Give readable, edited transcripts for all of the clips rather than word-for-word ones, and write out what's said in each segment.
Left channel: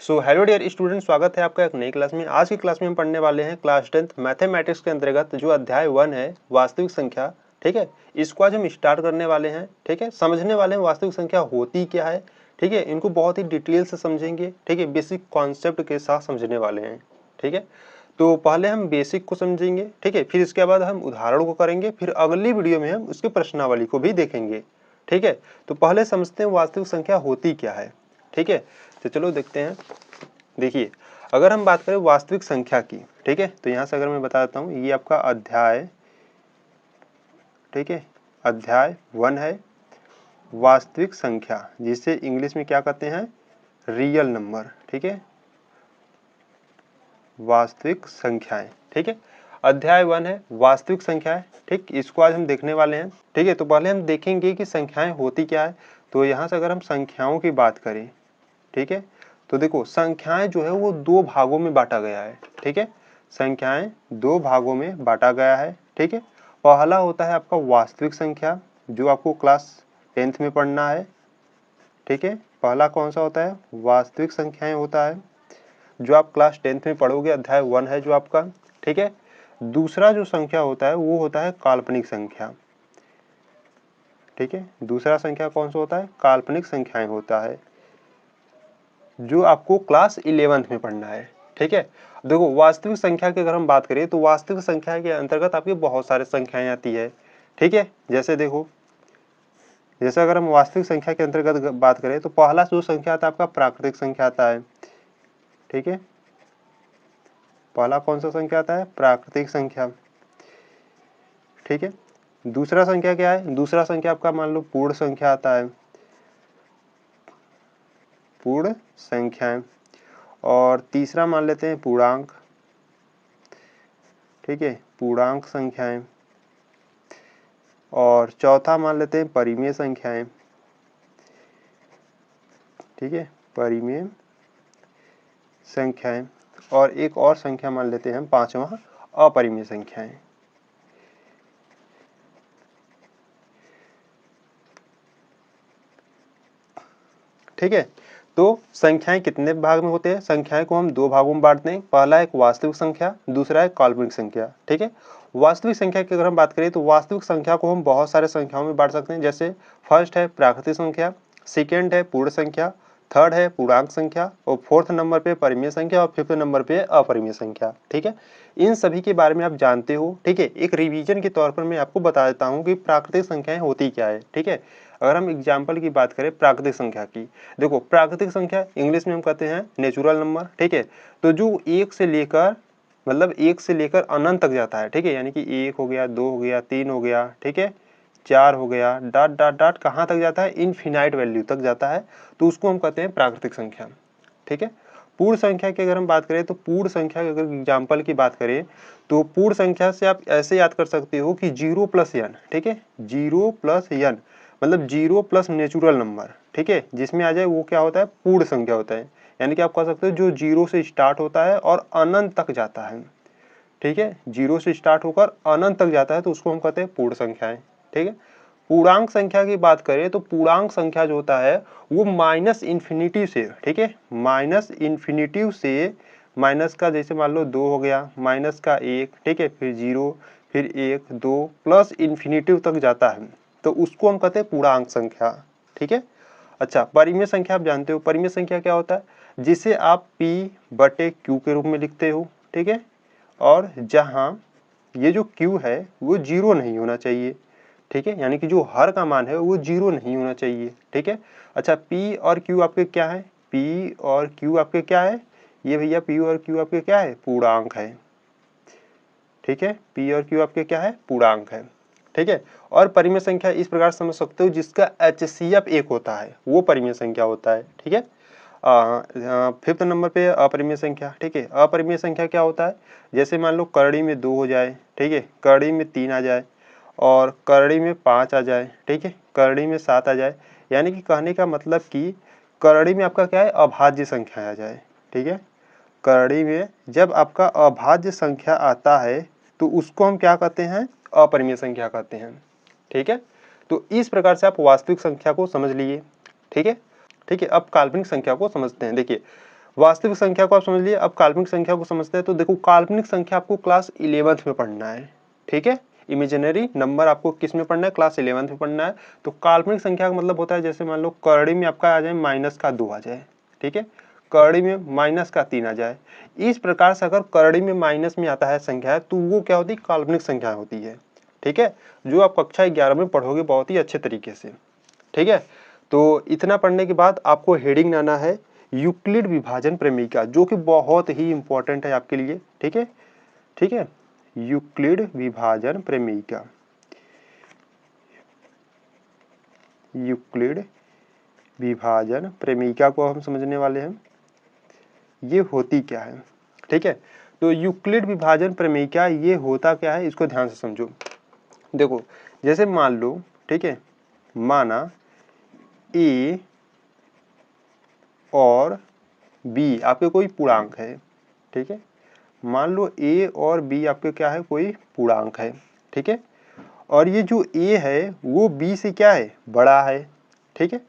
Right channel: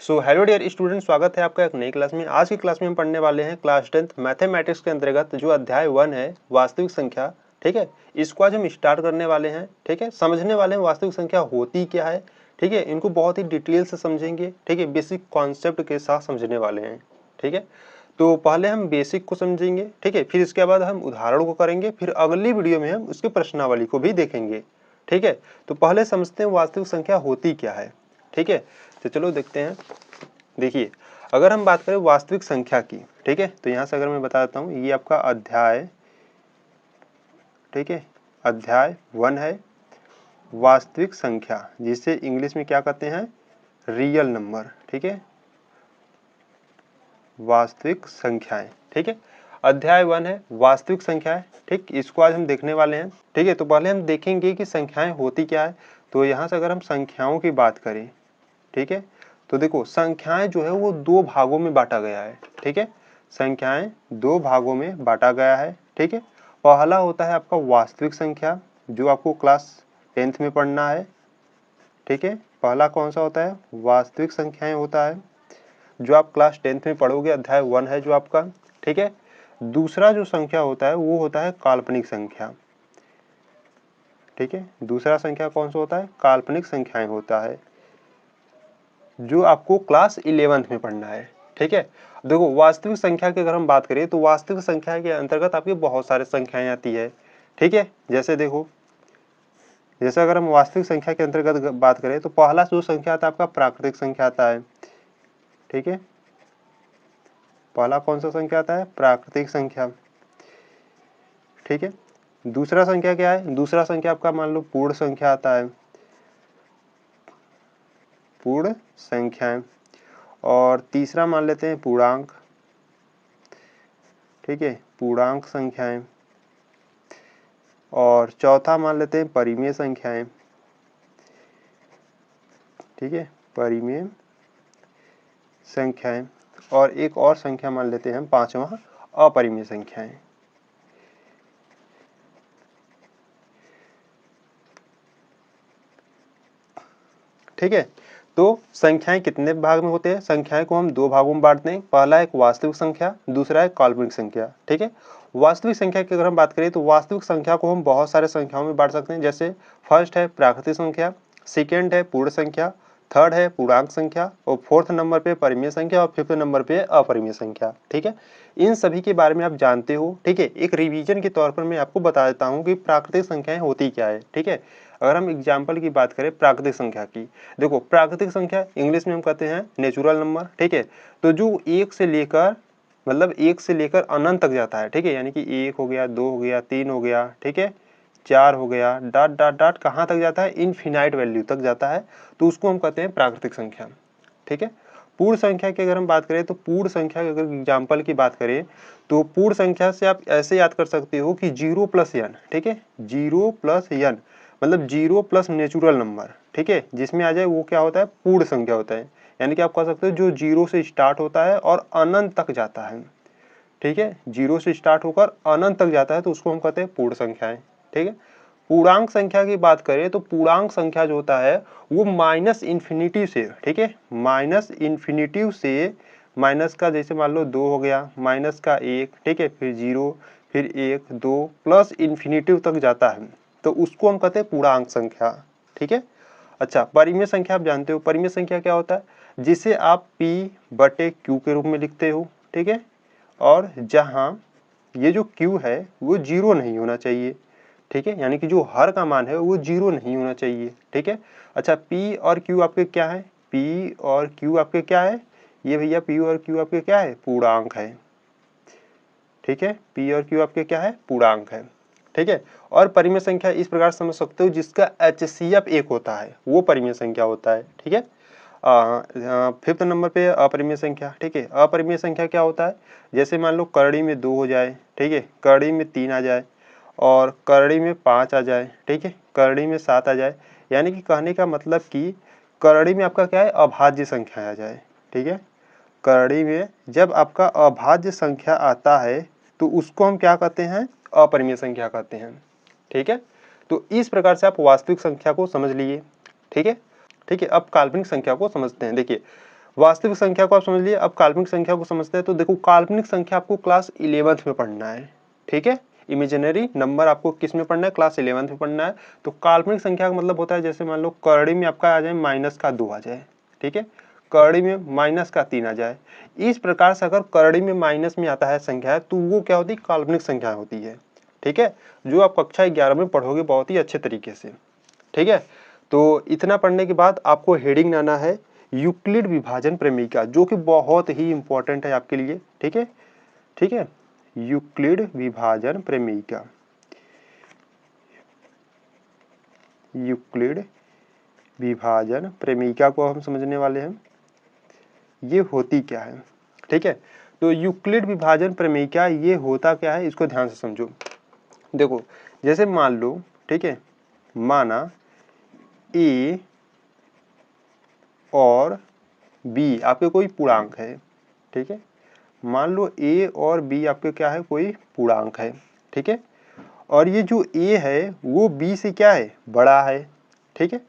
So hello dear student, स्वागत है आपका एक नई क्लास में। आज की क्लास में हम पढ़ने वाले हैं क्लास 10th मैथमेटिक्स के अंतर्गत जो अध्याय 1 है वास्तविक संख्या। ठीक है, इसको आज हम स्टार्ट करने वाले हैं। ठीक है, समझने वाले हैं वास्तविक संख्या होती क्या है। ठीक है, इनको बहुत ही डिटेल से समझेंगे। ठीक है, बेसिक कॉन्सेप्ट के साथ समझने वाले हैं। ठीक है, तो पहले हम बेसिक को समझेंगे। ठीक है, फिर इसके बाद हम उदाहरण को करेंगे, फिर अगली वीडियो में हम उसके प्रश्नावली को भी देखेंगे। ठीक है, तो पहले समझते हैं वास्तविक संख्या होती क्या है। ठीक है, तो चलो देखते हैं। देखिए, अगर हम बात करें वास्तविक संख्या की, ठीक है, तो यहाँ से अगर मैं बता देता हूँ, ये आपका अध्याय, ठीक है, अध्याय 1 है वास्तविक संख्या, जिसे इंग्लिश में क्या कहते हैं, रियल नंबर। ठीक है, वास्तविक संख्याएं। ठीक है, अध्याय 1 है वास्तविक संख्याएं। ठीक, इसको आज हम देखने वाले हैं। ठीक है, तो पहले हम देखेंगे कि संख्याएं होती क्या है। तो यहाँ से अगर हम संख्याओं की बात करें, ठीक है, तो देखो संख्याएं जो है वो दो भागों में बांटा गया है। ठीक है, संख्याएं दो भागों में बांटा गया है। ठीक है, पहला होता है आपका वास्तविक संख्या, जो आपको क्लास 10th में पढ़ना है। ठीक है, पहला कौन सा होता है, वास्तविक संख्याएं होता है, जो आप क्लास 10th में पढ़ोगे, अध्याय 1 है जो आपका। ठीक है, दूसरा जो संख्या होता है वो होता है काल्पनिक संख्या। ठीक है, दूसरा संख्या कौन सा होता है, काल्पनिक संख्याएं होता है, जो आपको क्लास 11th में पढ़ना है। ठीक है, देखो वास्तविक संख्या की अगर हम बात करें तो वास्तविक संख्या के अंतर्गत आपकी बहुत सारे संख्याएं आती है। ठीक है, जैसे देखो, जैसे अगर हम वास्तविक संख्या के अंतर्गत बात करें तो पहला जो संख्या आता है आपका प्राकृतिक संख्या आता है। ठीक है, पहला कौन सा संख्या आता है, प्राकृतिक संख्या। ठीक है, दूसरा संख्या क्या है, दूसरा संख्या आपका मान लो पूर्ण संख्या आता है, पूर्ण संख्याएं। और तीसरा मान लेते हैं पूर्णांक। ठीक है, पूर्णांक संख्याएं। और चौथा मान लेते हैं परिमेय संख्याएं। ठीक है, परिमेय संख्याएं। और एक और संख्या मान लेते हैं हम, पांचवा, अपरिमेय संख्याएं। ठीक है, तो संख्याएं कितने भाग में होते हैं, संख्याएं को हम दो भागों में बांटते हैं। पहला एक वास्तविक संख्या, दूसरा है काल्पनिक संख्या। ठीक है, वास्तविक संख्या की अगर हम बात करें तो वास्तविक संख्या को हम बहुत सारे संख्याओं में बांट सकते हैं। जैसे फर्स्ट है प्राकृतिक संख्या, सेकेंड है पूर्ण संख्या, थर्ड है पूर्णांक संख्या, और फोर्थ नंबर पे परिमेय संख्या, और फिफ्थ नंबर पे अपरिमेय संख्या। ठीक है, इन सभी के बारे में आप जानते हो। ठीक है, एक रिवीजन के तौर पर मैं आपको बता देता हूँ कि प्राकृतिक संख्याएं होती क्या है। ठीक है, अगर हम एग्जाम्पल की बात करें प्राकृतिक संख्या की, देखो प्राकृतिक संख्या इंग्लिश में हम कहते हैं नेचुरल नंबर। ठीक है, तो जो एक से लेकर, मतलब एक से लेकर अनंत तक जाता है। ठीक है, यानी कि एक हो गया, दो हो गया, तीन हो गया, ठीक है, चार हो गया, डॉट डॉट डॉट कहाँ तक जाता है, इनफिनाइट वैल्यू तक जाता है, तो उसको हम कहते हैं प्राकृतिक संख्या। ठीक है, पूर्ण संख्या की अगर हम बात करें तो पूर्ण संख्या की अगर एग्जाम्पल की बात करें तो पूर्ण संख्या से आप ऐसे याद कर सकते हो कि 0 + n। ठीक है, 0 + n मतलब 0 प्लस नेचुरल नंबर। ठीक है, जिसमें आ जाए वो क्या होता है, पूर्ण संख्या होता है। यानी कि आप कह सकते हो जो 0 से स्टार्ट होता है और अनंत तक जाता है। ठीक है, 0 से स्टार्ट होकर अनंत तक जाता है तो उसको हम कहते हैं पूर्ण संख्याएं। ठीक है, पूर्णांक संख्या की बात करें तो पूर्णांक संख्या जो होता है वो माइनस इन्फिनिटी से, ठीक है, माइनस इन्फिनिटी से, माइनस का जैसे मान लो 2 हो गया, माइनस का 1, ठीक है, फिर 0, फिर 1, 2 प्लस इन्फिनिटी तक जाता है, तो उसको हम कहते हैं पूर्णांक संख्या। ठीक है, अच्छा, परिमेय संख्या आप जानते हो, परिमेय संख्या क्या होता है, जिसे आप P/Q के रूप में लिखते हो। ठीक है, और जहाँ ये जो Q है वो 0 नहीं होना चाहिए। ठीक है, यानी कि जो हर का मान है वो 0 नहीं होना चाहिए। ठीक है, अच्छा, P और Q आपके क्या है, P और Q आपके क्या है, ये भैया P और Q आपके क्या है, पूर्णांक है। ठीक है, P और Q आपके क्या है, पूर्णांक है। ठीक है, और परिमेय संख्या इस प्रकार समझ सकते हो, जिसका HCF 1 होता है वो परिमेय संख्या होता है। ठीक है, फिफ्थ नंबर पे अपरिमेय संख्या। ठीक है, अपरिमेय संख्या क्या होता है, जैसे मान लो करड़ी में 2 हो जाए, ठीक है, करड़ी में 3 आ जाए, और करड़ी में 5 आ जाए, ठीक है, करड़ी में 7 आ जाए, यानी कि कहने का मतलब कि करड़ी में आपका क्या है, अभाज्य संख्या आ जाए। ठीक है, करड़ी में जब आपका अभाज्य संख्या आता है तो उसको हम क्या कहते हैं, अपरिमेय संख्या कहते हैं। ठीक है, तो इस प्रकार से आप वास्तविक संख्या को समझ लिए। ठीक है, ठीक है, अब काल्पनिक संख्या को समझते हैं। देखिए, वास्तविक संख्या को आप समझ लिए, अब काल्पनिक संख्या को समझते हैं। तो देखो काल्पनिक संख्या आपको क्लास 11th में पढ़ना है, ठीक है। इमेजिनरी नंबर आपको किस में पढ़ना है, क्लास 11th में पढ़ना है। तो काल्पनिक संख्या का मतलब होता है जैसे मान लो करड़ी में आपका आ जाए -2 आ जाए, ठीक है, करड़ी में -3 आ जाए। इस प्रकार से अगर करड़ी में माइनस में आता है संख्या तो वो क्या होती है, काल्पनिक संख्या होती है, ठीक है, जो आप कक्षा 11 में पढ़ोगे बहुत ही अच्छे तरीके से, ठीक है। तो इतना पढ़ने के बाद आपको हेडिंग लाना है यूक्लिड विभाजन प्रमेयिका, जो कि बहुत ही इंपॉर्टेंट है आपके लिए, ठीक है, ठीक है। यूक्लिड विभाजन प्रमेयिका, यूक्लिड विभाजन प्रमेयिका को हम समझने वाले हैं, ये होती क्या है, ठीक है। तो यूक्लिड विभाजन प्रमेयिका ये होता क्या है, इसको ध्यान से समझो। देखो जैसे मान लो, ठीक है, माना ए और बी आपके कोई पूर्णांक है, ठीक है, मान लो ए और बी आपके क्या है, कोई पूर्णांक है, ठीक है, और ये जो ए है वो बी से क्या है, बड़ा है, ठीक है।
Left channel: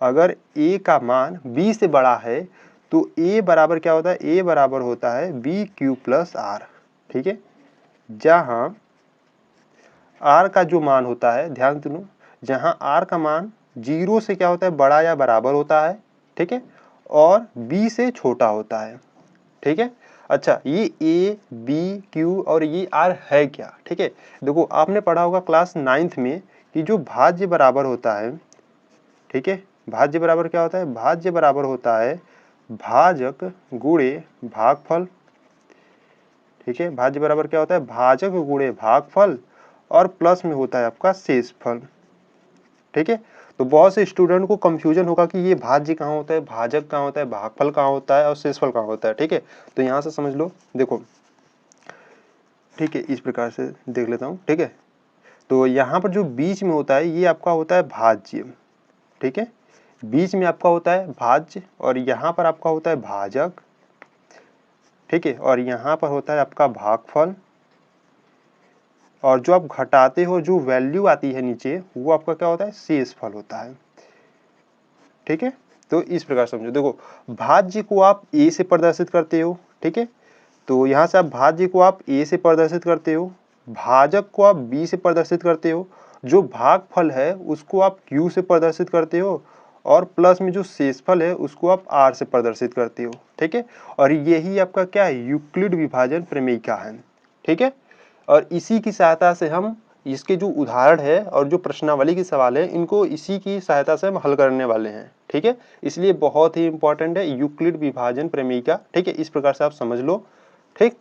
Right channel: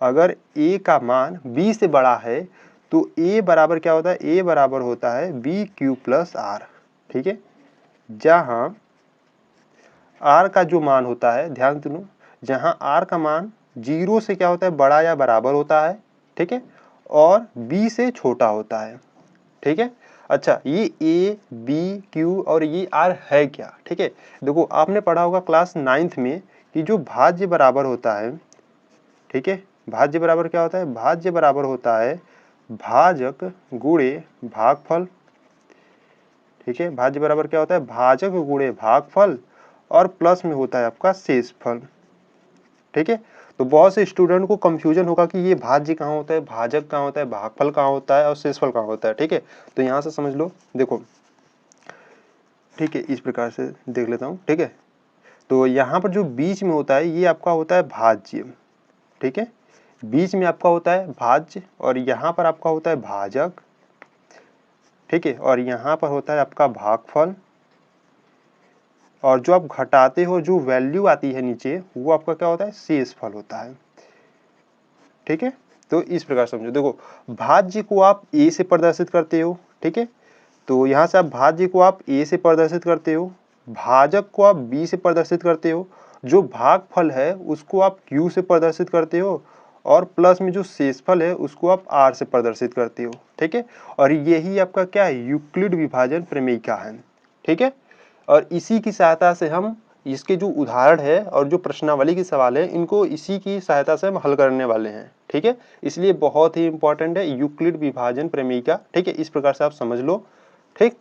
अगर ए का मान बी से बड़ा है तो ए बराबर क्या होता है, ए बराबर होता है बी क्यू प्लस आर, ठीक है, जहाँ आर का जो मान होता है, ध्यान सुनो, जहाँ आर का मान 0 से क्या होता है, बड़ा या बराबर होता है, ठीक है, और बी से छोटा होता है, ठीक है। अच्छा ये ए बी क्यू और ये आर है क्या, ठीक है। देखो आपने पढ़ा होगा क्लास 9th में कि जो भाज्य बराबर होता है, ठीक है, भाज्य बराबर क्या होता है, भाज्य बराबर होता है भाजक गुणे भागफल, ठीक है, भाज्य बराबर क्या होता है, भाजक गुणे भागफल, और प्लस में होता है आपका शेषफल, ठीक है। तो बहुत से स्टूडेंट को कंफ्यूजन होगा कि ये भाज्य कहाँ होता है, भाजक कहाँ होता है, भागफल कहाँ होता है और शेषफल कहाँ होता है, ठीक है। तो यहाँ से समझ लो, देखो, ठीक है, इस प्रकार से देख लेता हूँ, ठीक है। तो यहाँ पर जो बीच में होता है ये आपका होता है भाज्य, ठीक है, बीच में आपका होता है भाज्य, और यहाँ पर आपका होता है भाजक, ठीक है, और यहाँ पर होता है आपका भागफल, और जो आप घटाते हो जो वैल्यू आती है नीचे वो आपका क्या होता है, शेषफल होता है, ठीक है। तो इस प्रकार समझो, देखो भाज्य को आप ए से प्रदर्शित करते हो, ठीक है, तो यहाँ से आप भाज्य को आप ए से प्रदर्शित करते हो, भाजक को आप बी से प्रदर्शित करते हो, जो भागफल है उसको आप क्यू से प्रदर्शित करते हो, और प्लस में जो शेषफल है उसको आप आर से प्रदर्शित करते हो, ठीक है। और यही आपका क्या है, यूक्लिड विभाजन प्रमेयिका है, ठीक है। और इसी की सहायता से हम इसके जो उदाहरण है और जो प्रश्नावली के सवाल है इनको इसी की सहायता से हम हल करने वाले हैं, ठीक है। इसलिए बहुत ही इंपॉर्टेंट है यूक्लिड विभाजन प्रमेयिका, ठीक है, इस प्रकार से आप समझ लो, ठीक।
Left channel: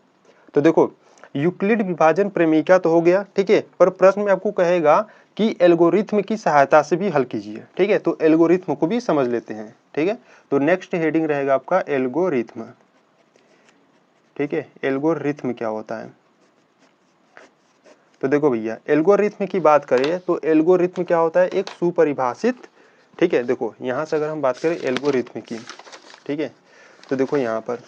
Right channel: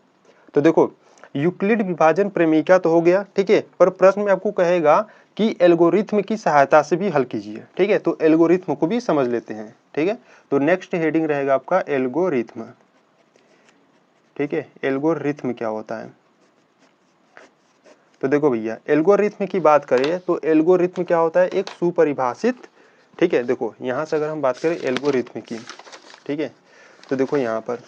तो देखो यूक्लिड विभाजन प्रमेयिका तो हो गया, ठीक है, पर प्रश्न में आपको कहेगा कि एल्गोरिथम की सहायता से भी हल कीजिए, ठीक है। तो एल्गोरिथम को भी समझ लेते हैं, ठीक है। तो नेक्स्ट हेडिंग रहेगा आपका एल्गोरिथम, ठीक है। एल्गोरिथम क्या होता है, तो देखो भैया एल्गोरिथम की बात करें तो एल्गोरिथम क्या होता है, एक सुपरिभाषित, ठीक है। देखो यहाँ से अगर हम बात करें एल्गोरिथम की, ठीक है, तो देखो यहाँ पर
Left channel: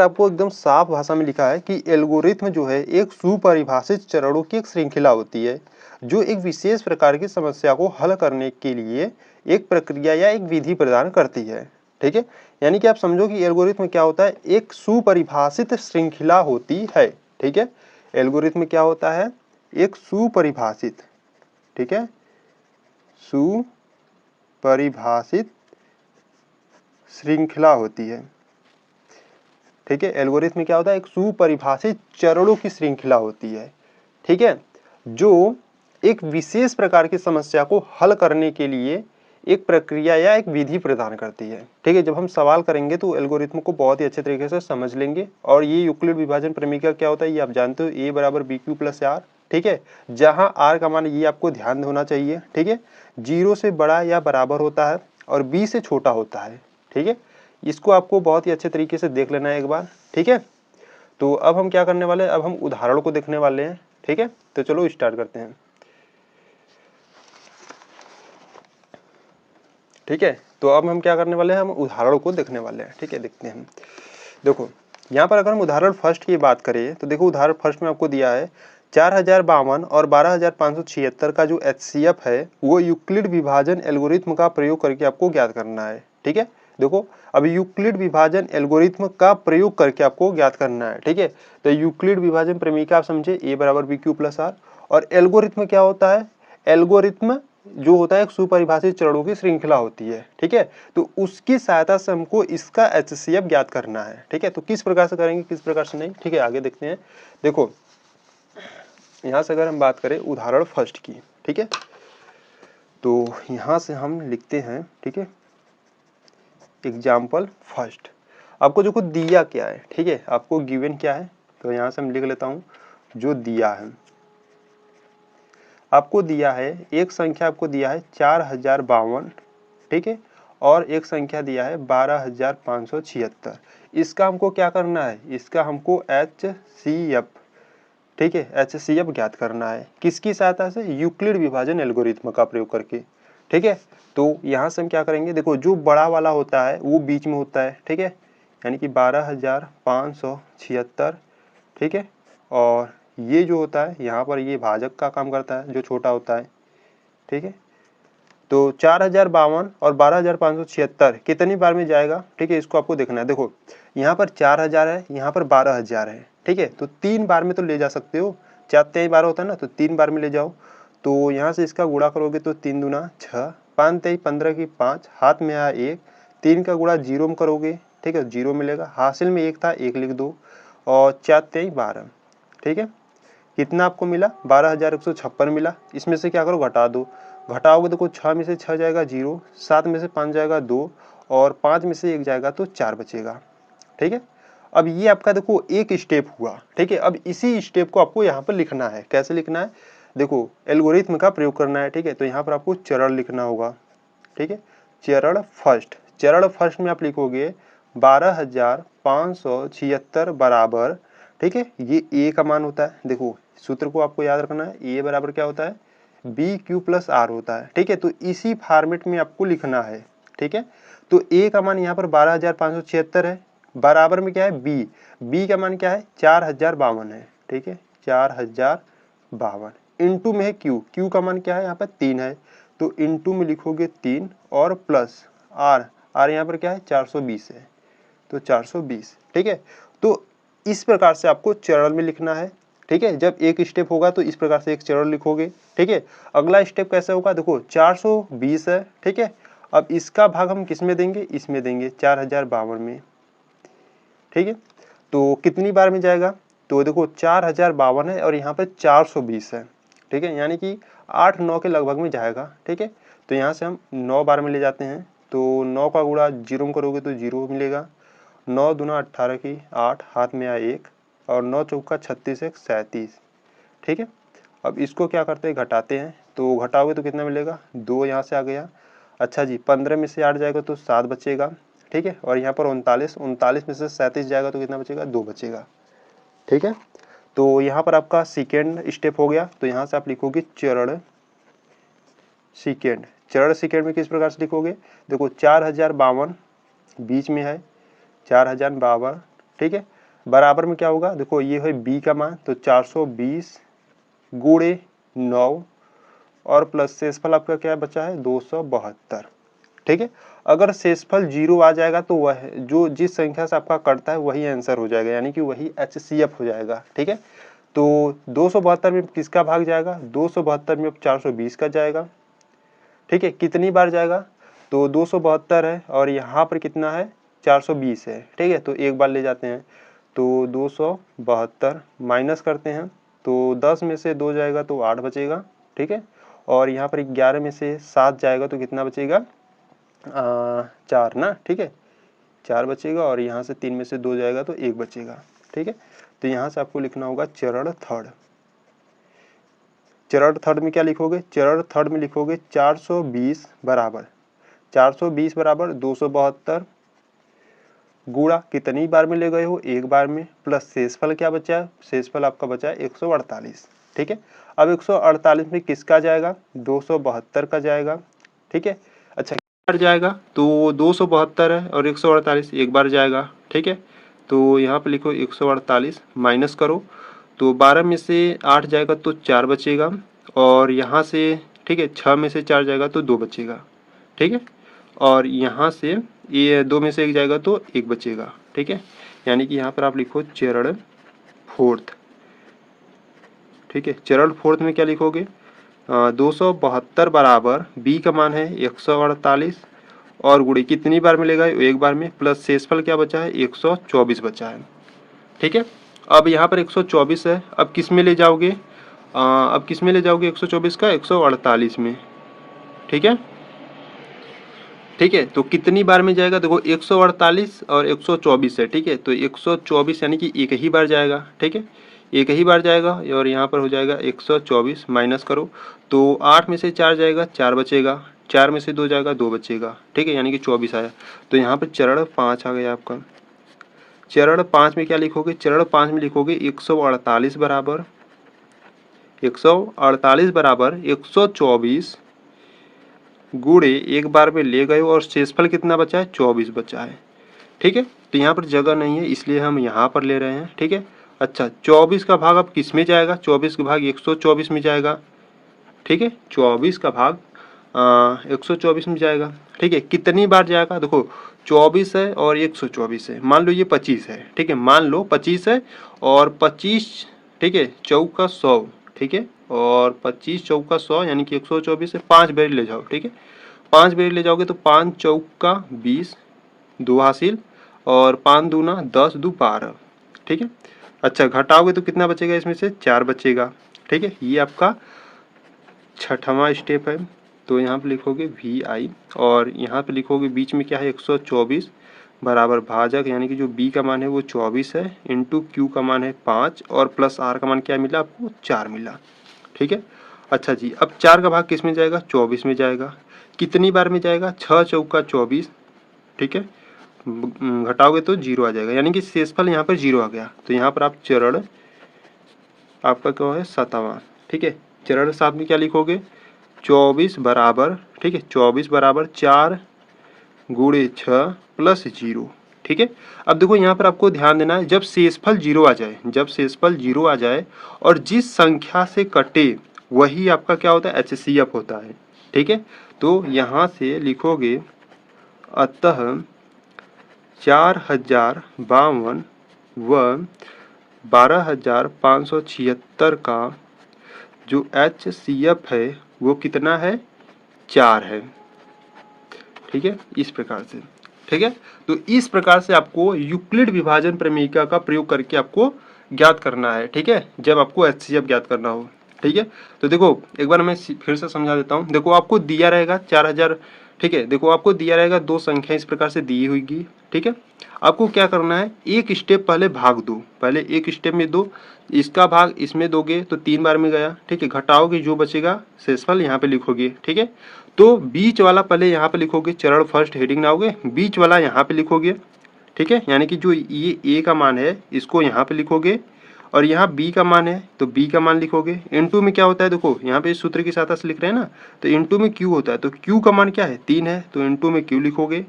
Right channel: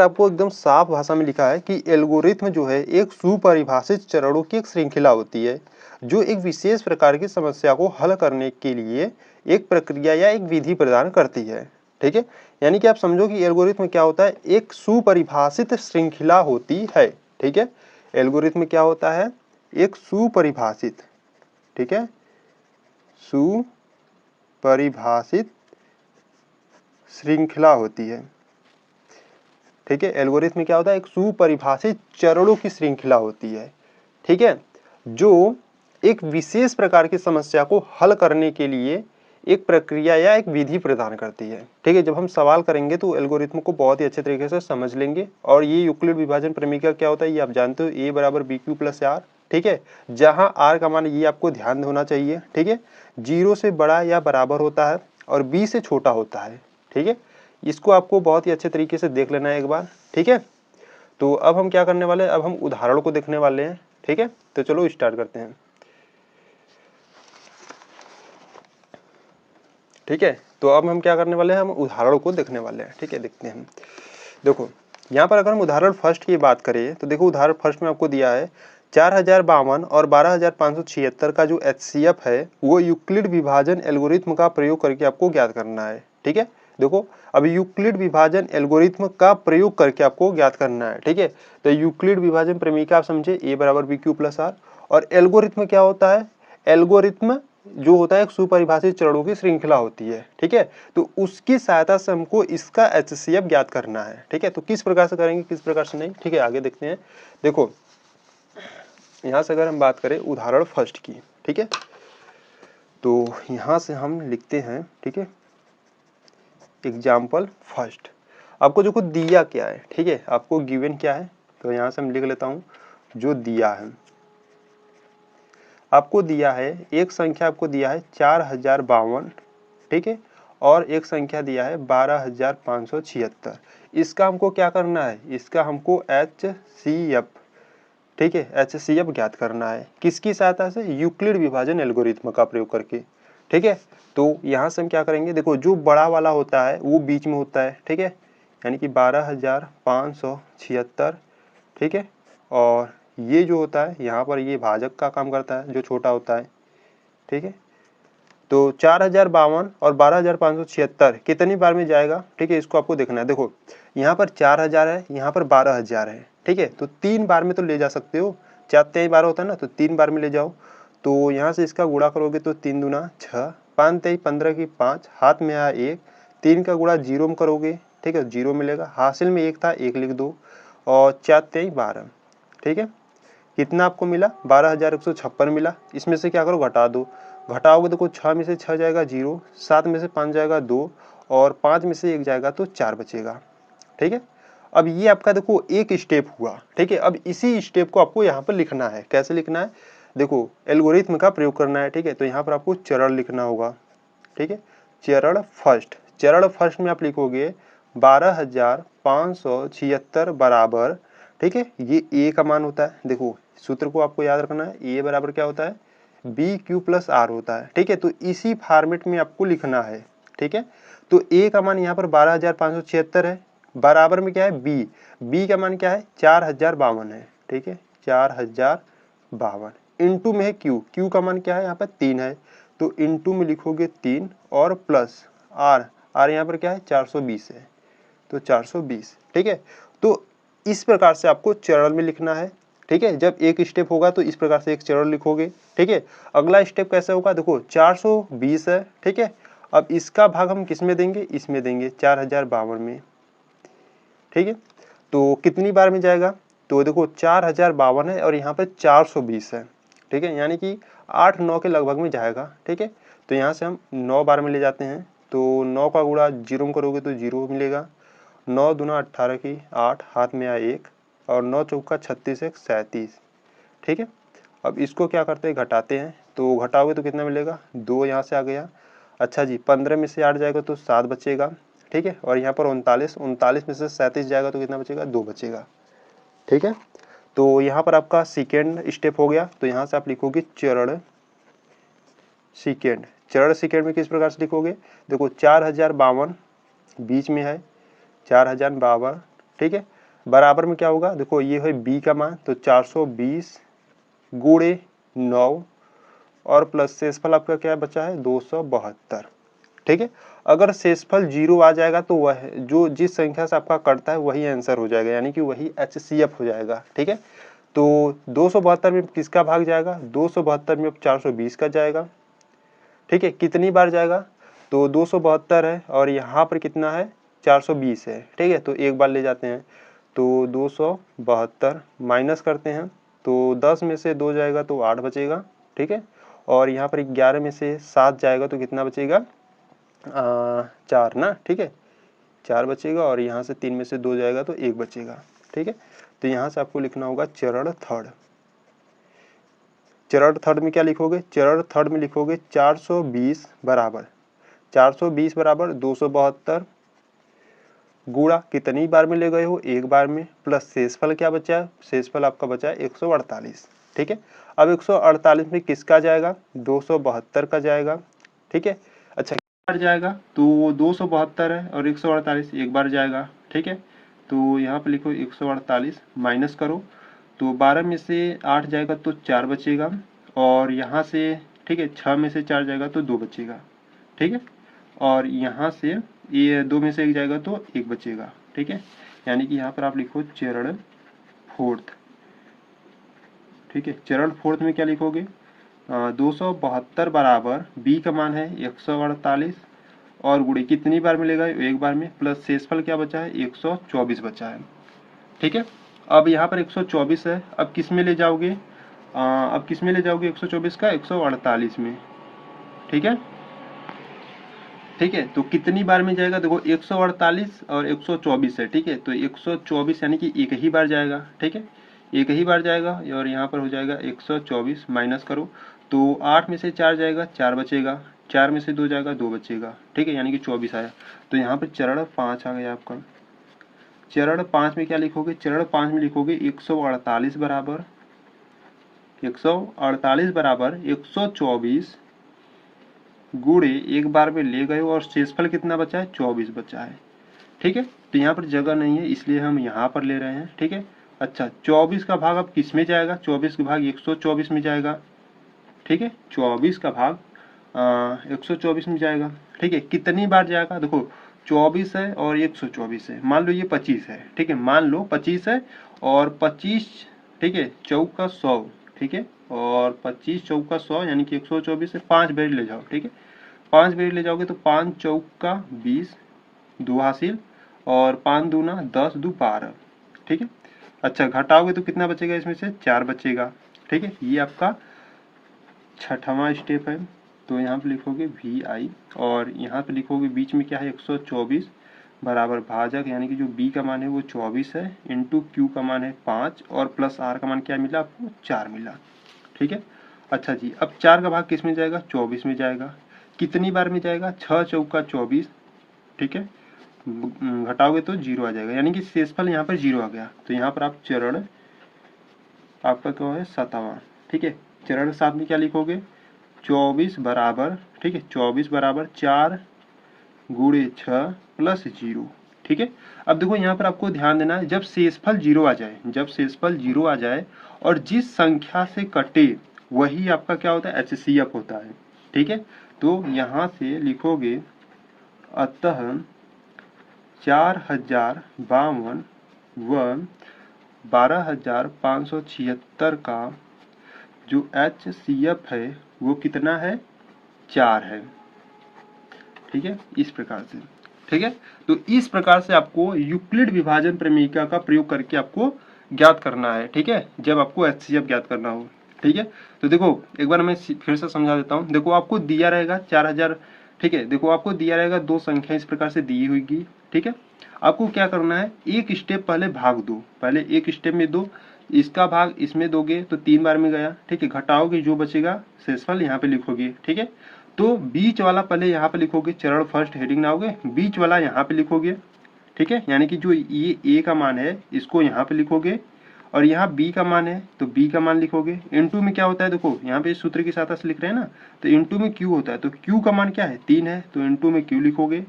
आपको एकदम साफ भाषा में लिखा है कि एल्गोरिथम जो है एक सुपरिभाषित चरणों की एक श्रृंखला होती है जो एक विशेष प्रकार की समस्या को हल करने के लिए एक प्रक्रिया या एक विधि प्रदान करती है, ठीक है। यानी कि आप समझो कि एल्गोरिथम क्या होता है, एक सुपरिभाषित श्रृंखला होती है, ठीक है। एल्गोरिथम क्या होता है, एक सुपरिभाषित, ठीक है, सुपरिभाषित श्रृंखला होती है, ठीक है। एल्गोरिथम क्या होता है, एक सुपरिभाषित चरणों की श्रृंखला होती है, ठीक है, जो एक विशेष प्रकार की समस्या को हल करने के लिए एक प्रक्रिया या एक विधि प्रदान करती है, ठीक है। जब हम सवाल करेंगे तो एल्गोरिथम को बहुत ही अच्छे तरीके से समझ लेंगे। और ये यूक्लिड विभाजन प्रमेयिका क्या होता है ये आप जानते हो, ए बराबर बी क्यू प्लस आर, ठीक है, जहां आर का मान ये आपको ध्यान होना चाहिए, ठीक है, 0 से बड़ा या बराबर होता है और बी से छोटा होता है, ठीक है। इसको आपको बहुत ही अच्छे तरीके से देख लेना है एक बार, ठीक है। तो अब हम क्या करने वाले हैं, अब हम उदाहरण को देखने वाले हैं, ठीक है। तो चलो स्टार्ट करते हैं, ठीक है। तो अब हम क्या करने वाले हैं, हम उदाहरण को देखने वाले हैं, ठीक है, देखते हैं। देखो यहाँ पर अगर हम उदाहरण फर्स्ट की बात करें तो देखो उदाहरण फर्स्ट में आपको दिया है 4052 और 12576 का जो HCF है वो यूक्लिड विभाजन एल्गोरिथम का प्रयोग करके आपको ज्ञात करना है, ठीक है। देखो अब यूक्लिड विभाजन एल्गोरिथ्म का प्रयोग करके आपको ज्ञात करना है, ठीक है। तो यूक्लिड विभाजन प्रमेय आप समझे, a बराबर बी क्यू प्लस आर। और एल्गोरिथ्म क्या होता है? एल्गोरिथ्म जो होता है एक सुपरिभाषित चरणों की श्रृंखला होती है, ठीक है। तो उसकी सहायता से हमको इसका HCF ज्ञात करना है, ठीक है। तो किस प्रकार से करेंगे, किस प्रकार से नहीं, ठीक है, आगे देखते हैं। देखो यहाँ से अगर हम बात करें उदाहरण फर्स्ट की, ठीक है, तो यहाँ से हम लिखते हैं, ठीक है, एग्जाम्पल फर्स्ट। आपको जो कुछ दिया क्या है, ठीक है, आपको गिवन क्या है, तो यहाँ से हम लिख लेता हूँ जो दिया है। आपको दिया है एक संख्या, आपको दिया है 4052, ठीक है, और एक संख्या दिया है 12576। इसका हमको क्या करना है, इसका हमको HCF, ठीक है, HCF ज्ञात करना है। किसकी सहायता से? यूक्लिड विभाजन एल्गोरिथ्म का प्रयोग करके, ठीक है। तो यहाँ से हम क्या करेंगे, देखो जो बड़ा वाला होता है वो बीच में होता है, ठीक है, यानी कि 12576, ठीक है, और ये जो होता है यहाँ पर ये भाजक का काम करता है जो छोटा होता है, ठीक है। तो 4052 और 12576 कितनी बार में जाएगा, ठीक है, इसको आपको देखना है। देखो यहाँ पर 4000 है, यहाँ पर 12000 है, ठीक है, तो 3 बार में तो ले जा सकते हो, 4 3 बार होता है ना, तो 3 बार में ले जाओ। तो यहाँ से इसका गुणा करोगे तो 3 दूना 6, 5 3 15 की 5, हाथ में आया 1, 3 का गुणा 0 में करोगे, ठीक है, 0 मिलेगा, हासिल में 1 था 1 लिख दो, और 4 3 12, ठीक है। कितना आपको मिला? 12156 मिला। इसमें से क्या करो, घटा दो, घटाओगे तो 6 में से 6 जाएगा 0, 7 में से 5 जाएगा 2, और 5 में से 1 जाएगा तो 4 बचेगा, ठीक है। अब ये आपका देखो एक स्टेप हुआ, ठीक है। अब इसी स्टेप को आपको यहाँ पर लिखना है। कैसे लिखना है? देखो एल्गोरिथ्म का प्रयोग करना है, ठीक है, तो यहाँ पर आपको चरण लिखना होगा, ठीक है। चरण फर्स्ट, चरण फर्स्ट में आप लिखोगे 12576 बराबर, ठीक है, ये ए का मान होता है। देखो सूत्र को आपको याद रखना है, ए बराबर क्या होता है? बी क्यू प्लस आर होता है, ठीक है। तो इसी फॉर्मेट में आपको लिखना है, ठीक है। तो ए का मान यहाँ पर 12576 है, बराबर में क्या है? बी, बी का मान क्या है? 4052 है, ठीक है, 4052। इनटू में है क्यू, क्यू का मान क्या है? यहाँ पर 3 है, तो इनटू में लिखोगे 3 और प्लस आर, आर यहाँ पर क्या है? 420 है, तो 420, ठीक है। तो इस प्रकार से आपको चरण में लिखना है, ठीक है। जब एक स्टेप होगा तो इस प्रकार से एक चरण लिखोगे, ठीक है। अगला स्टेप कैसे होगा? देखो 420 है, ठीक है। अब इसका भाग हम किस में देंगे? इसमें देंगे 4052 में, ठीक है। तो कितनी बार में जाएगा? तो देखो 4052 है और यहाँ पे 420 है, ठीक है, यानी कि 8 9 के लगभग में जाएगा, ठीक है। तो यहाँ से हम 9 बार में ले जाते हैं, तो 9 का गुणा 0 में करोगे तो 0 मिलेगा, 9 दूना 18 की 8, हाथ में आया 1, और 9 चौका 36 1 37, ठीक है। अब इसको क्या करते हैं? घटाते हैं, तो घटाओगे तो कितना मिलेगा? 2 यहाँ से आ गया। अच्छा जी, 15 में से 8 जाएगा तो 7 बचेगा, ठीक है। और यहाँ पर 39, 39 में से 37 जाएगा तो कितना बचेगा? 2 बचेगा, ठीक है। तो यहाँ पर आपका सेकेंड स्टेप हो गया। तो यहाँ से आप लिखोगे चरण सेकेंड। चरण सेकेंड में किस प्रकार से लिखोगे? देखो 4052 बीच में है, 4052, ठीक है, बराबर में क्या होगा? देखो ये है बी का मान, तो 420 गुणे 9 और प्लस शेषफल आपका क्या बचा है? 272, ठीक है। अगर शेषफल 0 आ जाएगा तो वह जो जिस संख्या से आपका कटता है वही आंसर हो जाएगा, यानी कि वही HCF हो जाएगा, ठीक है। तो 272 में किसका भाग जाएगा? 272 में 420 का जाएगा, ठीक है। कितनी बार जाएगा? तो 272 है और यहाँ पर कितना है? 420 है, ठीक है। तो एक बार ले जाते हैं, तो 272 माइनस करते हैं, तो 10 में से 2 जाएगा तो 8 बचेगा, ठीक है। और यहाँ पर 11 में से 7 जाएगा तो कितना बचेगा? 4 ना, ठीक है, 4 बचेगा, और यहाँ से 3 में से 2 जाएगा तो 1 बचेगा, ठीक है। तो यहाँ से आपको लिखना होगा चरण थर्ड। चरण थर्ड में क्या लिखोगे? चरण थर्ड में लिखोगे 420 बराबर 420 बराबर 272 गुणा कितनी बार में ले गए हो? एक बार में, प्लस शेषफल क्या बचा है? शेषफल आपका बचा है 148, ठीक है। अब 148 में किसका जाएगा? 272 का जाएगा, ठीक है। अच्छा बार जाएगा? तो 272 है और 148 एक बार जाएगा, ठीक है। तो यहाँ पे लिखो 148 माइनस करो, तो 12 में से 8 जाएगा तो 4 बचेगा, और यहाँ से, ठीक है, 6 में से 4 जाएगा तो 2 बचेगा, ठीक है। और यहाँ से ये 2 में से 1 जाएगा तो 1 बचेगा, ठीक है। यानी कि यहाँ पर आप लिखो चरण फोर्थ, ठीक है। चरण फोर्थ में क्या लिखोगे, 272 बराबर b का मान है 148 और गुणे कितनी बार मिलेगा, एक बार में, प्लस शेषफल क्या बचा है 124 बचा है, ठीक है। अब यहाँ पर 124 है, अब किस में ले जाओगे, अब किस में ले जाओगे 124 का 148 में, ठीक है। ठीक है, तो कितनी बार में जाएगा, देखो 148 और 124 है, ठीक है। तो 124 यानी कि एक ही बार जाएगा, ठीक है, एक ही बार जाएगा। और यहाँ पर हो जाएगा 124 माइनस करो तो 8 में से 4 जाएगा 4 बचेगा, 4 में से 2 जाएगा 2 बचेगा, ठीक है, यानी कि 24 आया। तो यहाँ पर चरण 5 आ गया आपका। चरण 5 में क्या लिखोगे, चरण 5 में लिखोगे 148 बराबर 124 गुणे एक बार में ले गए और शेषफल कितना बचा है 24 बचा है, ठीक है। तो यहाँ पर जगह नहीं है इसलिए हम यहाँ पर ले रहे हैं, ठीक है। अच्छा 24 का भाग अब किस में जाएगा, 24 का भाग 124 में जाएगा, ठीक है। 24 का भाग 124 में जाएगा, ठीक है। कितनी बार जाएगा, देखो 24 है और 124 है, मान लो ये 25 है, ठीक है, मान लो 25 है और 25, ठीक है, चौका 100, ठीक है, और 25 चौका 100 यानी कि 124 है, 5 बेर ले जाओ, ठीक है। 5 बेर ले जाओगे तो 5 चौका 20, 2 हासिल, और 5 दूना 10, 2 12, ठीक है। अच्छा घटाओगे तो कितना बचेगा, इसमें से 4 बचेगा, ठीक है। ये आपका छठवां स्टेप है। तो यहाँ पे लिखोगे VI और यहाँ पे लिखोगे बीच में क्या है 124 बराबर भाजक, यानी कि जो B का मान है वो 24 है, इंटू Q का मान है 5 और प्लस R का मान क्या मिला आपको 4 मिला, ठीक है। अच्छा जी, अब 4 का भाग किस में जाएगा 24 में जाएगा, कितनी बार में जाएगा 6 चौका 24, ठीक है, घटाओगे तो 0 आ जाएगा, यानी कि शेषफल यहाँ पर 0 आ गया। तो यहाँ पर आप चरण आपका क्या है 7वां, ठीक है। चरण 7 में क्या लिखोगे 24 बराबर, ठीक है, 24 बराबर 4 गुणे 6 प्लस 0, ठीक है। अब देखो यहाँ पर आपको ध्यान देना है, जब शेषफल 0 आ जाए, जब शेषफल 0 आ जाए और जिस संख्या से कटे वही आपका क्या होता है HCF होता है, ठीक है। तो यहाँ से लिखोगे अतः 4052 व 12576 का जो HCF है वो कितना है 4 है, ठीक है, इस प्रकार से, ठीक है। तो इस प्रकार से आपको यूक्लिड विभाजन प्रमेयिका का प्रयोग करके आपको ज्ञात करना है, ठीक है, जब आपको HCF ज्ञात करना हो, ठीक है। तो देखो एक बार मैं फिर से समझा देता हूँ, देखो आपको दिया रहेगा 4000, ठीक है, देखो आपको दिया रहेगा दो संख्या इस प्रकार से दी हुई, ठीक है। आपको क्या करना है, एक स्टेप पहले भाग दो, पहले एक स्टेप में दो, इसका भाग इसमें दोगे तो 3 बार में गया, ठीक है, घटाओगे जो बचेगा शेषफल यहाँ पे लिखोगे, ठीक है। तो बीच वाला पहले यहाँ पे लिखोगे, चरण फर्स्ट हेडिंग लाओगे, बीच वाला यहाँ पे लिखोगे, ठीक है, यानी कि जो ये ए का मान है इसको यहाँ पे लिखोगे और यहाँ बी का मान है तो बी का मान लिखोगे। इनटू में क्या होता है, देखो यहाँ पे सूत्र की सहायता से लिख रहे हैं ना, तो इनटू में क्यू होता है, तो क्यू का मान क्या है 3 है, तो इनटू में क्यू लिखोगे।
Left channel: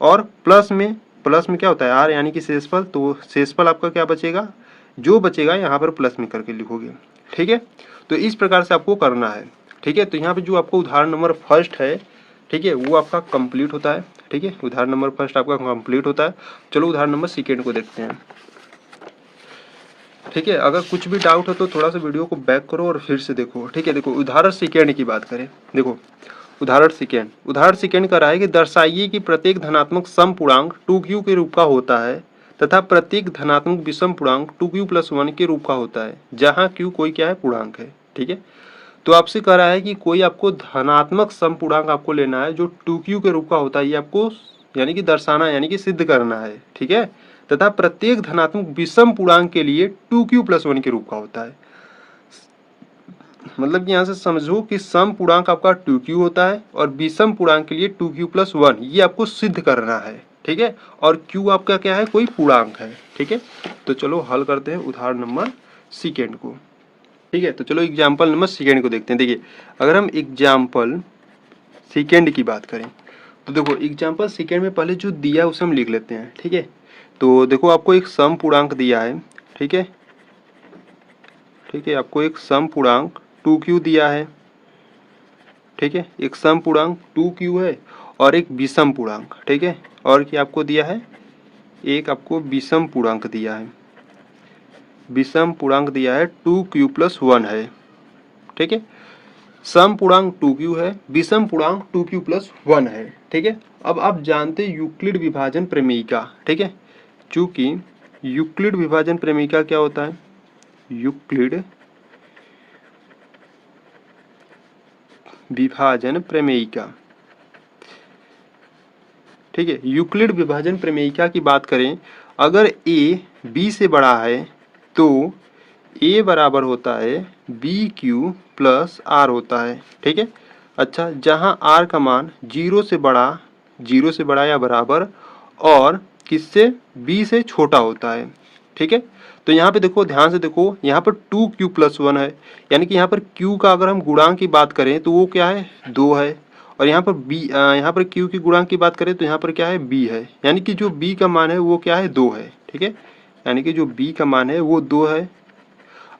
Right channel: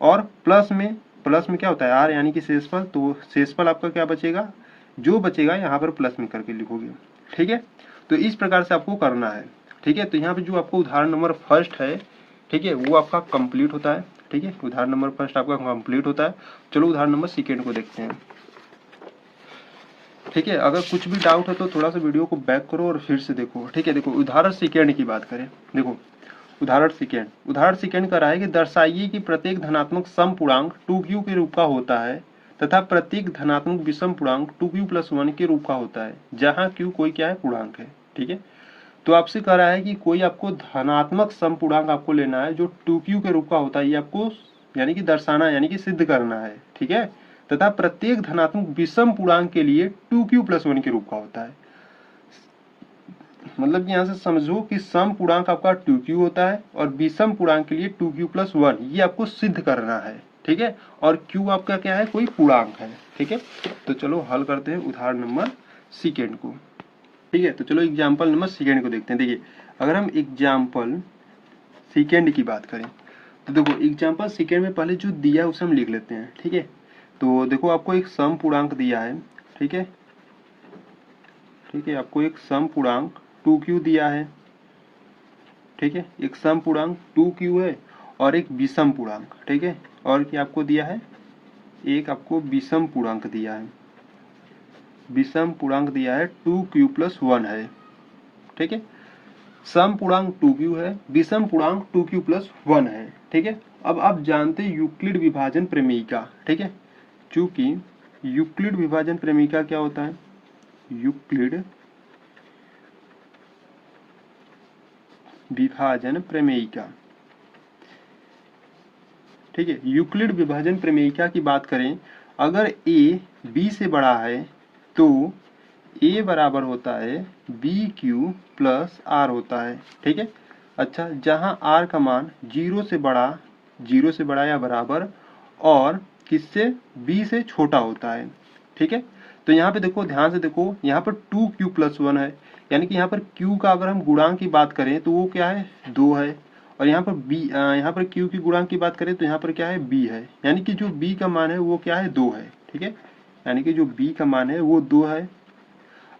और प्लस में क्या होता है आर, यानी कि शेषफल, तो शेषफल आपका क्या बचेगा, जो बचेगा यहाँ पर प्लस में करके लिखोगे, ठीक है। तो इस प्रकार से आपको करना है, ठीक है। तो यहाँ पे जो आपको उदाहरण नंबर फर्स्ट है, ठीक है, वो आपका कंप्लीट होता है, ठीक है, उदाहरण नंबर फर्स्ट आपका कंप्लीट होता है। चलो उदाहरण नंबर सेकेंड को देखते हैं, ठीक है। अगर कुछ भी डाउट है तो थोड़ा सा वीडियो को बैक करो और फिर से देखो, ठीक है। देखो उदाहरण सेकेंड की बात करें, देखो उदाहरण सेकेंड कर रहा है कि दर्शाइए कि प्रत्येक धनात्मक सम पूर्णांक 2q के रूप का होता है तथा प्रत्येक धनात्मक विषम पूर्णांक 2q+1 के रूप का होता है, जहाँ q कोई क्या है पूर्णांक है, ठीक है। तो आपसे कह रहा है कि कोई आपको धनात्मक सम पूर्णांक आपको लेना है जो 2q के रूप का होता है, ये आपको यानी कि दर्शाना यानी कि सिद्ध करना है, ठीक है। तथा प्रत्येक धनात्मक विषम पूर्णांक के लिए 2q+1 के रूप का होता है। मतलब कि यहाँ से समझो कि सम पूर्णांक आपका 2q होता है और विषम पूर्णांक के लिए 2q+1, ये आपको सिद्ध करना है, ठीक है। और q आपका क्या है, कोई पूर्णांक है, ठीक है। तो चलो हल करते हैं उदाहरण नंबर सेकेंड को, ठीक है। तो चलो एग्जाम्पल नंबर सेकेंड को देखते हैं। देखिए अगर हम एग्जाम्पल सेकेंड की बात करें तो देखो एग्जाम्पल सेकेंड में पहले जो दिया है उसे हम लिख लेते हैं, ठीक है। तो देखो आपको एक सम पूर्णांक दिया है, ठीक है, ठीक है, आपको एक सम पूर्णांक 2q दिया है, ठीक है, एक सम पूर्णांक 2q है और एक विषम पूर्णांक, ठीक है, और क्या आपको दिया है, एक आपको विषम पूर्णांक दिया है, विषम पूर्णांक दिया है 2q + 1 है। ठीक है, सम पूर्णांक 2q है, विषम पूर्णांक 2q + 1 है। ठीक है, अब आप जानते हैं यूक्लिड विभाजन प्रमेयिका। ठीक है, चूंकि यूक्लिड विभाजन प्रमेयिका क्या होता है, यूक्लिड विभाजन प्रमेयिका। ठीक है, यूक्लिड विभाजन प्रमेयिका की बात करें, अगर a b से बड़ा है तो a बराबर होता है bq + r होता है। ठीक है, अच्छा, जहां r का मान 0 से बड़ा या बराबर और किससे, b से छोटा होता है। ठीक है, तो यहाँ पे देखो, ध्यान से देखो, यहाँ पर 2q + 1 है, यानी कि यहाँ पर q का अगर हम गुणांक की बात करें तो वो क्या है, 2 है। और यहाँ पर यहाँ पर q की गुणांक की बात करें तो यहाँ पर क्या है, b है, यानी कि जो b का मान है वो क्या है, 2 है। ठीक है, यानी कि जो b का मान है वो 2 है।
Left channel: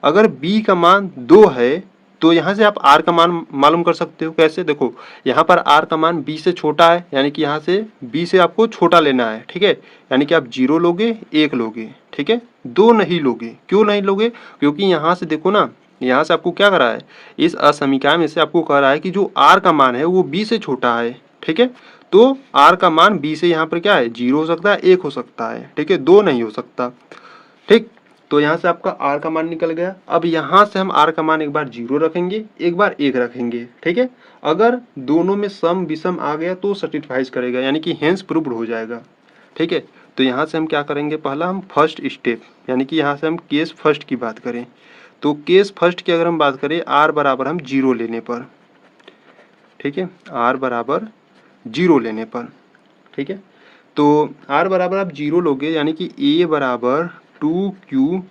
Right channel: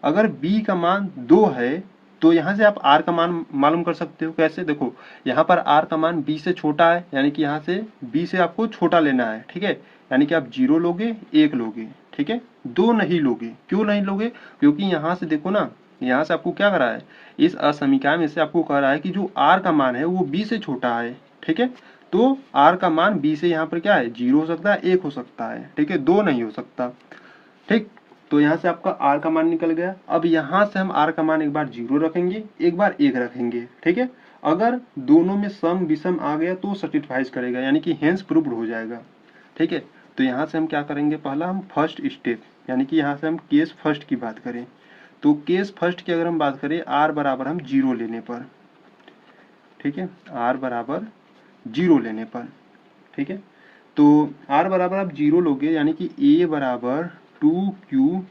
अगर b का मान 2 है तो यहाँ से आप r का मान मालूम कर सकते हो। कैसे, देखो, यहाँ पर r का मान b से छोटा है, यानी कि यहाँ से b से आपको छोटा लेना है। ठीक है, यानी कि आप 0 लोगे, 1 लोगे। ठीक है, 2 नहीं लोगे। क्यों नहीं लोगे, क्योंकि यहाँ से देखो ना, यहाँ से आपको क्या करा है, इस असमीकरण में से आपको कह रहा है कि जो r का मान है वो b से छोटा है। ठीक है, तो r का मान b से यहाँ पर क्या है, 0 हो सकता है, 1 हो सकता है। ठीक है, 2 नहीं हो सकता। ठीक, तो यहाँ से आपका r का मान निकल गया। अब यहाँ से हम r का मान एक बार 0 रखेंगे, एक बार 1 रखेंगे। ठीक है, अगर दोनों में सम विषम आ गया तो सेटिस्फाइज करेगा, यानी कि हेंस प्रूव्ड हो जाएगा। ठीक है, तो यहाँ से हम क्या करेंगे, पहला हम फर्स्ट स्टेप, यानी कि यहाँ से हम केस फर्स्ट की बात करें तो केस फर्स्ट की अगर हम बात करें, r बराबर हम 0 लेने पर। ठीक है, r बराबर 0 लेने पर। ठीक है, तो r बराबर आप 0 लोगे, यानी कि a बराबर 2q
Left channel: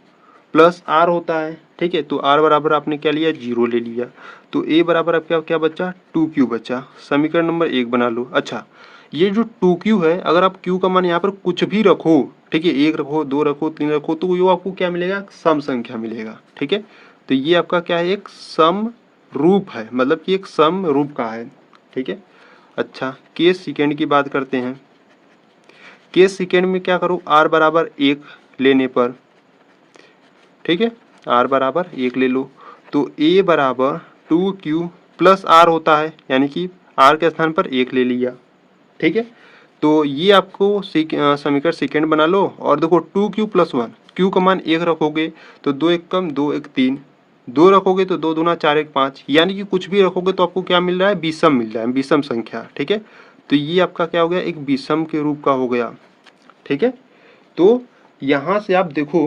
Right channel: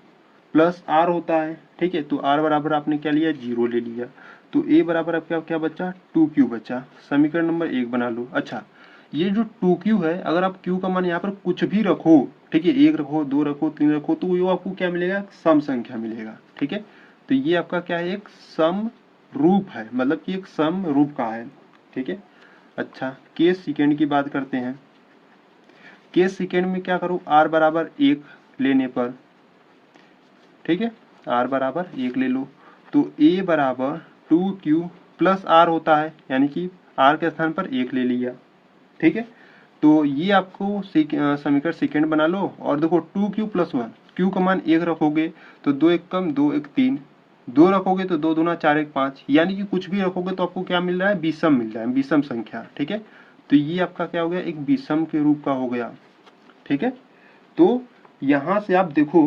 + r होता है। ठीक है, तो r बराबर आपने क्या लिया, 0 ले लिया, तो a बराबर आप क्या बचा, 2q बचा। समीकरण नंबर 1 बना लो। अच्छा, ये जो 2q है, अगर आप q का मान यहाँ पर कुछ भी रखो, ठीक है, 1 रखो, 2 रखो, 3 रखो, तो वो आपको क्या मिलेगा, सम संख्या मिलेगा। ठीक है, तो ये आपका क्या है, एक सम रूप है, मतलब कि एक सम रूप का है। ठीक है, अच्छा, केस सेकेंड की बात करते हैं। केस सेकेंड में क्या करो, r बराबर 1 लेने पर, ठीक है, r बराबर 1 ले लो, तो a बराबर 2q + r होता है, यानी कि r के स्थान पर 1 ले लिया। ठीक है, तो ये आपको समीकरण सेकेंड बना लो। और देखो 2q + 1, q का मान 1 रखोगे तो 2 1 कम, 2 1 3, 2 रखोगे तो 2 दूना 4 1 5, यानी कि कुछ भी रखोगे तो आपको क्या मिल रहा है, विषम मिल रहा है, विषम संख्या। ठीक है, तो ये आपका क्या हो गया, एक विषम के रूप का हो गया। ठीक है, तो यहाँ से आप देखो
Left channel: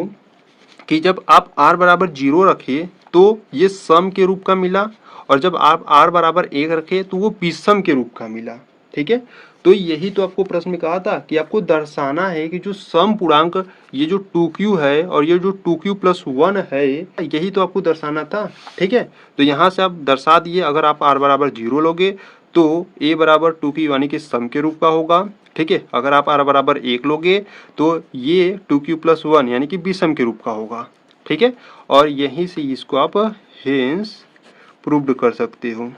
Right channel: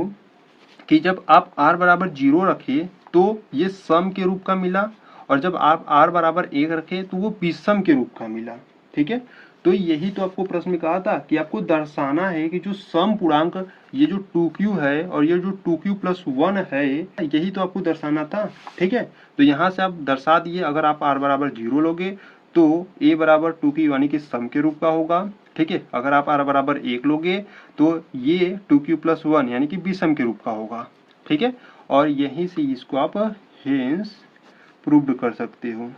कि जब आप r बराबर 0 रखे तो ये सम के रूप का मिला, और जब आप r बराबर 1 रखे तो वो विषम के रूप का मिला। ठीक है, तो यही तो आपको प्रश्न में कहा था कि आपको दर्शाना है कि जो सम पूर्णांक, ये जो 2q है और ये जो 2q + 1 है, यही तो आपको दर्शाना था। ठीक है, तो यहाँ से आप दर्शा दिए। अगर आप r बराबर 0 लोगे तो a बराबर 2q यानी कि सम के रूप का होगा। ठीक है, अगर आप r बराबर 1 लोगे तो ये 2q + 1 यानी कि विषम के रूप का होगा। ठीक है, और यहीं से इसको आप हेंस प्रूव्ड कर सकते हो।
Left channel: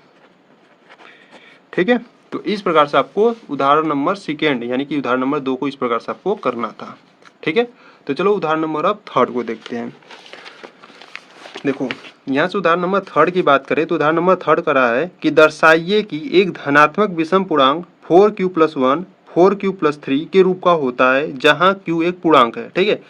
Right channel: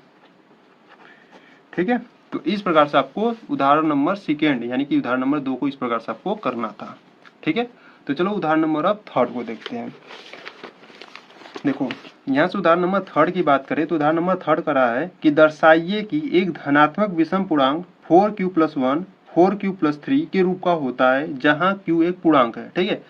ठीक है, तो इस प्रकार से आपको उदाहरण नंबर सेकेंड यानी कि उदाहरण नंबर 2 को इस प्रकार से आपको करना था। ठीक है, तो चलो उदाहरण नंबर अब थर्ड को देखते हैं। देखो, यहाँ से उदाहरण नंबर थर्ड की बात करें तो उदाहरण नंबर थर्ड करा है कि दर्शाइए कि एक धनात्मक विषम पूर्णांक 4q + 1 4q + 3 के रूप का होता है, जहाँ q एक पूर्णांक है। ठीक है,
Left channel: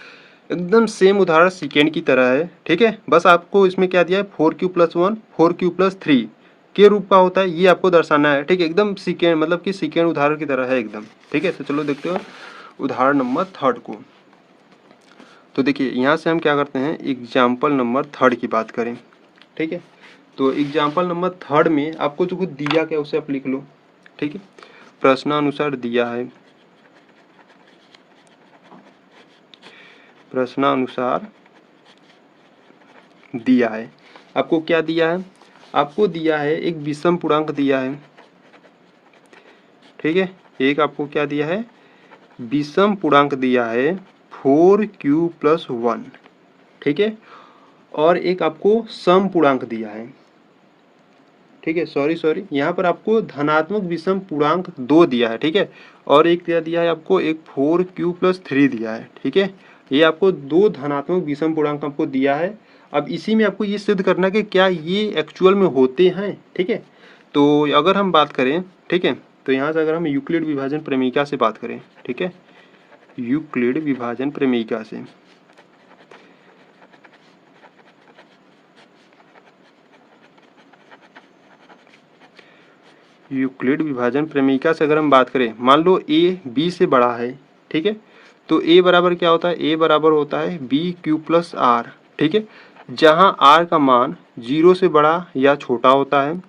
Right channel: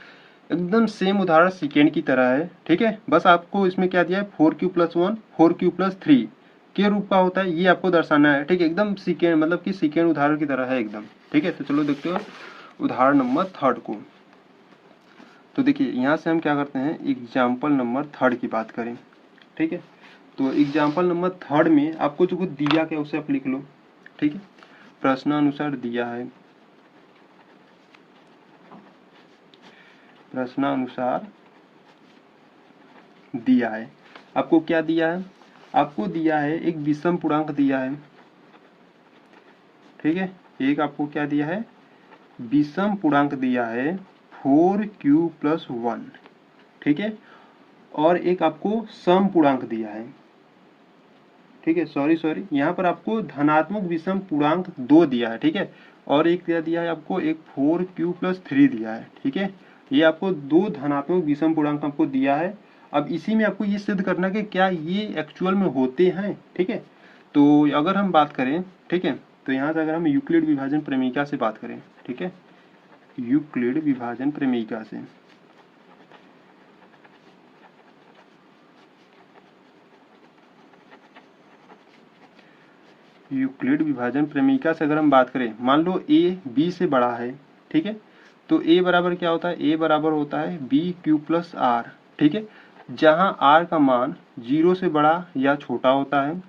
एकदम सेम उदाहरण सेकेंड की तरह है। ठीक है, बस आपको इसमें क्या दिया है, 4q + 1 4q + 3 के रूप का होता है, ये आपको दर्शाना है। ठीक है, एकदम सेकेंड, मतलब कि सेकेंड उदाहरण की तरह है एकदम। ठीक है, तो चलो देखते हो उदाहरण नंबर थर्ड को। तो देखिए, यहाँ से हम क्या करते हैं, एग्जाम्पल नंबर थर्ड की बात करें। ठीक है, तो एग्जाम्पल नंबर थर्ड में आपको जो कुछ दिया क्या उसे आप लिख लो। ठीक है, प्रश्नानुसार दिया है, प्रश्नानुसार दिया है। आपको क्या दिया है, आपको दिया है एक विषम पूर्णांक दिया है। ठीक है, एक आपको क्या दिया है, विषम पूर्णांक दिया है 4q + 1। ठीक है, और एक आपको सम पूर्णांक दिया है। ठीक है, सॉरी यहाँ पर आपको धनात्मक विषम पूर्णांक 2 दिया है, ठीक है, और एक दिया है आपको एक 4q+3 दिया है, ठीक है। ये आपको 2 धनात्मक विषम पूर्णांक आपको दिया है। अब इसी में आपको ये सिद्ध करना है कि क्या ये एक्चुअल में होते हैं, ठीक है। तो अगर हम बात करें, ठीक है, तो यहाँ से अगर हम यूक्लिड विभाजन प्रमेयिका से बात करें, ठीक है, यूक्लिड विभाजन प्रमेयिका से, यूक्लिड विभाजन प्रमेयिका से अगर हम बात करें, मान लो a b से बड़ा है, ठीक है, तो a बराबर क्या होता है, a बराबर होता है bq+r, ठीक है, जहां r का मान 0 से बड़ा या छोटा होता है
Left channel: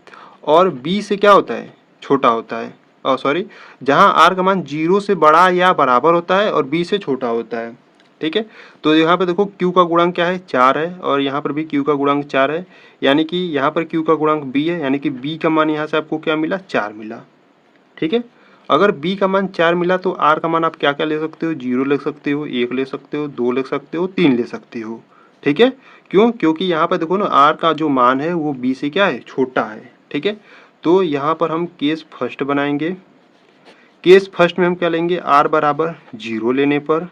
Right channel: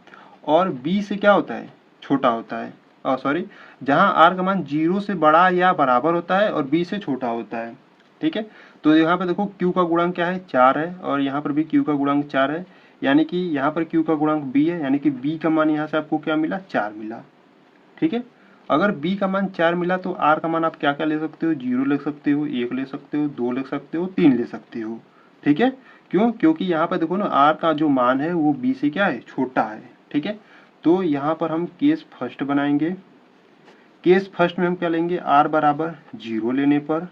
और b से क्या होता है, छोटा होता है, सॉरी, जहां r का मान 0 से बड़ा या बराबर होता है और b से छोटा होता है, ठीक है। तो यहाँ पे देखो q का गुणांक क्या है, 4 है, और यहाँ पर भी q का गुणांक 4 है, यानी कि यहाँ पर q का गुणांक b है, यानी कि b का मान यहाँ से आपको क्या मिला, 4 मिला, ठीक है। अगर b का मान 4 मिला तो r का मान आप क्या क्या ले सकते हो, 0 ले सकते हो, 1 ले सकते हो, 2 ले सकते हो, 3 ले सकते हो, ठीक है। क्यों, क्योंकि यहाँ पर देखो ना r का जो मान है वो b से क्या है, छोटा है, ठीक है। तो यहाँ पर हम केस फर्स्ट बनाएंगे। केस फर्स्ट में हम क्या लेंगे, r बराबर 0 लेने पर,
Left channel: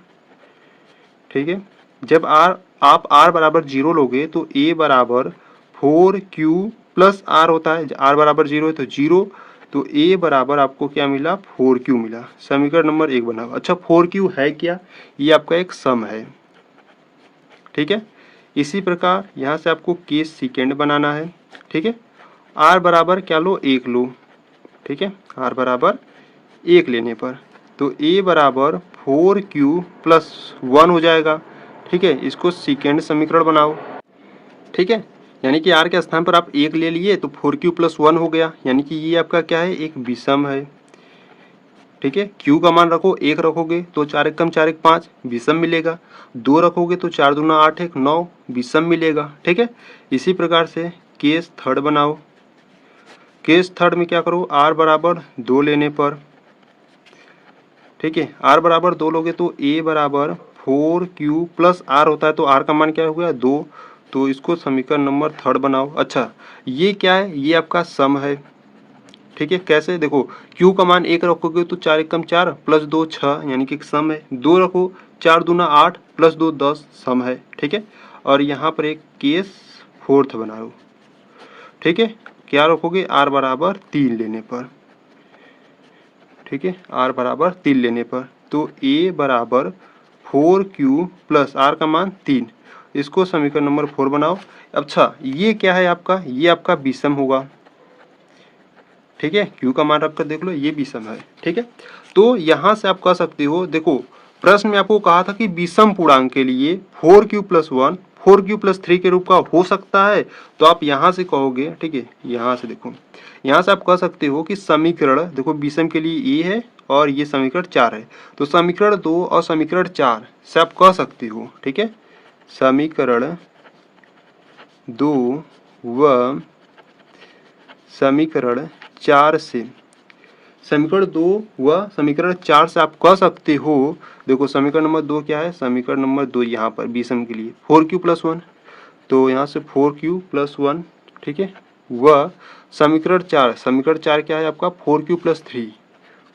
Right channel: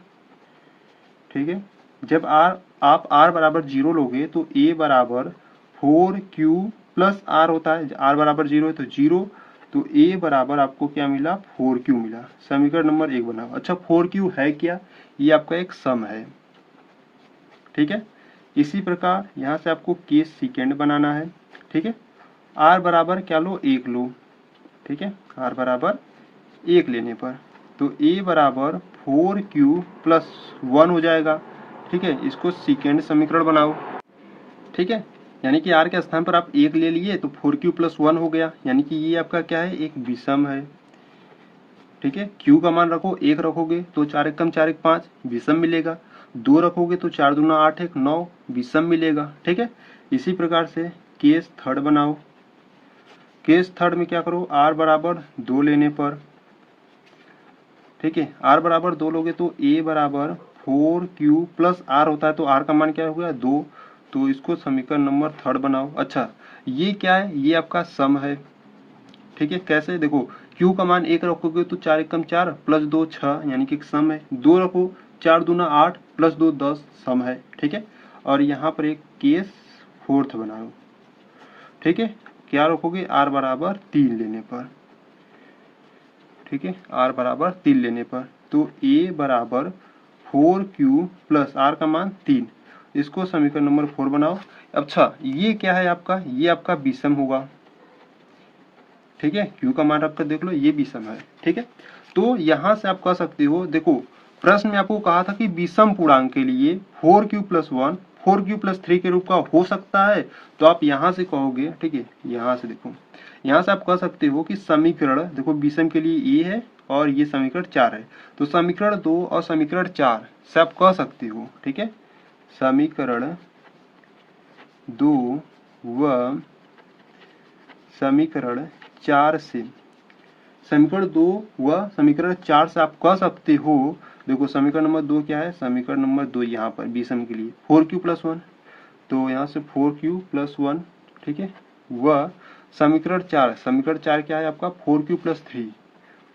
ठीक है, जब आप r बराबर 0 लोगे तो a बराबर 4q+r होता है, r बराबर 0 है तो 0, तो a बराबर आपको क्या मिला, 4q मिला। समीकरण नंबर 1 बना। अच्छा, 4q है क्या, ये आपका एक सम है, ठीक है। इसी प्रकार यहाँ से आपको केस सेकेंड बनाना है, ठीक है, r बराबर क्या लो, 1 लो, ठीक है, r बराबर 1 लेने पर तो a बराबर 4q+1 हो जाएगा, ठीक है। इसको सेकेंड समीकरण बनाओ, ठीक है, यानी कि r के स्थान पर आप 1 ले लिए तो 4q+1 हो गया, यानी कि ये आपका क्या है, एक विषम है, ठीक है। q का मान रखो, 1 रखोगे तो 4 एकम 4 एक 5 विषम मिलेगा, 2 रखोगे तो 4 दूना 8 एक 9 विषम मिलेगा, ठीक है। इसी प्रकार से केस थर्ड बनाओ। केस थर्ड में क्या करो, r बराबर 2 लेने पर, ठीक है, r बराबर 2 लोगे तो a बराबर 4q+r होता है, तो r का मान क्या हो गया, 2, तो इसको समीकरण नंबर थर्ड बनाओ। अच्छा, ये क्या है, ये आपका सम है, ठीक है। कैसे, देखो q का मान 1 रखोगे तो 4 एकम 4 प्लस 2 6, यानी कि सम है, 2 रखो 4 दूना 8 प्लस 2 10, सम है, ठीक है। और यहाँ पर एक केस फोर्थ बनाओ, ठीक है, क्या रखोगे, r बराबर 3 लेने पर, ठीक है, r बराबर 3 लेने पर, तो a बराबर 4q+r का मान 3, इसको समीकरण नंबर 4 बनाओ। अच्छा, ये क्या है आपका, ये आपका विषम होगा, ठीक है, q का मान रखकर देख लो, ये विषम है, ठीक है। तो यहाँ से आप कह सकते हो, देखो प्रश्न में आपको कहा था कि विषम पूर्णांक के लिए 4q+1 4q+3 के रूप का हो सकता है, तो आप यहाँ से कहोगे, ठीक है, यहाँ से देखो, यहाँ से आप कह सकते हो कि समीकरण, देखो विषम के लिए ये है और ये समीकरण 4 है, तो समीकरण 2 और समीकरण 4 से आप कह सकते हो, ठीक है, समीकरण 2 व समीकरण 4 से, समीकरण 2 व समीकरण 4 से आप कह सकते हो, देखो समीकरण नंबर 2 क्या है, समीकरण नंबर 2 यहाँ पर विषम के लिए 4q+1, तो यहाँ से 4q+1, ठीक है, व समीकरण 4 क्या है आपका, 4q+3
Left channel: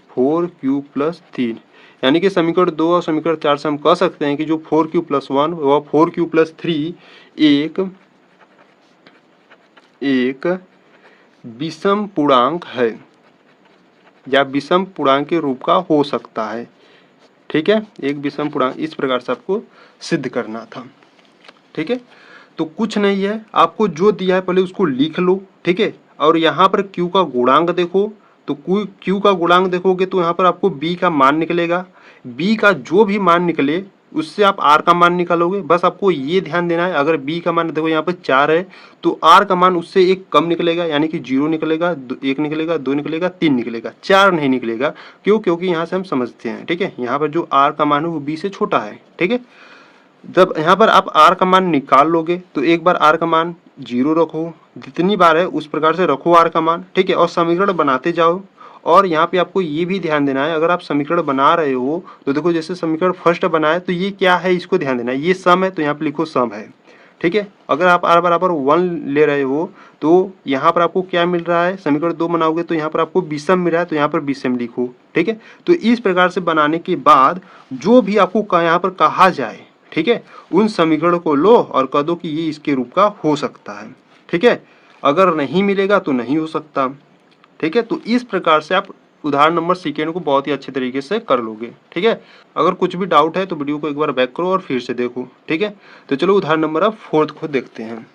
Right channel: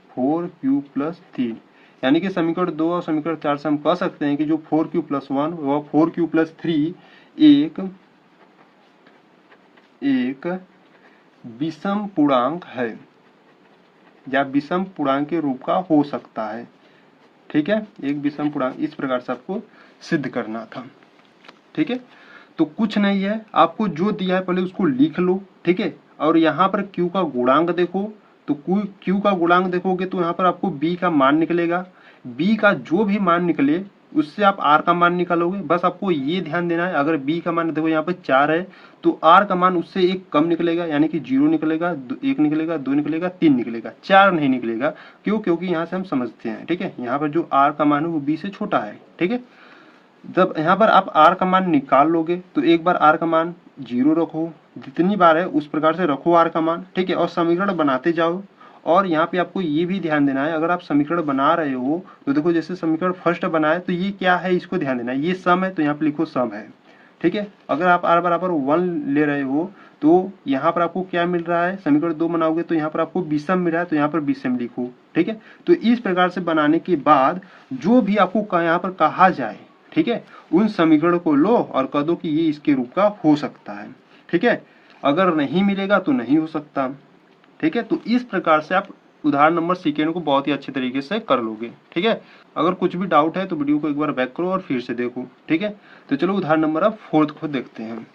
4q+3, यानी कि समीकरण 2 और समीकरण 4 से हम कह सकते हैं कि जो 4q+1 व 4q+3 एक विषम पूर्णांक है या विषम पूर्णांक के रूप का हो सकता है, ठीक है, एक विषम पूर्णांक, इस प्रकार से आपको सिद्ध करना था, ठीक है। तो कुछ नहीं है, आपको जो दिया है पहले उसको लिख लो, ठीक है, और यहाँ पर q का गुणांक देखो, तो q का गुणांक देखोगे तो यहाँ पर आपको b का मान निकलेगा, b का जो भी मान निकले उससे आप r का मान निकालोगे। बस आपको ये ध्यान देना है, अगर b का मान देखो यहाँ पर 4 है तो r का मान उससे एक कम निकलेगा, यानी कि 0 निकलेगा, 1 निकलेगा, 2 निकलेगा, 3 निकलेगा, 4 नहीं निकलेगा। क्यों, क्योंकि यहाँ से हम समझते हैं, ठीक है, यहाँ पर जो r का मान है वो b से छोटा है, ठीक है। जब यहाँ पर आप r का मान निकाल लोगे तो एक बार r का मान 0 रखो, जितनी बार है उस प्रकार से रखो r का मान, ठीक है, और समीकरण बनाते जाओ। और यहाँ पे आपको ये भी ध्यान देना है, अगर आप समीकरण बना रहे हो तो देखो जैसे समीकरण फर्स्ट बनाए तो ये क्या है, इसको ध्यान देना है, ये सम है तो यहाँ पे लिखो सम है, ठीक है। अगर आप r बराबर 1 ले रहे हो तो यहाँ पर आपको क्या मिल रहा है, समीकरण 2 बनाओगे तो यहाँ पर आपको विषम मिल रहा है, तो यहाँ पर विषम लिखो। ठीक है, तो इस प्रकार से बनाने के बाद जो भी आपको यहाँ पर कहा जाए, ठीक है, उन समीकरण को लो और कह दो कि ये इसके रूप का हो सकता है। ठीक है, अगर नहीं मिलेगा तो नहीं हो सकता। ठीक है, तो इस प्रकार से आप उदाहरण नंबर सेकेंड को बहुत ही अच्छे तरीके से कर लोगे। ठीक है, अगर कुछ भी डाउट है तो वीडियो को एक बार बैक करो और फिर से देखो। ठीक है, तो चलो उदाहरण नंबर अब फोर्थ को देखते हैं।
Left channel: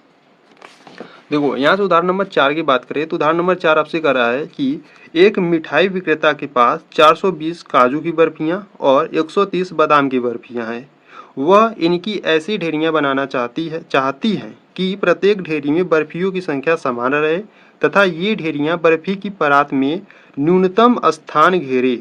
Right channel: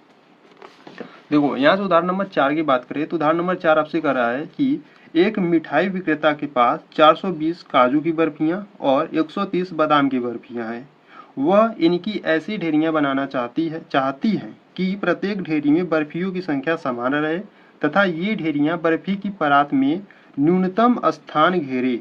देखो यहाँ से उदाहरण नंबर 4 की बात करें तो उदाहरण नंबर 4 आपसे कह रहा है कि एक मिठाई विक्रेता के पास 420 काजू की बर्फियां और 130 बादाम की बर्फियां हैं। वह इनकी ऐसी ढेरियां बनाना चाहती है कि प्रत्येक ढेरी में बर्फियों की संख्या समान रहे तथा ये ढेरियां बर्फी की परात में न्यूनतम स्थान घेरे।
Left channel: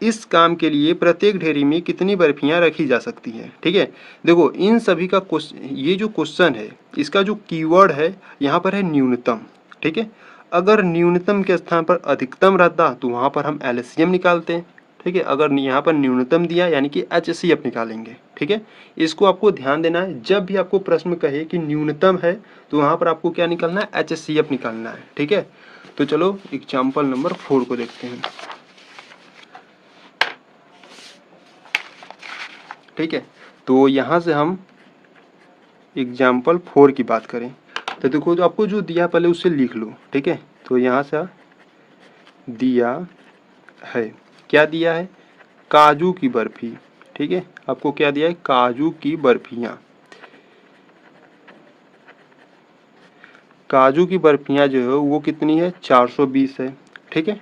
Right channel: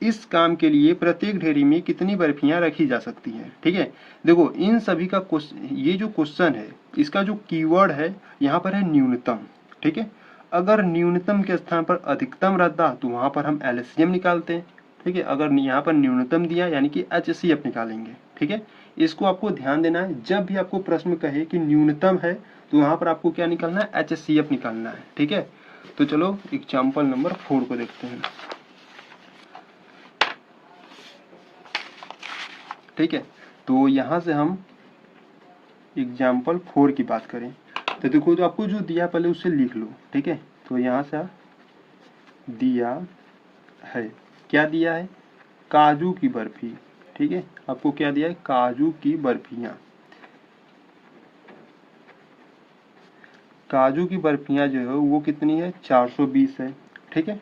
इस काम के लिए प्रत्येक ढेरी में कितनी बर्फियां रखी जा सकती हैं। ठीक है, देखो इन सभी का ये जो क्वेश्चन है इसका जो कीवर्ड है यहाँ पर है न्यूनतम। ठीक है, अगर न्यूनतम के स्थान पर अधिकतम रहता तो वहाँ पर हम एलसीएम निकालते हैं। ठीक है, अगर यहाँ पर न्यूनतम दिया यानी कि एचसीएफ निकालेंगे। ठीक है, इसको आपको ध्यान देना है, जब भी आपको प्रश्न कहे कि न्यूनतम है तो वहाँ पर आपको क्या निकालना है, एचसीएफ निकालना है। ठीक है, तो चलो एग्जाम्पल नंबर 4 को देखते हैं। ठीक है, तो यहाँ से हम एग्जाम्पल 4 की बात करें तो देखो तो आपको जो दिया पहले उससे लिख लो। ठीक है, तो यहाँ से दिया है, क्या दिया है, काजू की बर्फी। ठीक है, आपको क्या दिया है, काजू की बर्फियाँ। काजू की बर्फियाँ जो है वो कितनी है, 420 है। ठीक है,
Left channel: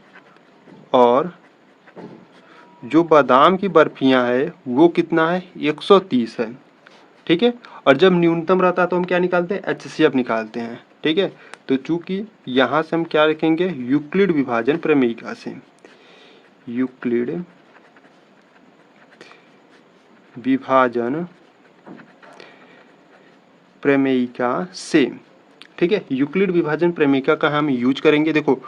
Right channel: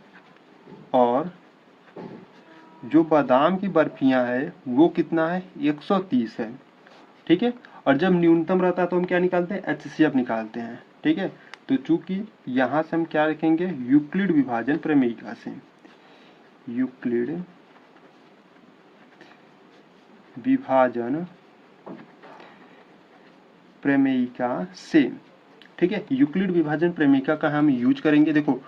और जो बादाम की बर्फियाँ है वो कितना है, 130 है। ठीक है, और जब न्यूनतम रहता है तो हम क्या निकालते हैं, एचसीएफ निकालते हैं। ठीक है, तो चूंकि यहाँ से हम क्या रखेंगे, यूक्लिड विभाजन प्रमेयिका से, यूक्लिड विभाजन प्रमेयिका से। ठीक है, यूक्लिड विभाजन प्रमेयिका का हम यूज करेंगे। देखो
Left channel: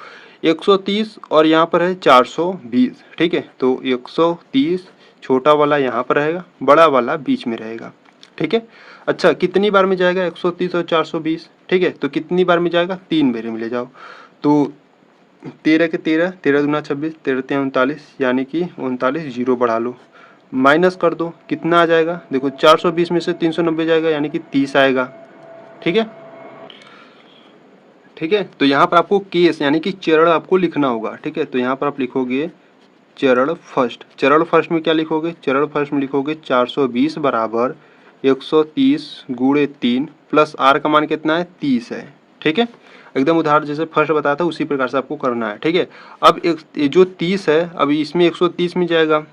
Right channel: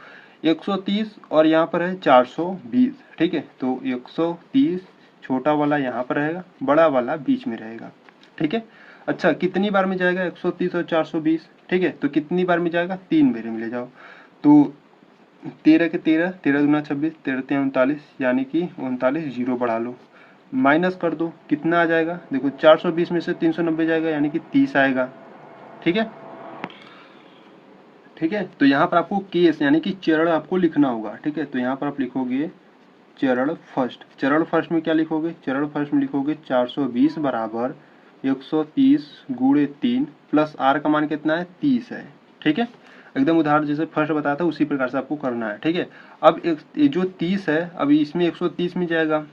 130 और यहाँ पर है 420। ठीक है, तो 130 छोटा वाला यहाँ पर रहेगा, बड़ा वाला बीच में रहेगा। ठीक है, अच्छा कितनी बार में जाएगा 130 और 420। ठीक है, तो कितनी बार में जाएगा, 3 बार में ले जाओ। तो 13 के 13, 13 दूना 26, 13 3 39, यानी कि 39, जीरो बढ़ा लो, माइनस कर दो, कितना आ जाएगा, देखो 420 में से 390 जाएगा यानी कि 30 आएगा। ठीक है, ठीक है, तो यहाँ पर आपको केस यानी कि चरण आपको लिखना होगा। ठीक है, तो यहाँ पर आप लिखोगे चरण फर्स्ट। चरण फर्स्ट में क्या लिखोगे, चरण फर्स्ट में लिखोगे 420 बराबर 130 गुणे 3 प्लस आर का मान कितना है, 30 है। ठीक है, एकदम उदाहरण जैसे फर्स्ट बताया था उसी प्रकार से आपको करना है। ठीक है, अब एक जो 30 है अब इसमें 130 में जाएगा।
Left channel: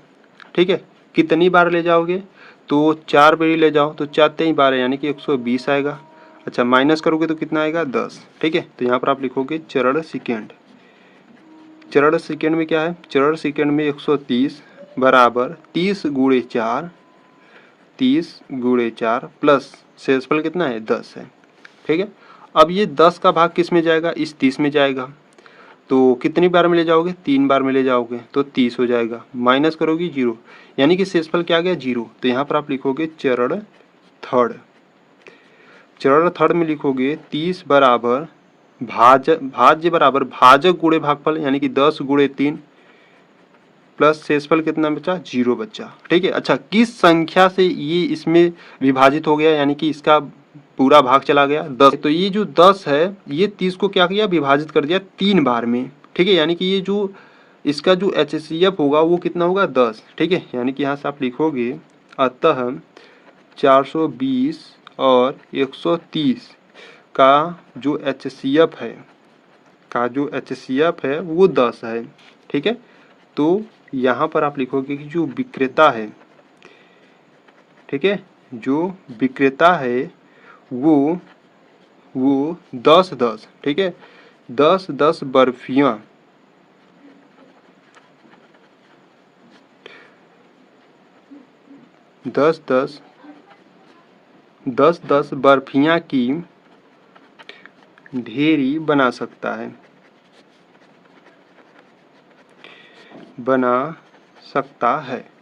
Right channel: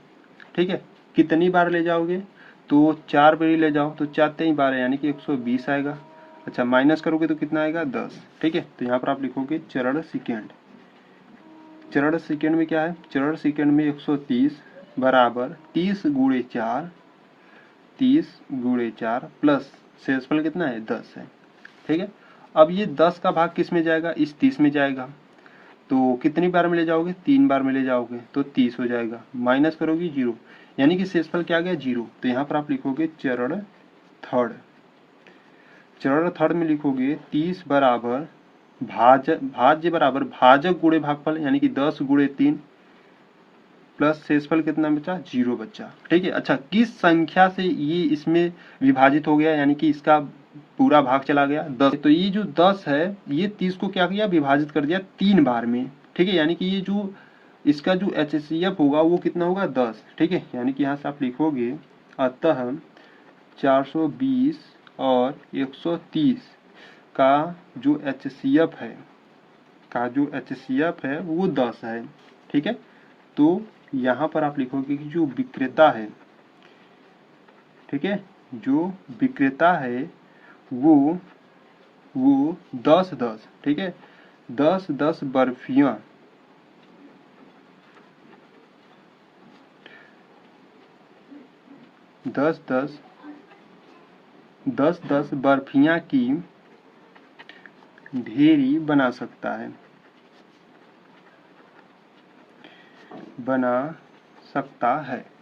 ठीक है, कितनी बार ले जाओगे, तो 4 बार ले जाओ, तो 4 3 12 यानी कि 120 आएगा। अच्छा माइनस करोगे तो कितना आएगा, 10। ठीक है, तो यहाँ पर आप लिखोगे चरण सेकेंड। चरण सेकेंड में क्या है, चरण सेकेंड में 130 बराबर 30 गुणे 4, 30 गुणे 4 प्लस शेषफल कितना है, 10 है। ठीक है, अब ये 10 का भाग किस में जाएगा, इस 30 में जाएगा। तो कितनी बार में ले जाओगे, 3 बार में ले जाओगे तो 30 हो जाएगा, माइनस करोगे 0 यानी कि शेषफल क्या आ गया, 0। तो यहाँ पर आप लिखोगे चरण थर्ड। चरण थर्ड में लिखोगे 30 बराबर भाज्य बराबर भाजक गुणे भागफल यानी कि 10 गुणे 3 प्लस शेषफल कितना बचा, 0 बचा। ठीक है, अच्छा किस संख्या से ये इसमें विभाजित हो गया यानी कि इसका पूरा भाग चला गया, 10। तो ये जो 10 है ये 30 को क्या किया, विभाजित कर दिया 3 बार में। ठीक है, यानी कि ये जो इसका जो एचसीएफ होगा वो कितना होगा, 10। ठीक है, यानी कि यहाँ से आप लिखोगे अतः 420 और 130 का जो एचसीएफ है, वो 10 है। ठीक है, तो यहाँ पर आप लिखोगे कि जो विक्रेता है, ठीक है, जो विक्रेता है वो 10-10, ठीक है, 10-10 बर्फियाँ 10-10 बर्फियाँ की ढेरी बना सकता है।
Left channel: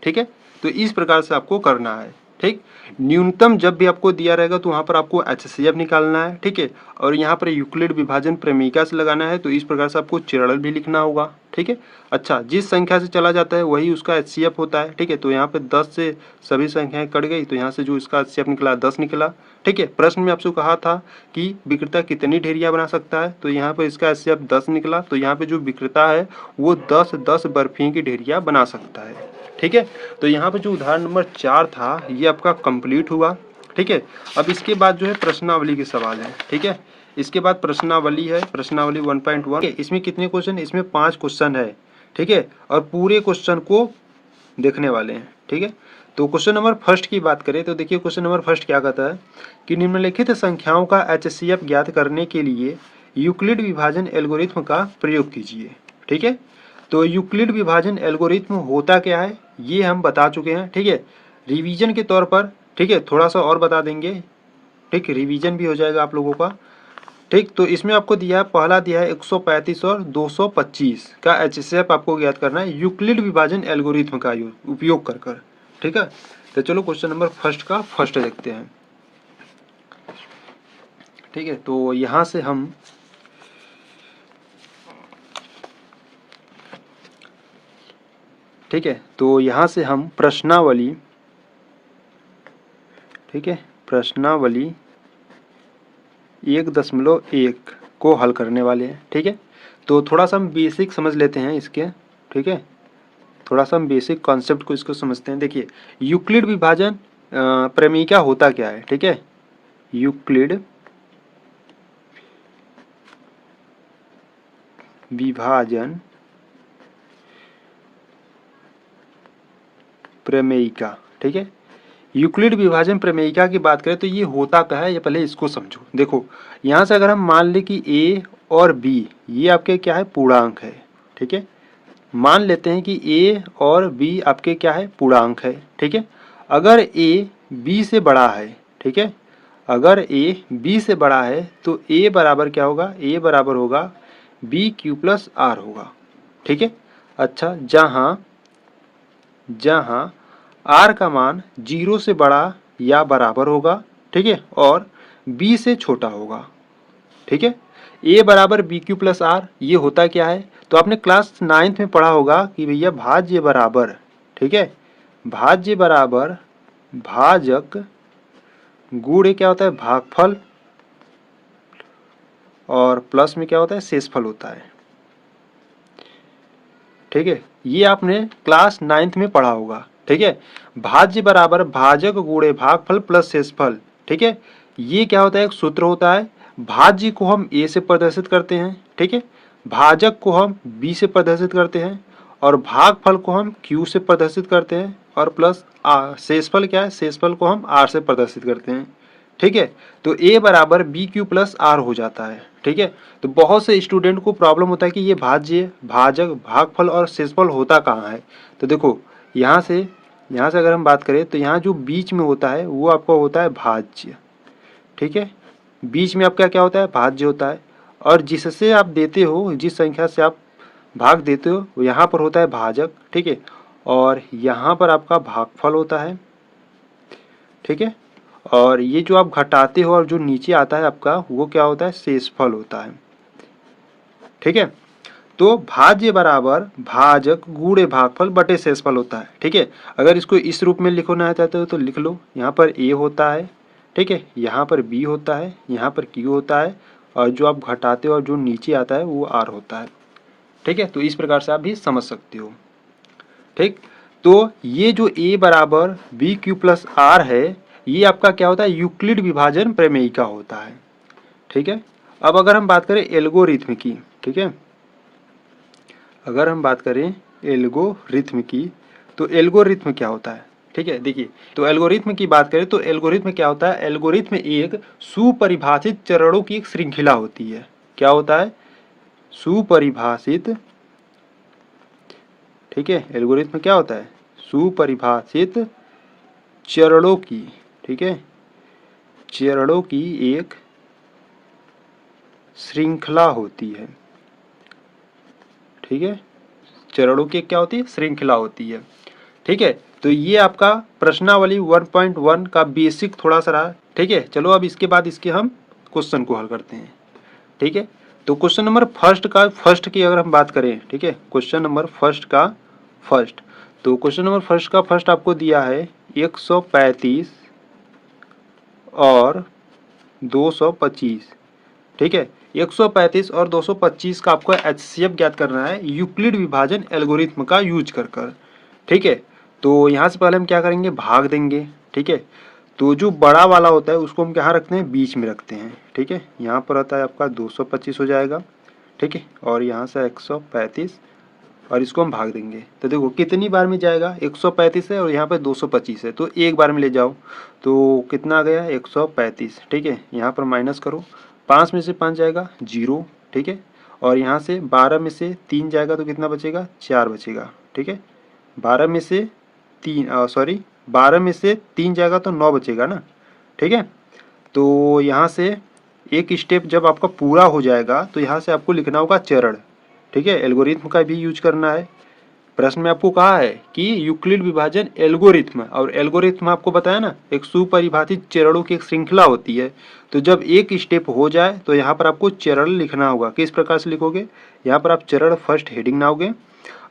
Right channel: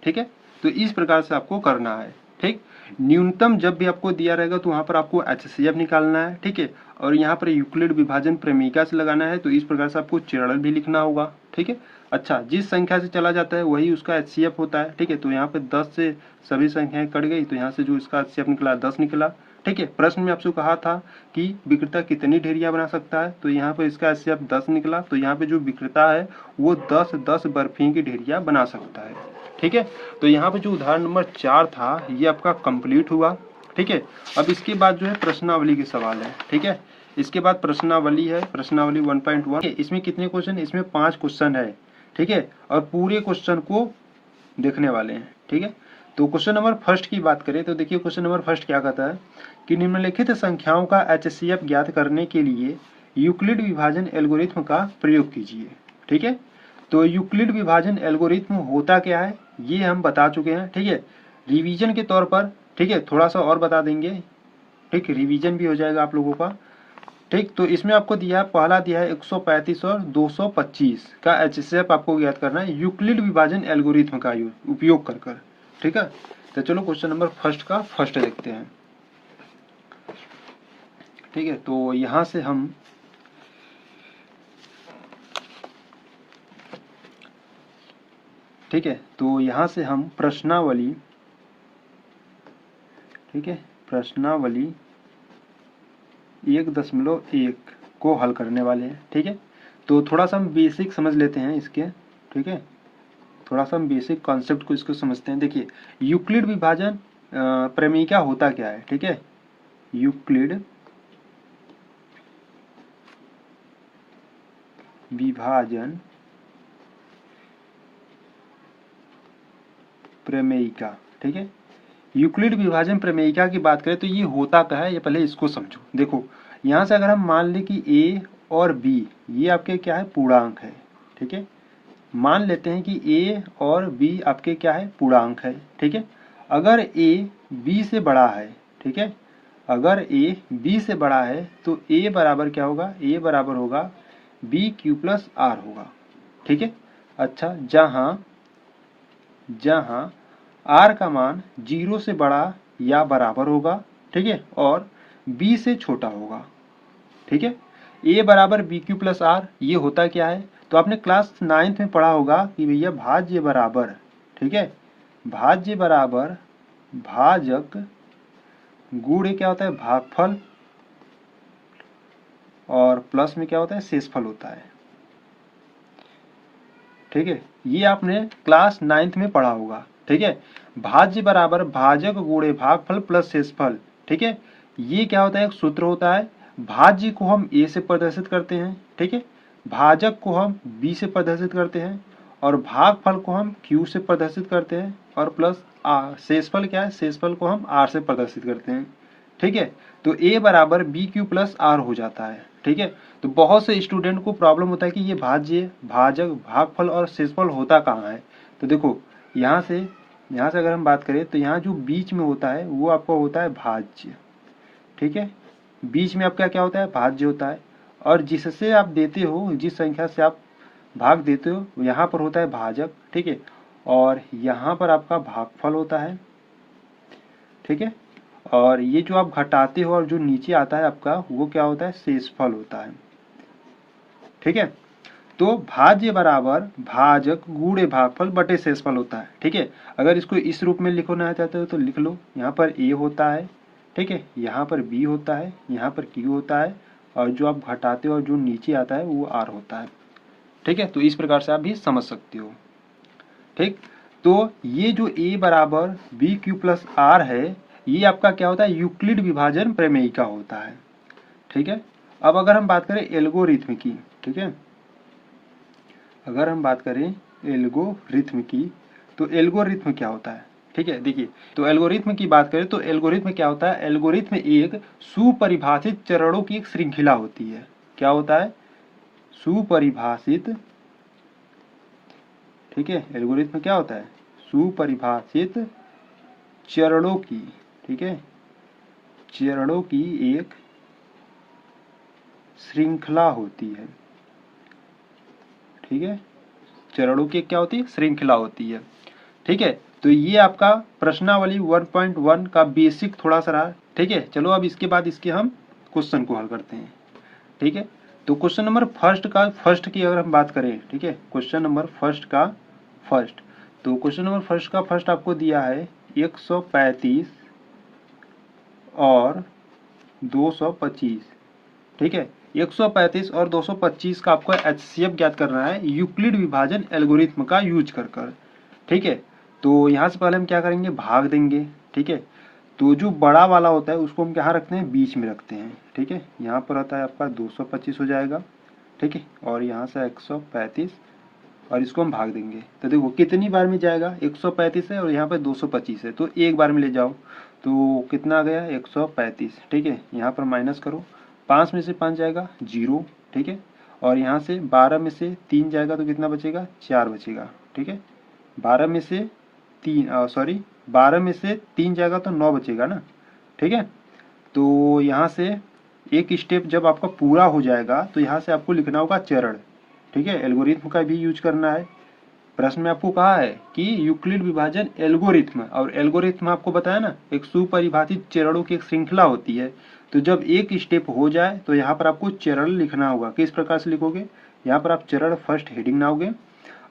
ठीक है, तो इस प्रकार से आपको करना है। ठीक। न्यूनतम जब भी आपको दिया रहेगा तो वहाँ पर आपको HCF निकालना है, ठीक है। और यहाँ पर यूक्लिड विभाजन प्रमेयिका से लगाना है, तो इस प्रकार से आपको चिरल भी लिखना होगा, ठीक है। अच्छा, जिस संख्या से चला जाता है वही उसका HCF होता है, ठीक है। तो यहाँ पे 10 से सभी संख्याएं कट गई, तो यहाँ से जो इसका HCF निकला 10 निकला, ठीक है। प्रश्न में आपसे कहा था कि विक्रेता कितनी ढेरियां बना सकता है, तो यहाँ पर इसका HCF 10 निकला, तो यहाँ पे जो विक्रेता है वो 10 बर्फी की ढेरियां बना सकता है, ठीक है। तो यहाँ पे जो उदाहरण नंबर 4 था ये आपका कंप्लीट हुआ, ठीक है। अब इसके बाद जो है प्रश्नावली के सवाल है, ठीक है। इसके बाद प्रश्नावली है, प्रश्नावली 1.1। इसमें कितने क्वेश्चन, इसमें 5 क्वेश्चन है, ठीक है। और पूरे क्वेश्चन को देखने वाले हैं, ठीक है। तो क्वेश्चन नंबर फर्स्ट की बात करें तो देखिए क्वेश्चन नंबर फर्स्ट क्या कहता है कि निम्नलिखित संख्याओं का HCF ज्ञात करने के लिए यूक्लिड विभाजन एल्गोरिथ्म का प्रयोग कीजिए, ठीक है। तो यूक्लिड विभाजन एल्गोरिथ्म होता क्या है ये हम बता चुके हैं, ठीक है। रिवीजन के तौर पर, ठीक है, थोड़ा सा और बता देंगे, ठीक, रिवीजन भी हो जाएगा आप लोगों का, ठीक। तो इसमें आपको दिया है, पहला दिया है 135 और 225 का HCF आपको ज्ञात करना है यूक्लिड विभाजन एल्गोरिथ्म का उपयोग कर, ठीक है। तो चलो क्वेश्चन नंबर फर्स्ट का फर्स्ट देखते हैं, ठीक है। तो यहाँ से हम ठीक है, तो यहाँ से हम प्रश्नावली, ठीक है, प्रश्नावली 1.1 को हल करने वाले हैं, ठीक है। तो थोड़ा सा हम बेसिक समझ लेते हैं इसके, ठीक है। थोड़ा सा हम बेसिक कॉन्सेप्ट को इसको समझते हैं। देखिए यूक्लिड विभाजन प्रमेयिका होता क्या है, ठीक है। यूक्लिड विभाजन प्रमेयिका, ठीक है। यूक्लिड विभाजन प्रमेयिका की बात करें तो ये होता क्या है, ये पहले इसको समझो। देखो यहाँ से अगर हम मान लें कि a और b ये आपके क्या है, पूर्णांक है, ठीक है। मान लेते हैं कि a और b आपके क्या है, पूर्णांक है, ठीक है। अगर a b से बड़ा है, ठीक है, अगर a b से बड़ा है तो a बराबर क्या होगा, a बराबर होगा BQ प्लस R होगा, ठीक है। अच्छा, जहाँ R का मान 0 से बड़ा या बराबर होगा, ठीक है, और B से छोटा होगा, ठीक है। A बराबर BQ प्लस R ये होता क्या है, तो आपने क्लास 9th में पढ़ा होगा कि भैया भाज्य बराबर, ठीक है, भाज्य बराबर भाजक गुणे क्या होता है, भागफल, और प्लस में क्या होता है, शेषफल होता है, ठीक है। ये आपने क्लास 9th में पढ़ा होगा, ठीक है। भाज्य बराबर भाजक गुणे भागफल प्लस शेषफल, ठीक है। ये क्या होता है, एक सूत्र होता है। भाज्य को हम a से प्रदर्शित करते हैं, ठीक है, भाजक को हम b से प्रदर्शित करते हैं, और भागफल को हम q से प्रदर्शित करते हैं, और प्लस शेषफल क्या है, शेषफल को हम r से प्रदर्शित करते हैं, ठीक है। तो a बराबर BQ प्लस R हो जाता है, ठीक है। तो बहुत से स्टूडेंट को प्रॉब्लम होता है कि ये भाज्य, भाजक, भागफल और शेषफल होता कहाँ है। तो देखो यहाँ से अगर हम बात करें तो यहाँ जो बीच में होता है वो आपका होता है भाज्य, ठीक है। बीच में आपका क्या होता है, भाज्य होता है, और जिससे आप देते हो, जिस संख्या से आप भाग देते हो यहाँ पर होता है भाजक, ठीक है, और यहाँ पर आपका भागफल होता है, ठीक है। और ये जो आप घटाते हो और जो नीचे आता है आपका वो क्या होता है, शेषफल होता है, ठीक है। तो भाज्य बराबर भाजक गुणे भागफल बटे शेषफल होता है, ठीक है। अगर इसको इस रूप में लिखना चाहते हो तो लिख लो, यहाँ पर a होता है, ठीक है, यहाँ पर b होता है, यहाँ पर q होता है, और जो आप घटाते हो और जो नीचे आता है वो r होता है, ठीक है। तो इस प्रकार से आप भी समझ सकते हो, ठीक। तो ये जो a बराबर BQ प्लस R है ये आपका क्या होता है, यूक्लिड विभाजन प्रमेयिका होता है, ठीक है। अब अगर हम बात करें एल्गोरिथ्म की, ठीक है, अगर हम बात करें एल्गोरिथ्म की तो एल्गोरिथ्म क्या होता है, ठीक है। देखिए तो एल्गोरिथ्म की बात करें तो एल्गोरिथ्म क्या होता है, एल्गोरिथ्म एक सुपरिभाषित चरणों की एक श्रृंखला होती है। क्या होता है, सुपरिभाषित, ठीक है, एल्गोरिथ्म क्या होता है, सुपरिभाषित चरणों की, ठीक है, चरणों की एक श्रृंखला होती है, ठीक है। चरणों की क्या होती है, श्रृंखला होती है, ठीक है। तो ये आपका प्रश्नावली 1.1 का बेसिक थोड़ा सा रहा। ठीक है, चलो अब इसके बाद इसके हम क्वेश्चन को हल करते हैं। ठीक है, तो क्वेश्चन नंबर फर्स्ट की अगर हम बात करें, ठीक है, क्वेश्चन नंबर फर्स्ट का फर्स्ट, तो क्वेश्चन नंबर फर्स्ट का फर्स्ट आपको दिया है 135 और 225। ठीक है, 135 और 225 का आपको HCF ज्ञात करना है यूक्लिड विभाजन एल्गोरिथ्म का यूज कर। ठीक है, तो यहाँ से पहले हम क्या करेंगे, भाग देंगे। ठीक है, तो जो बड़ा वाला होता है उसको हम कहाँ रखते हैं, बीच में रखते हैं। ठीक है, यहाँ पर आता है आपका 225 हो जाएगा। ठीक है, और यहाँ से 135 और इसको हम भाग देंगे। तो देखो कितनी बार में जाएगा, 135 है और यहाँ पे 225 है, तो एक बार में ले जाओ तो कितना आ गया, 135। ठीक है, यहाँ पर माइनस करो, 5 में से 5 जाएगा 0। ठीक है, और यहाँ से 12 में से 3 जाएगा तो कितना बचेगा, 4 बचेगा। ठीक है, 12 में से 3 जाएगा तो 9 बचेगा ना। ठीक है, तो यहाँ से एक स्टेप जब आपका पूरा हो जाएगा तो यहाँ से आपको लिखना होगा चरण। ठीक है, एल्गोरिथ्म का भी यूज करना है। प्रश्न में आपको कहा है कि यूक्लिड विभाजन एल्गोरिथ्म, और एल्गोरिथ्म आपको बताया ना, एक सुपरिभाषित चरणों की एक श्रृंखला होती है। तो जब एक स्टेप हो जाए तो यहाँ पर आपको चरण लिखना होगा। किस प्रकार से लिखोगे, यहाँ पर आप चरण फर्स्ट हेडिंग बनाओगे।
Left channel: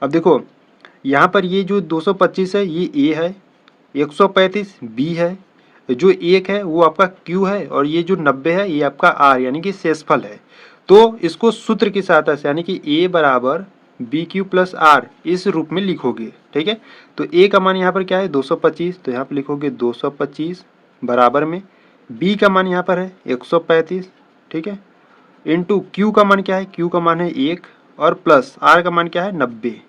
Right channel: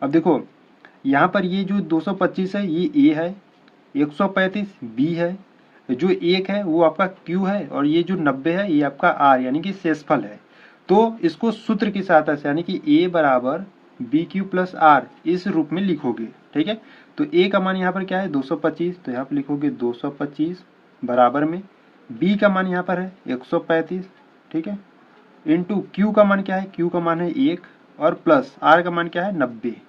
अब देखो यहाँ पर ये जो 225 है ये ए है, 135 बी है, जो 1 है वो आपका क्यू है, और ये जो 90 है ये आपका आर यानी कि शेषफल है। तो इसको सूत्र की सहायता से यानी कि ए बराबर बी क्यू प्लस आर इस रूप में लिखोगे। ठीक है, तो ए का मान यहाँ पर क्या है, 225, तो यहाँ पर लिखोगे 225 बराबर में बी का मान यहाँ पर है 135। ठीक है, इंटू क्यू का मान क्या है, क्यू का मान है 1, और प्लस आर का मान क्या है 90।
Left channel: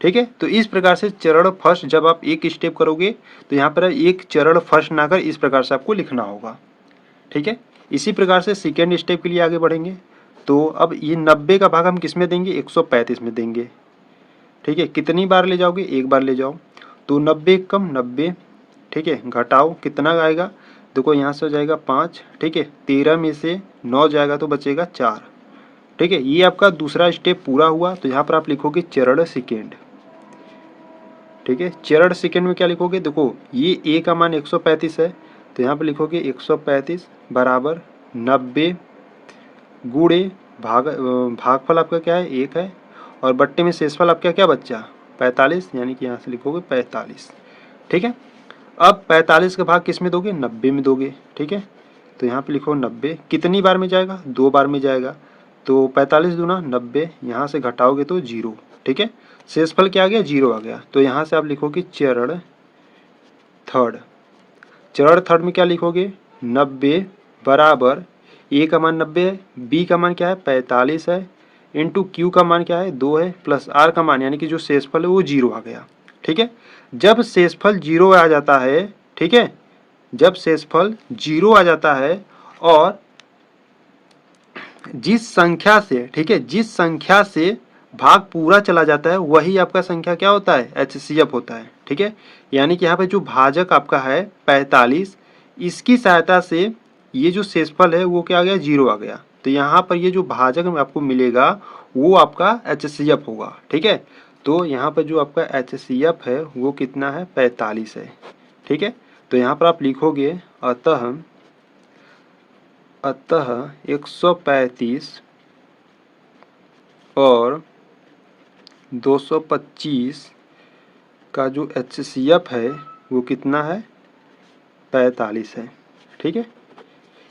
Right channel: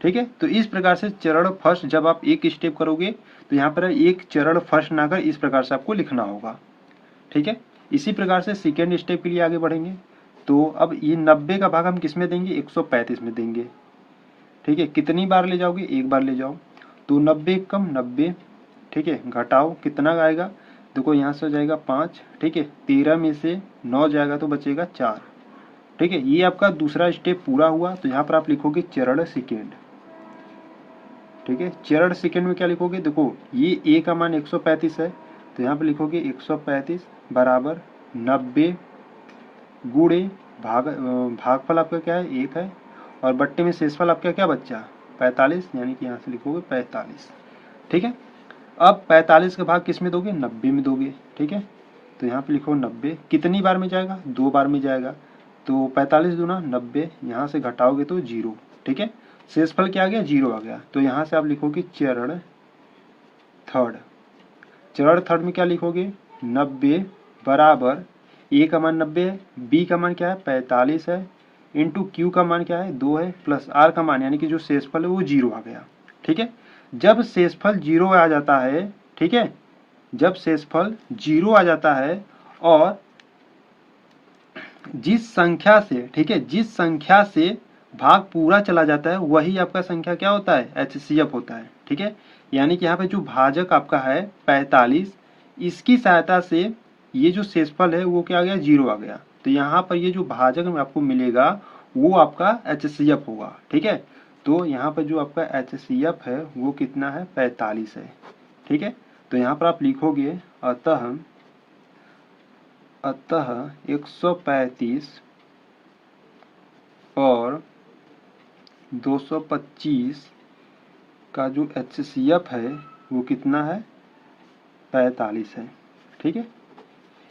ठीक है, तो इस प्रकार से चरण फर्स्ट जब आप एक स्टेप करोगे तो यहाँ पर एक चरण फर्स्ट ना कर इस प्रकार से आपको लिखना होगा। ठीक है, इसी प्रकार से सेकेंड स्टेप के लिए आगे बढ़ेंगे। तो अब ये 90 का भाग हम किस में देंगे, 135 में देंगे। ठीक है, कितनी बार ले जाओगे, एक बार ले जाओ, तो 90 कम 90। ठीक है, घटाओ कितना आएगा, देखो यहाँ से हो जाएगा 5। ठीक है, 13 में से 9 जाएगा तो बचेगा 4। ठीक है, ये आपका दूसरा स्टेप पूरा हुआ। तो यहाँ पर आप लिखोगे चरण सेकेंड। ठीक है, चरण सेकेंड में क्या लिखोगे, देखो ये ए का मान 135 है, तो यहाँ पर लिखोगे 135 बराबर 90 गुणे भागफल आपका क्या है, 1 है, और बट्टे में शेषफल आपका क्या बच्चा 45, यानी कि यहाँ से लिखोगे 45। ठीक है, अब 45 का भाग किस में दोगे, 90 में दोगे। ठीक है, तो यहाँ पे लिखो 90 कितनी बार में जाएगा, 2 बार में जाएगा, तो 45 दूना 90, यहाँ से घटाओगे तो 0। ठीक है, शेषफल क्या आ गया, 0 आ गया। तो यहाँ से आप लिखोगे चरण थर्ड। चरण थर्ड में क्या लिखोगे, 90 बराबर ए का मान 90 है, बी का मान क्या है 45 है, इंटू क्यू का मान क्या है 2 है, प्लस आर का मान यानी कि जो शेषफल है वो 0 आ गया। ठीक है, जब शेषफल 0 आ जाता है, ठीक है, जब शेषफल 0 आ जाता है और जिस संख्या से, ठीक है, जिस संख्या से भाग पूरा चला जाता है वही आपका संख्या क्या होता है, HCF होता है। ठीक है, यानी कि यहाँ पे जो भाजक आपका है 45, इसकी सहायता से ये जो शेषफल है वो क्या आ गया, 0 आ गया। तो यहाँ पर ये जो भाजक में आपको मिलेगा वो आपका HCF होगा। ठीक है, तो यहाँ पर जो आपका HCF है वो कितना है, 45 है। ठीक है, तो यहाँ पर आप लिखोगे अतः 135 और 225 का जो HCF है वो कितना है, 45 है। ठीक है,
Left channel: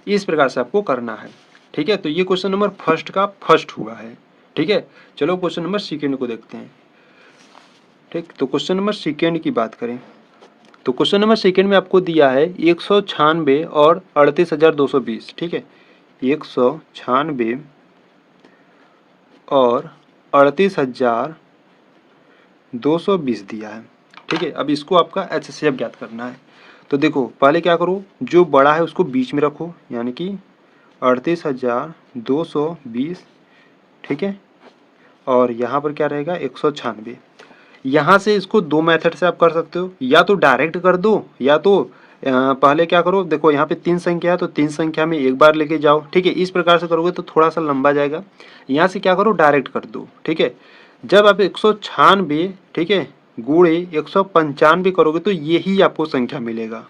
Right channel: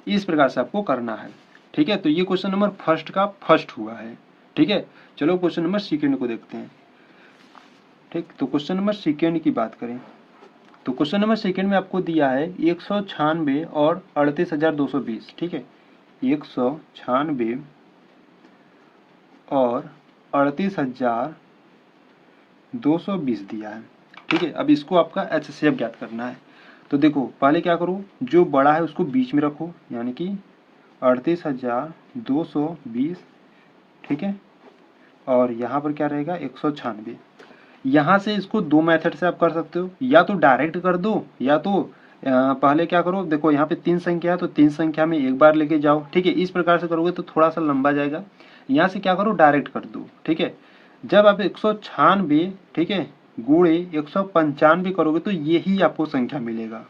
इस प्रकार से आपको करना है। ठीक है, तो ये क्वेश्चन नंबर फर्स्ट का फर्स्ट हुआ है। ठीक है, चलो क्वेश्चन नंबर सेकेंड को देखते हैं। ठीक, तो क्वेश्चन नंबर सेकेंड की बात करें तो क्वेश्चन नंबर सेकेंड में आपको दिया है 196 और 38,220। ठीक है, 196 और 38,220 दिया है। ठीक है, अब इसको आपका HCF ज्ञात करना है। तो देखो पहले क्या करो, जो बड़ा है उसको बीच में रखो, यानी कि 38,220। ठीक है, और यहाँ पर क्या रहेगा 196। यहाँ से इसको दो मेथड से आप कर सकते हो, या तो डायरेक्ट कर दो, या तो पहले क्या करो, देखो यहाँ पे 3 संख्या है तो 3 संख्या में एक बार लेके जाओ। ठीक है, इस प्रकार से करोगे तो थोड़ा सा लंबा जाएगा। यहाँ से क्या करो, डायरेक्ट कर दो। ठीक है, जब आप 196, ठीक है, गुणे 195 करोगे तो यही आपको संख्या मिलेगा।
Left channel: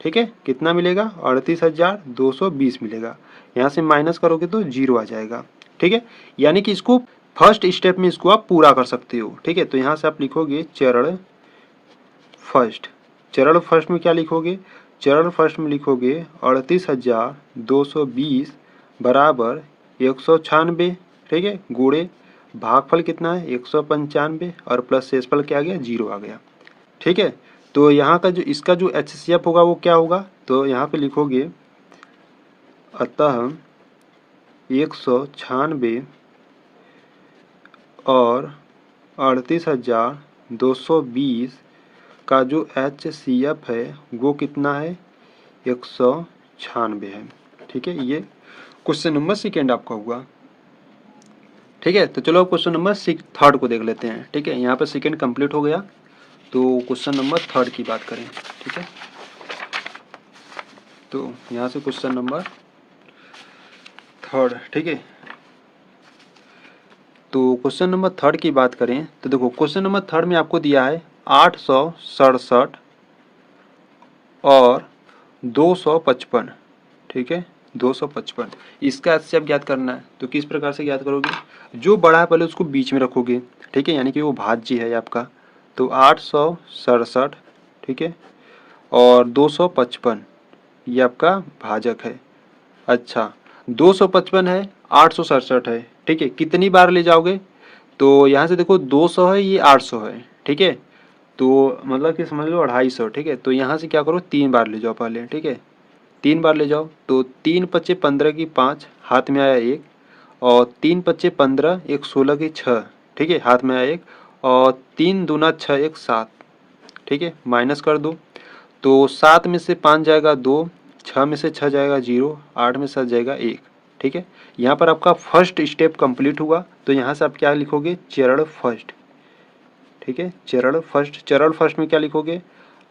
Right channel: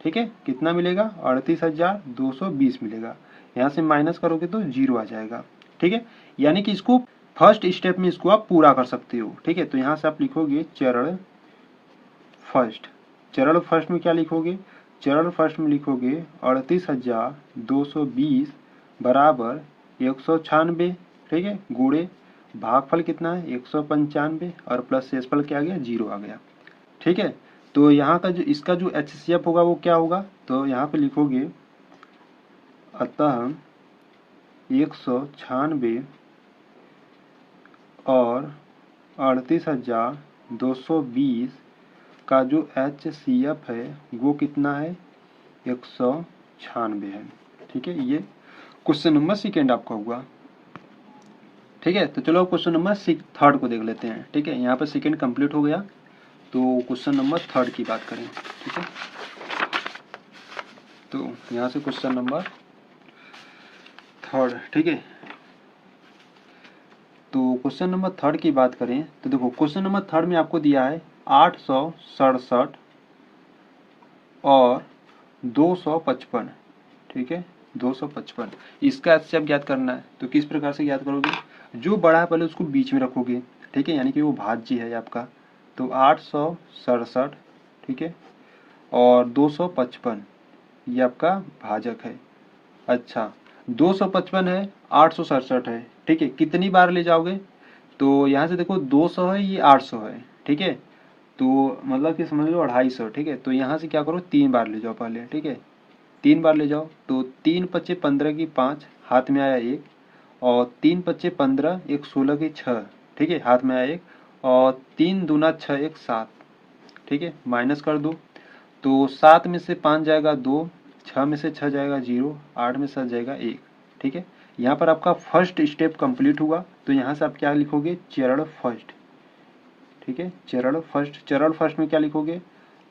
ठीक है, कितना मिलेगा? 38,220 मिलेगा। यहाँ से माइनस करोगे तो 0 आ जाएगा। ठीक है, यानी कि इसको फर्स्ट स्टेप में इसको आप पूरा कर सकते हो। ठीक है, तो यहाँ से आप लिखोगे चरण फर्स्ट। चरण फर्स्ट में क्या लिखोगे? चरण फर्स्ट में लिखोगे 38,220 बराबर 196। ठीक है, गुणे भागफल कितना है? 195 और प्लस शेषफल क्या आ गया? 0 आ गया। ठीक है, तो यहाँ का जो इसका जो HCF होगा वो क्या होगा? तो यहाँ पे लिखोगे अतः 196 और 38,220 का जो HCF है वो कितना है? 196 है। ठीक है, ये क्वेश्चन नंबर सेकेंड आपका हुआ। ठीक है, तो चलो क्वेश्चन नंबर थर्ड को देख लेते हैं। ठीक है, यहाँ पर सेकेंड कंप्लीट हो गया, तो क्वेश्चन नंबर थर्ड की बात करें। ठीक है, तो यहाँ से क्वेश्चन नंबर थर्ड। ठीक है, तो क्वेश्चन नंबर थर्ड की बात करें तो देखो क्वेश्चन नंबर थर्ड में आपको दिया है 867 और 255। ठीक है, 255 इसका HCF ज्ञात करना है। तो किस प्रकार से ज्ञात करोगे? जो बड़ा है पहले उसको बीच में रखोगे। ठीक है, यानी कि वो भाज्य है आपका। तो 867, ठीक है, और 255 ये आपका भाजक है। अच्छा, 255 है, 867 है। ठीक है, कितनी बार ले जाओगे? तो यहाँ से देखो 200 है, ये 800 है। ठीक है, तो मतलब कि समझ लो 250। ठीक है, तो यहाँ से क्या करो? 3 बार ले जाओ पहले। ठीक है, 3 बार ले जाओ तो 3 पच्चे 15 की 5 हाथ में आया 1, और 3 पच्चे 15 1 16 की 6। ठीक है, हाथ में आया 1, और 3 दूना 6 1 7। ठीक है, माइनस कर दो तो 7 में से 5 जाएगा 2, 6 में से 6 जाएगा 0, 8 में से 7 जाएगा 1। ठीक है, यहाँ पर आपका फर्स्ट स्टेप कंप्लीट हुआ। तो यहाँ से आप क्या लिखोगे? चरण फर्स्ट। ठीक है, चरण फर्स्ट। चरण फर्स्ट में क्या लिखोगे?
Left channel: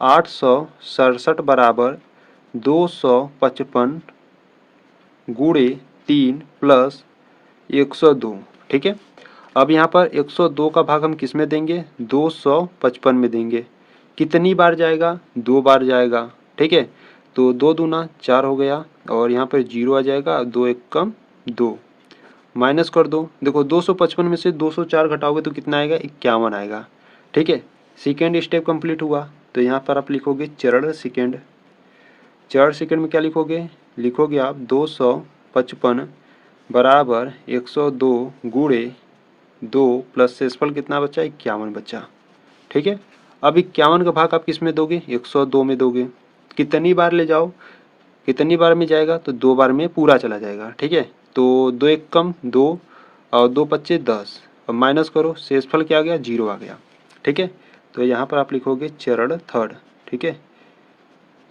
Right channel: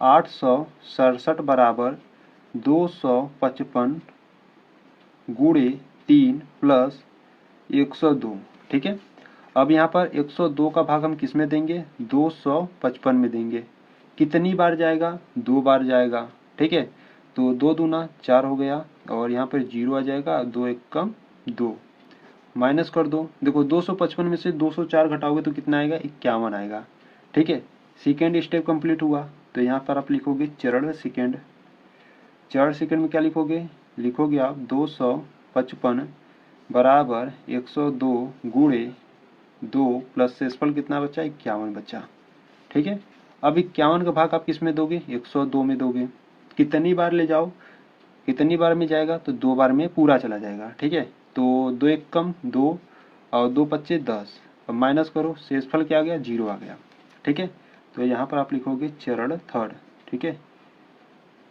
867 बराबर 255 गुणे 3 प्लस 102। ठीक है, अब यहाँ पर 102 का भाग हम किस में देंगे? 255 में देंगे। कितनी बार जाएगा? 2 बार जाएगा। ठीक है, तो 2 दूना 4 हो गया, और यहाँ पर 0 आ जाएगा। 2 1 कम 2, माइनस कर दो। देखो 255 में से 204 घटाओगे तो कितना आएगा? 51 आएगा। ठीक है, सेकेंड स्टेप कंप्लीट हुआ। तो यहाँ पर आप लिखोगे चरण सेकेंड। चरण सेकेंड में क्या लिखोगे? लिखोगे आप 255 बराबर 102 गुणे 2 प्लस शेषफल कितना बचा? 51 बचा। ठीक है, अब 51 का भाग आप किस में दोगे? 102 में दोगे। कितनी बार ले जाओ? कितनी बार में जाएगा? तो 2 बार में पूरा चला जाएगा। ठीक है, तो 2 1 कम 2, और 2 पच्चे 10, और माइनस करो, शेषफल क्या आ गया? 0 आ गया। ठीक है, तो यहाँ पर आप लिखोगे चरण थर्ड। ठीक है,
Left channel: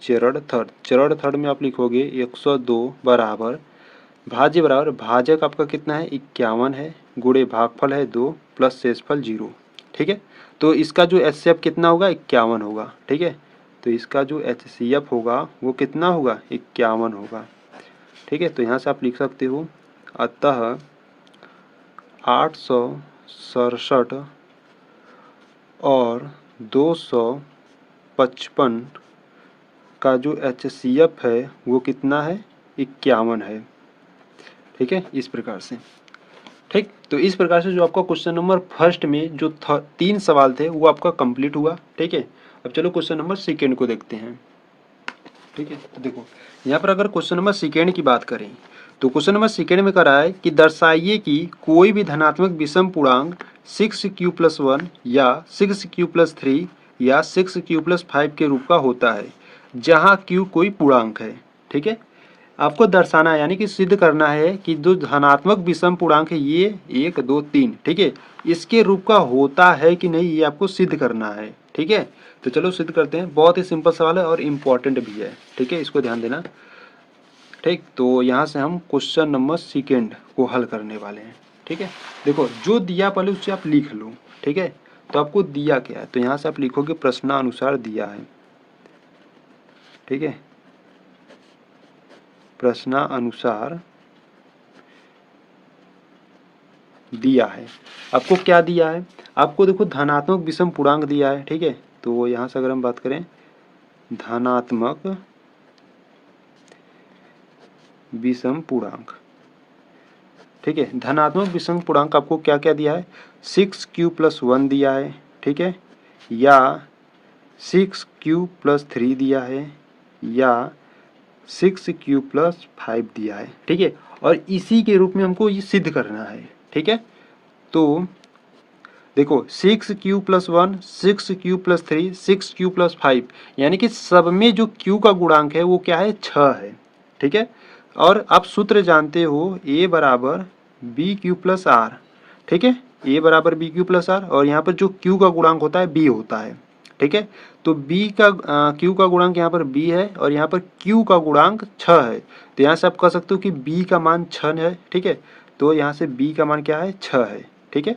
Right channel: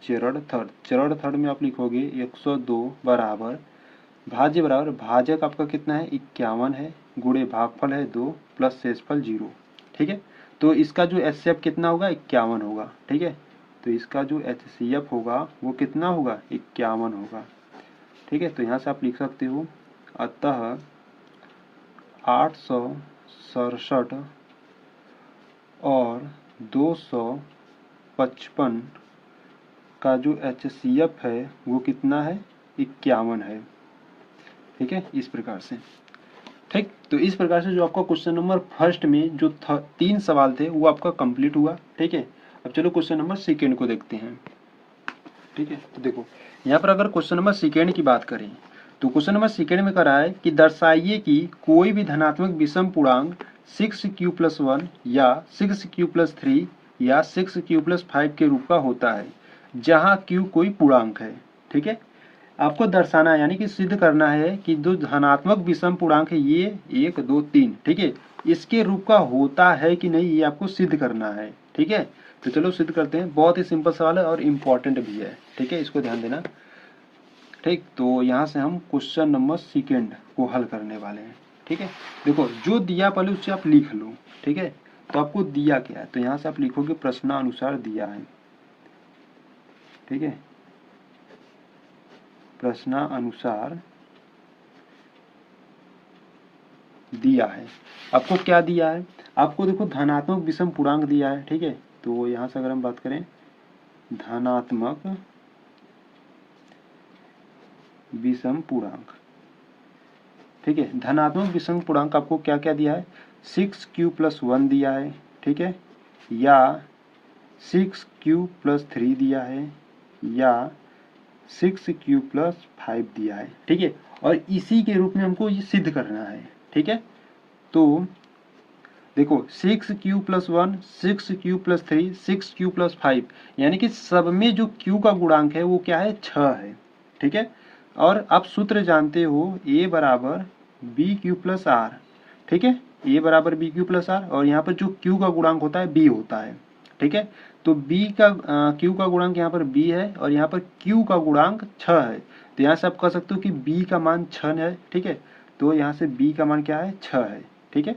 चरण थर्ड। चरण थर्ड में आप लिखोगे 102 बराबर बराबर भाजक आपका कितना है? 51 है, गुणे भागफल है 2 प्लस शेषफल 0। ठीक है, तो इसका जो HCF कितना होगा? 51 होगा। ठीक है, तो इसका जो HCF होगा वो कितना होगा? 51 होगा। ठीक है, तो यहाँ से आप लिख सकते हो अतः 867 और 255 का जो HCF है वो कितना है? 51 है। ठीक है, इस प्रकार से। ठीक, तो इस प्रकार से जो आपका क्वेश्चन नंबर फर्स्ट में जो 3 सवाल थे वो आपका कंप्लीट हुआ। ठीक है, अब चलो क्वेश्चन नंबर सेकेंड को देखते हैं। ठीक है, तो देखो यहाँ पर अगर क्वेश्चन नंबर सेकेंड की बात करें तो क्वेश्चन नंबर सेकेंड में करा है कि दर्शाइए कि कोई भी धनात्मक विषम पूर्णांक 6q+1 या 6q+3 या 6q+5 के रूप का होता है जहाँ q कोई पूर्णांक है। ठीक है, आपको दर्शाना है यानी कि सिद्ध करना है कि जो धनात्मक विषम पूर्णांक है ये 1 2 3, ठीक है, इसके रूप का होता है कि नहीं, ये आपको सिद्ध करना है। ठीक है, तो चलो सिद्ध करते हैं। बहुत ही सिंपल सवाल है और इम्पोर्टेंट भी है। ठीक है, इसको ध्यान देना। ठीक, तो यहाँ से हम क्वेश्चन नंबर सेकेंड को हल करने वाले हैं। ठीक है, देखो जो दिया पहले उससे आप लिख लो। ठीक है, तो आपको दिया क्या है? तो यहाँ से आप लिखोगे प्रश्नानुसार दिया है। ठीक है, प्रश्नानुसार दिया है। आपको क्या दिया है, आपको देखो धनात्मक विषम पूर्णांक दिया है, ठीक है। तो यहाँ से अगर हम बात करें धनात्मक विषम पूर्णांक, ठीक है। धनात्मक विषम पूर्णांक आपको क्या क्या दिया है, 6q+1 दिया है, ठीक है, या 6q+3 दिया है, या 6q+5 दिया है, ठीक है। और इसी के रूप में हमको ये सिद्ध करना है, ठीक है। तो देखो 6q+1, 6q+3, 6q+5, यानी कि सब में जो q का गुणांक है वो क्या है, 6 है, ठीक है। और आप सूत्र जानते हो a बराबर bq+r, ठीक है, a बराबर bq+r, और यहाँ पर जो q का गुणांक होता है b होता है, ठीक है। तो b का q का गुणांक यहाँ पर b है और यहाँ पर q का गुणांक 6 है। तो यहाँ से आप कह सकते हो कि b का मान 6 है, ठीक है। तो यहाँ से b का मान क्या है, 6 है, ठीक है।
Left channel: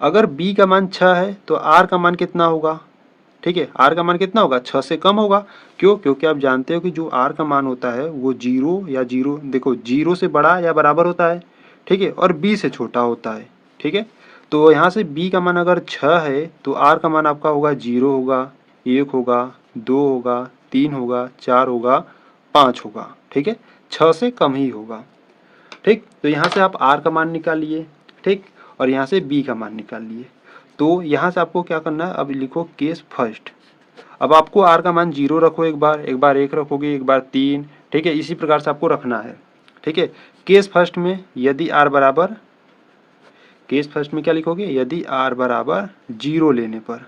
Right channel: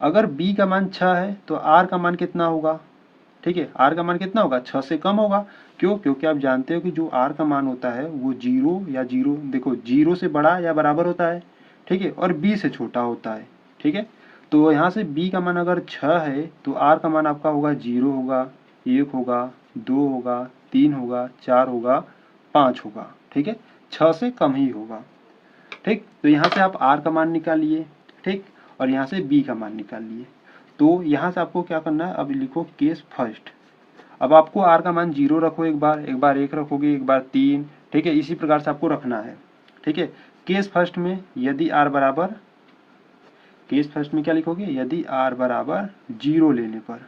अगर b का मान 6 है तो r का मान कितना होगा, ठीक है, r का मान कितना होगा, 6 से कम होगा। क्यों, क्योंकि आप जानते हो कि जो r का मान होता है वो 0 या 0, देखो 0 से बड़ा या बराबर होता है, ठीक है, और b से छोटा होता है, ठीक है। तो यहाँ से b का मान अगर 6 है तो r का मान आपका होगा 0 होगा, 1 होगा, 2 होगा, 3 होगा, 4 होगा, 5 होगा, ठीक है, 6 से कम ही होगा, ठीक। तो यहाँ से आप r का मान निकालिए, ठीक, और यहाँ से b का मान निकाल लिए। तो यहाँ से आपको क्या करना है, अब लिखो केस फर्स्ट। अब आपको r का मान 0 रखो, एक बार 1 रखोगे, एक बार 3, ठीक है, इसी प्रकार से आपको रखना है, ठीक है। केस फर्स्ट में यदि r बराबर, केस फर्स्ट में क्या लिखोगे, यदि r बराबर 0 लेने पर,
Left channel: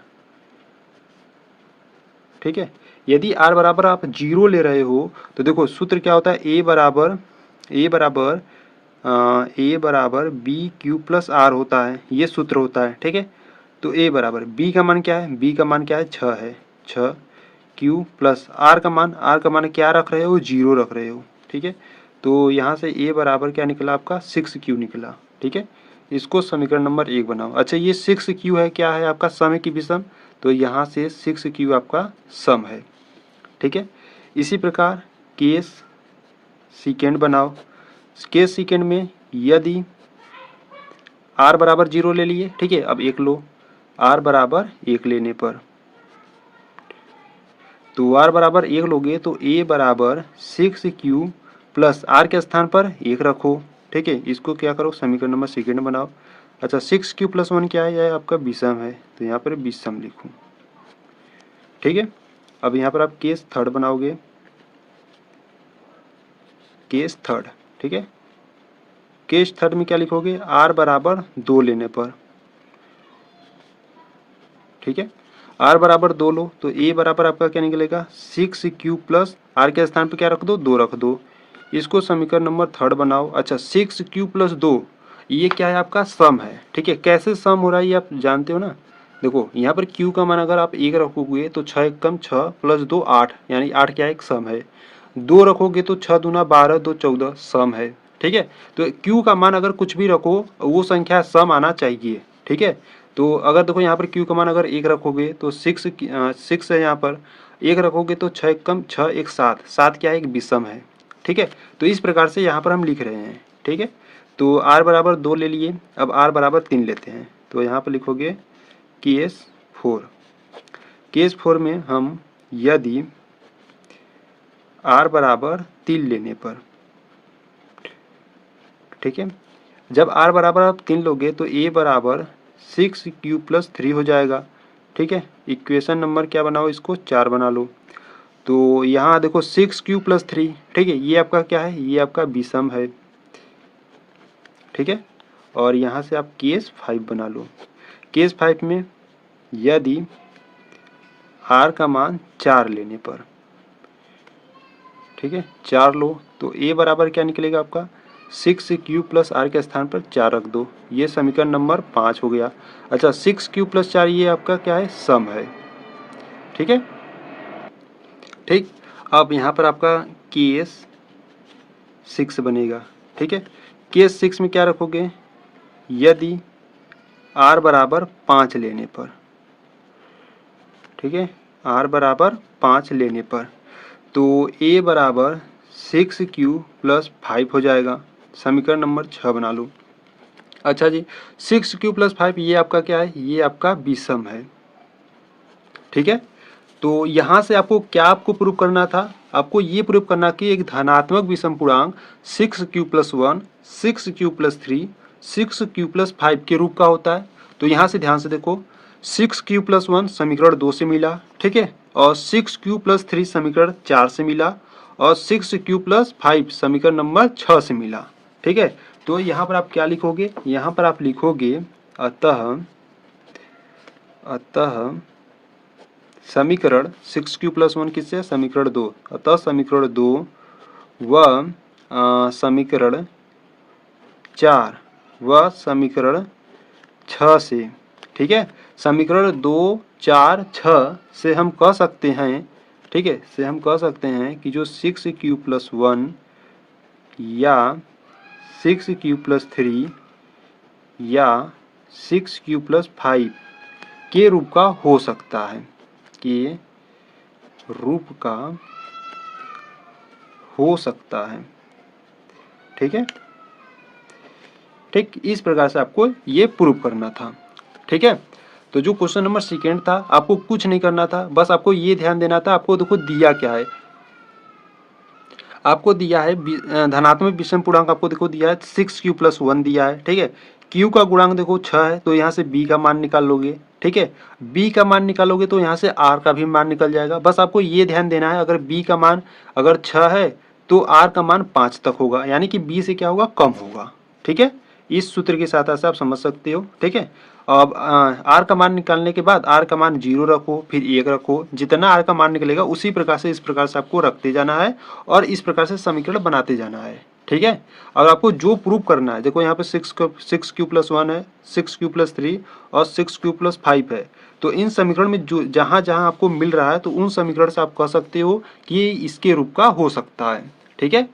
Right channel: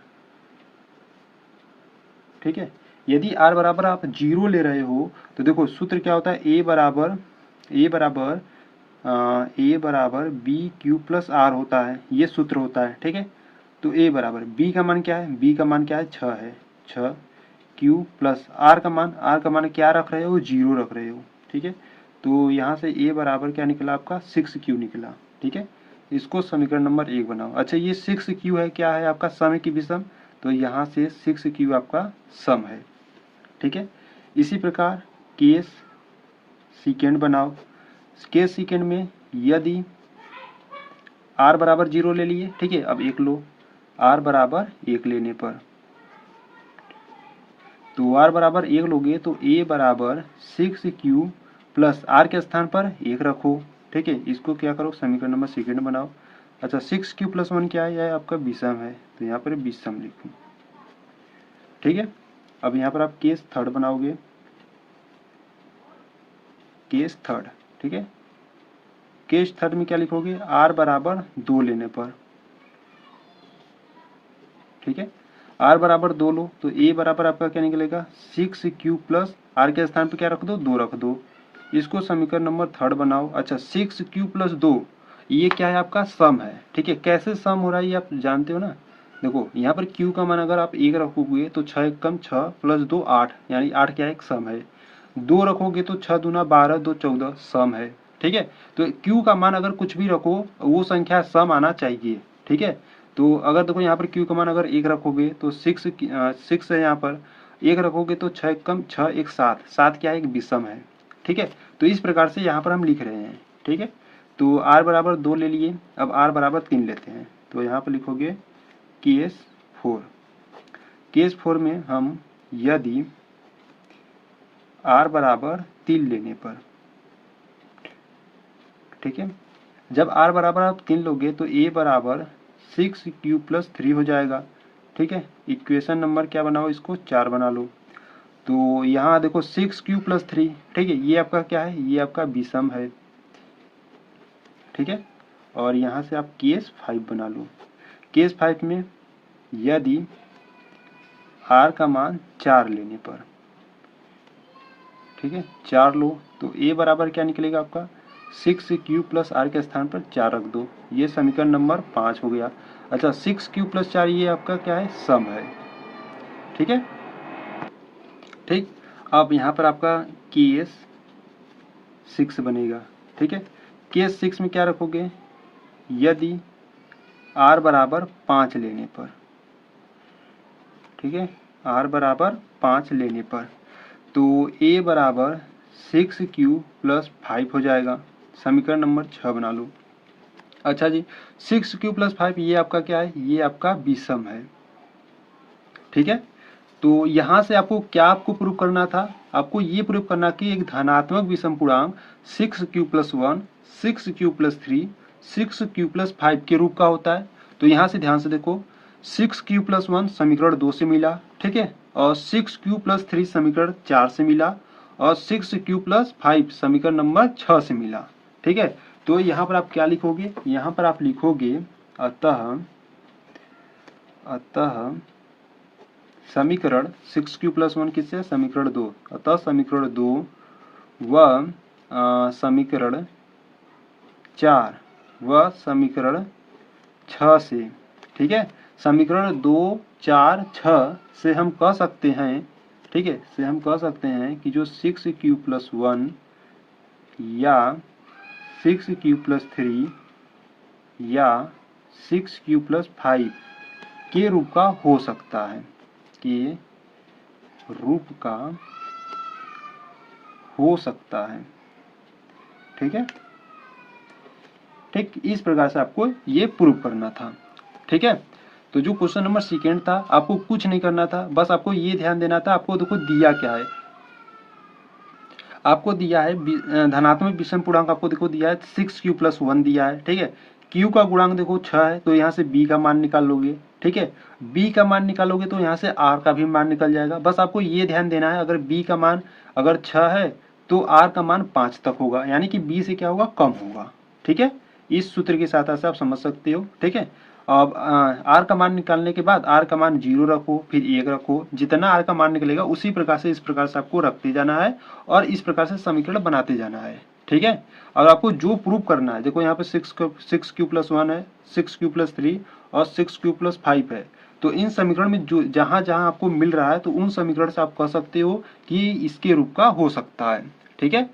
ठीक है, यदि r बराबर आप 0 ले रहे हो तो देखो सूत्र क्या होता है, a बराबर bq+r होता है, ये सूत्र होता है, ठीक है। तो a बराबर b का मान क्या है, b का मान क्या है, 6 है, 6 q प्लस r का मान क्या रख रहे हो, 0 रख रहे हो, ठीक है। तो यहाँ से a बराबर क्या निकला आपका, 6q निकला, ठीक है। इसको समीकरण नंबर 1 बनाओ। अच्छा ये 6q है, क्या है आपका, सम है कि विषम, तो यहाँ से 6q आपका सम है, ठीक है। इसी प्रकार केस सेकेंड बनाओ। केस सेकेंड में यदि r बराबर 0 ले लिए, ठीक है, अब 1 लो, r बराबर 1 लेने पर, तो r बराबर 1 लोगे तो a बराबर 6q प्लस r के स्थान पर 1 रखो, ठीक है। इसको क्या करो, समीकरण नंबर सेकेंड बनाओ। अच्छा 6q+1 क्या है, यह आपका विषम है, तो यहाँ पर विषम लिखो, ठीक है। अब यहाँ पर आप केस थर्ड बनाओगे, केस थर्ड, ठीक है। केस थर्ड में क्या लिखोगे, r बराबर 2 लेने पर, ठीक है, r बराबर 2 लो तो a बराबर आपका क्या निकलेगा, 6q प्लस r के स्थान पर क्या रख दो, 2 रख दो। इसको समीकरण नंबर थर्ड बनाओ। अच्छा 6q+2 ये क्या है, आपका सम है, ठीक है। कैसे सम हो रहा है ये आप जानते हो ना, देखो यहाँ पर q का मान अगर आप 1 रखोगे तो 6 एकम 6 प्लस 2 8, यानी 8 क्या है, एक सम है। 2 रखोगे तो 6 दूना 12, 2 14 सम है, ठीक है। तो q का मान अगर कुछ भी रखो वो संख्या सम आना चाहिए, ठीक है। तो अगर देखो यहाँ पर q का मान अगर 1 रखोगे तो 6 है, यहाँ पर 1 रखोगे तो 6 एकम 6 एक 7, 7 क्या है, एक विषम है, ठीक है। तो इस प्रकार से यहाँ पर हम लिख रहे हैं, ठीक है। तो r बराबर 2 ले लिए, अब r बराबर 3 लेते हैं, तो यहाँ पर लिखोगे केस 4। केस 4 में हम यदि r बराबर 3 लेने पर, ठीक है, जब r बराबर आप 3 लोगे तो a बराबर 6q+3 हो जाएगा, ठीक है। इक्वेशन नंबर क्या बनाओ, इसको 4 बना लो। तो यहाँ देखो 6q+3, ठीक है, ये आपका क्या है, ये आपका विषम है, ठीक है। और यहाँ से आप केस 5 बना लो। केस 5 में यदि r का मान 4 लेने पर, ठीक है, 4 लो तो a बराबर क्या निकलेगा आपका, 6q प्लस r के स्थान पर 4 रख दो, ये समीकरण नंबर 5 हो गया। अच्छा 6q+4 ये आपका क्या है, सम है, ठीक है, ठीक। अब यहाँ पर आपका केस 6 बनेगा, ठीक है। केस 6 में क्या रखोगे, यदि r बराबर 5 लेने पर, ठीक है, r बराबर 5 लेने पर, तो a बराबर 6q+5 हो जाएगा। समीकरण नंबर 6 बना लो। अच्छा जी, 6q + 5 ये आपका क्या है, ये आपका विषम है। ठीक है, तो यहाँ से आपको क्या आपको प्रूव करना था, आपको ये प्रूव करना कि एक धनात्मक विषम पूर्णांक 6q + 1, 6q + 3, 6q + 5 के रूप का होता है। तो यहाँ से ध्यान से देखो, 6q + 1 समीकरण 2 से मिला, ठीक है, और 6q + 3 समीकरण 4 से मिला, और 6q + 5 समीकरण नंबर 6 से मिला। ठीक है, तो यहाँ पर आप क्या लिखोगे, यहाँ पर आप लिखोगे अतः समीकरण 6q + 1 किससे, समीकरण 2, अतः समीकरण 2 व समीकरण 4 व समीकरण 6 से, ठीक है, समीकरण 2, 4, 6 से हम कह सकते हैं, ठीक है, से हम कह सकते हैं कि जो 6q + 1 या 6q + 3 या 6q + 5 के रूप का हो सकता है, कि रूप का हो सकता है। ठीक है, ठीक इस प्रकार से आपको ये प्रूव करना था। ठीक है, तो जो क्वेश्चन नंबर सेकेंड था, आपको कुछ नहीं करना था, बस आपको ये ध्यान देना था, आपको देखो दिया क्या है, आपको दिया है धनात्मक विषम पूर्णांक, आपको देखो दिया है 6q + 1 दिया है। ठीक है, q का गुणांक देखो 6 है, तो यहाँ से b का मान निकाल लोगे। ठीक है, b का मान निकालोगे तो यहाँ से r का भी मान निकल जाएगा। बस आपको ये ध्यान देना है, अगर b का मान अगर 6 है तो r का मान 5 तक होगा, यानी कि b से क्या होगा, कम होगा। ठीक है, इस सूत्र के साथ से आप समझ सकते हो। ठीक है, अब r का मान निकालने के बाद r का मान 0 रखो, फिर 1 रखो, जितना r का मान निकलेगा उसी प्रकार से इस प्रकार से आपको रखते जाना है और इस प्रकार से समीकरण बनाते जाना है। ठीक है, और आपको जो प्रूव करना है, देखो यहाँ पे 6q + 1 है, 6q + 3 और 6q + 5 है, तो इन समीकरण में जो जहाँ जहाँ आपको मिल रहा है तो उन समीकरण से आप कह सकते हो कि इसके रूप का हो सकता है। ठीक है,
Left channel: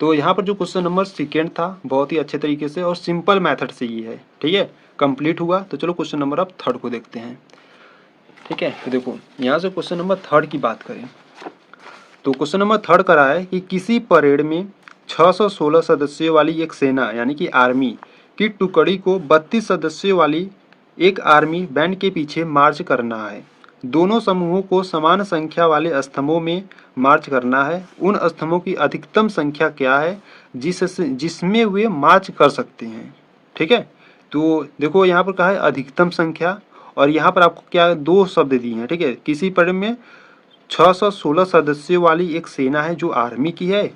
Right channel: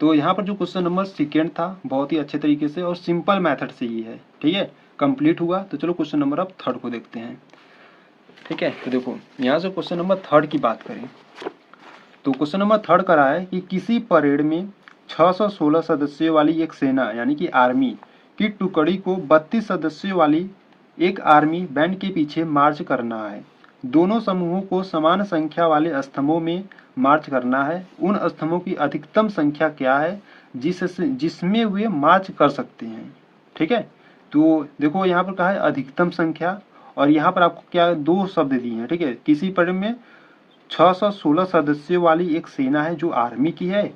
तो यहाँ पर जो क्वेश्चन नंबर सेकेंड था बहुत ही अच्छे तरीके से और सिंपल मेथड से ही है। ठीक है, कंप्लीट हुआ। तो चलो क्वेश्चन नंबर अब थर्ड को देखते हैं। ठीक है, तो देखो यहाँ से क्वेश्चन नंबर थर्ड की बात करें तो क्वेश्चन नंबर थर्ड करा है कि किसी परेड में 616 सदस्यों वाली एक सेना यानी कि आर्मी की टुकड़ी को 32 सदस्यों वाली एक आर्मी बैंड के पीछे मार्च करना है। दोनों समूहों को समान संख्या वाले स्तंभों में मार्च करना है। उन स्तंभों की अधिकतम संख्या क्या है जिसमें वे मार्च कर सकते हैं। ठीक है, तो देखो यहाँ पर कहा है अधिकतम संख्या, और यहाँ पर आपको क्या दो शब्द दिए हैं। ठीक है, किसी परेड में 616 सदस्यों वाली एक सेना है जो आर्मी की है,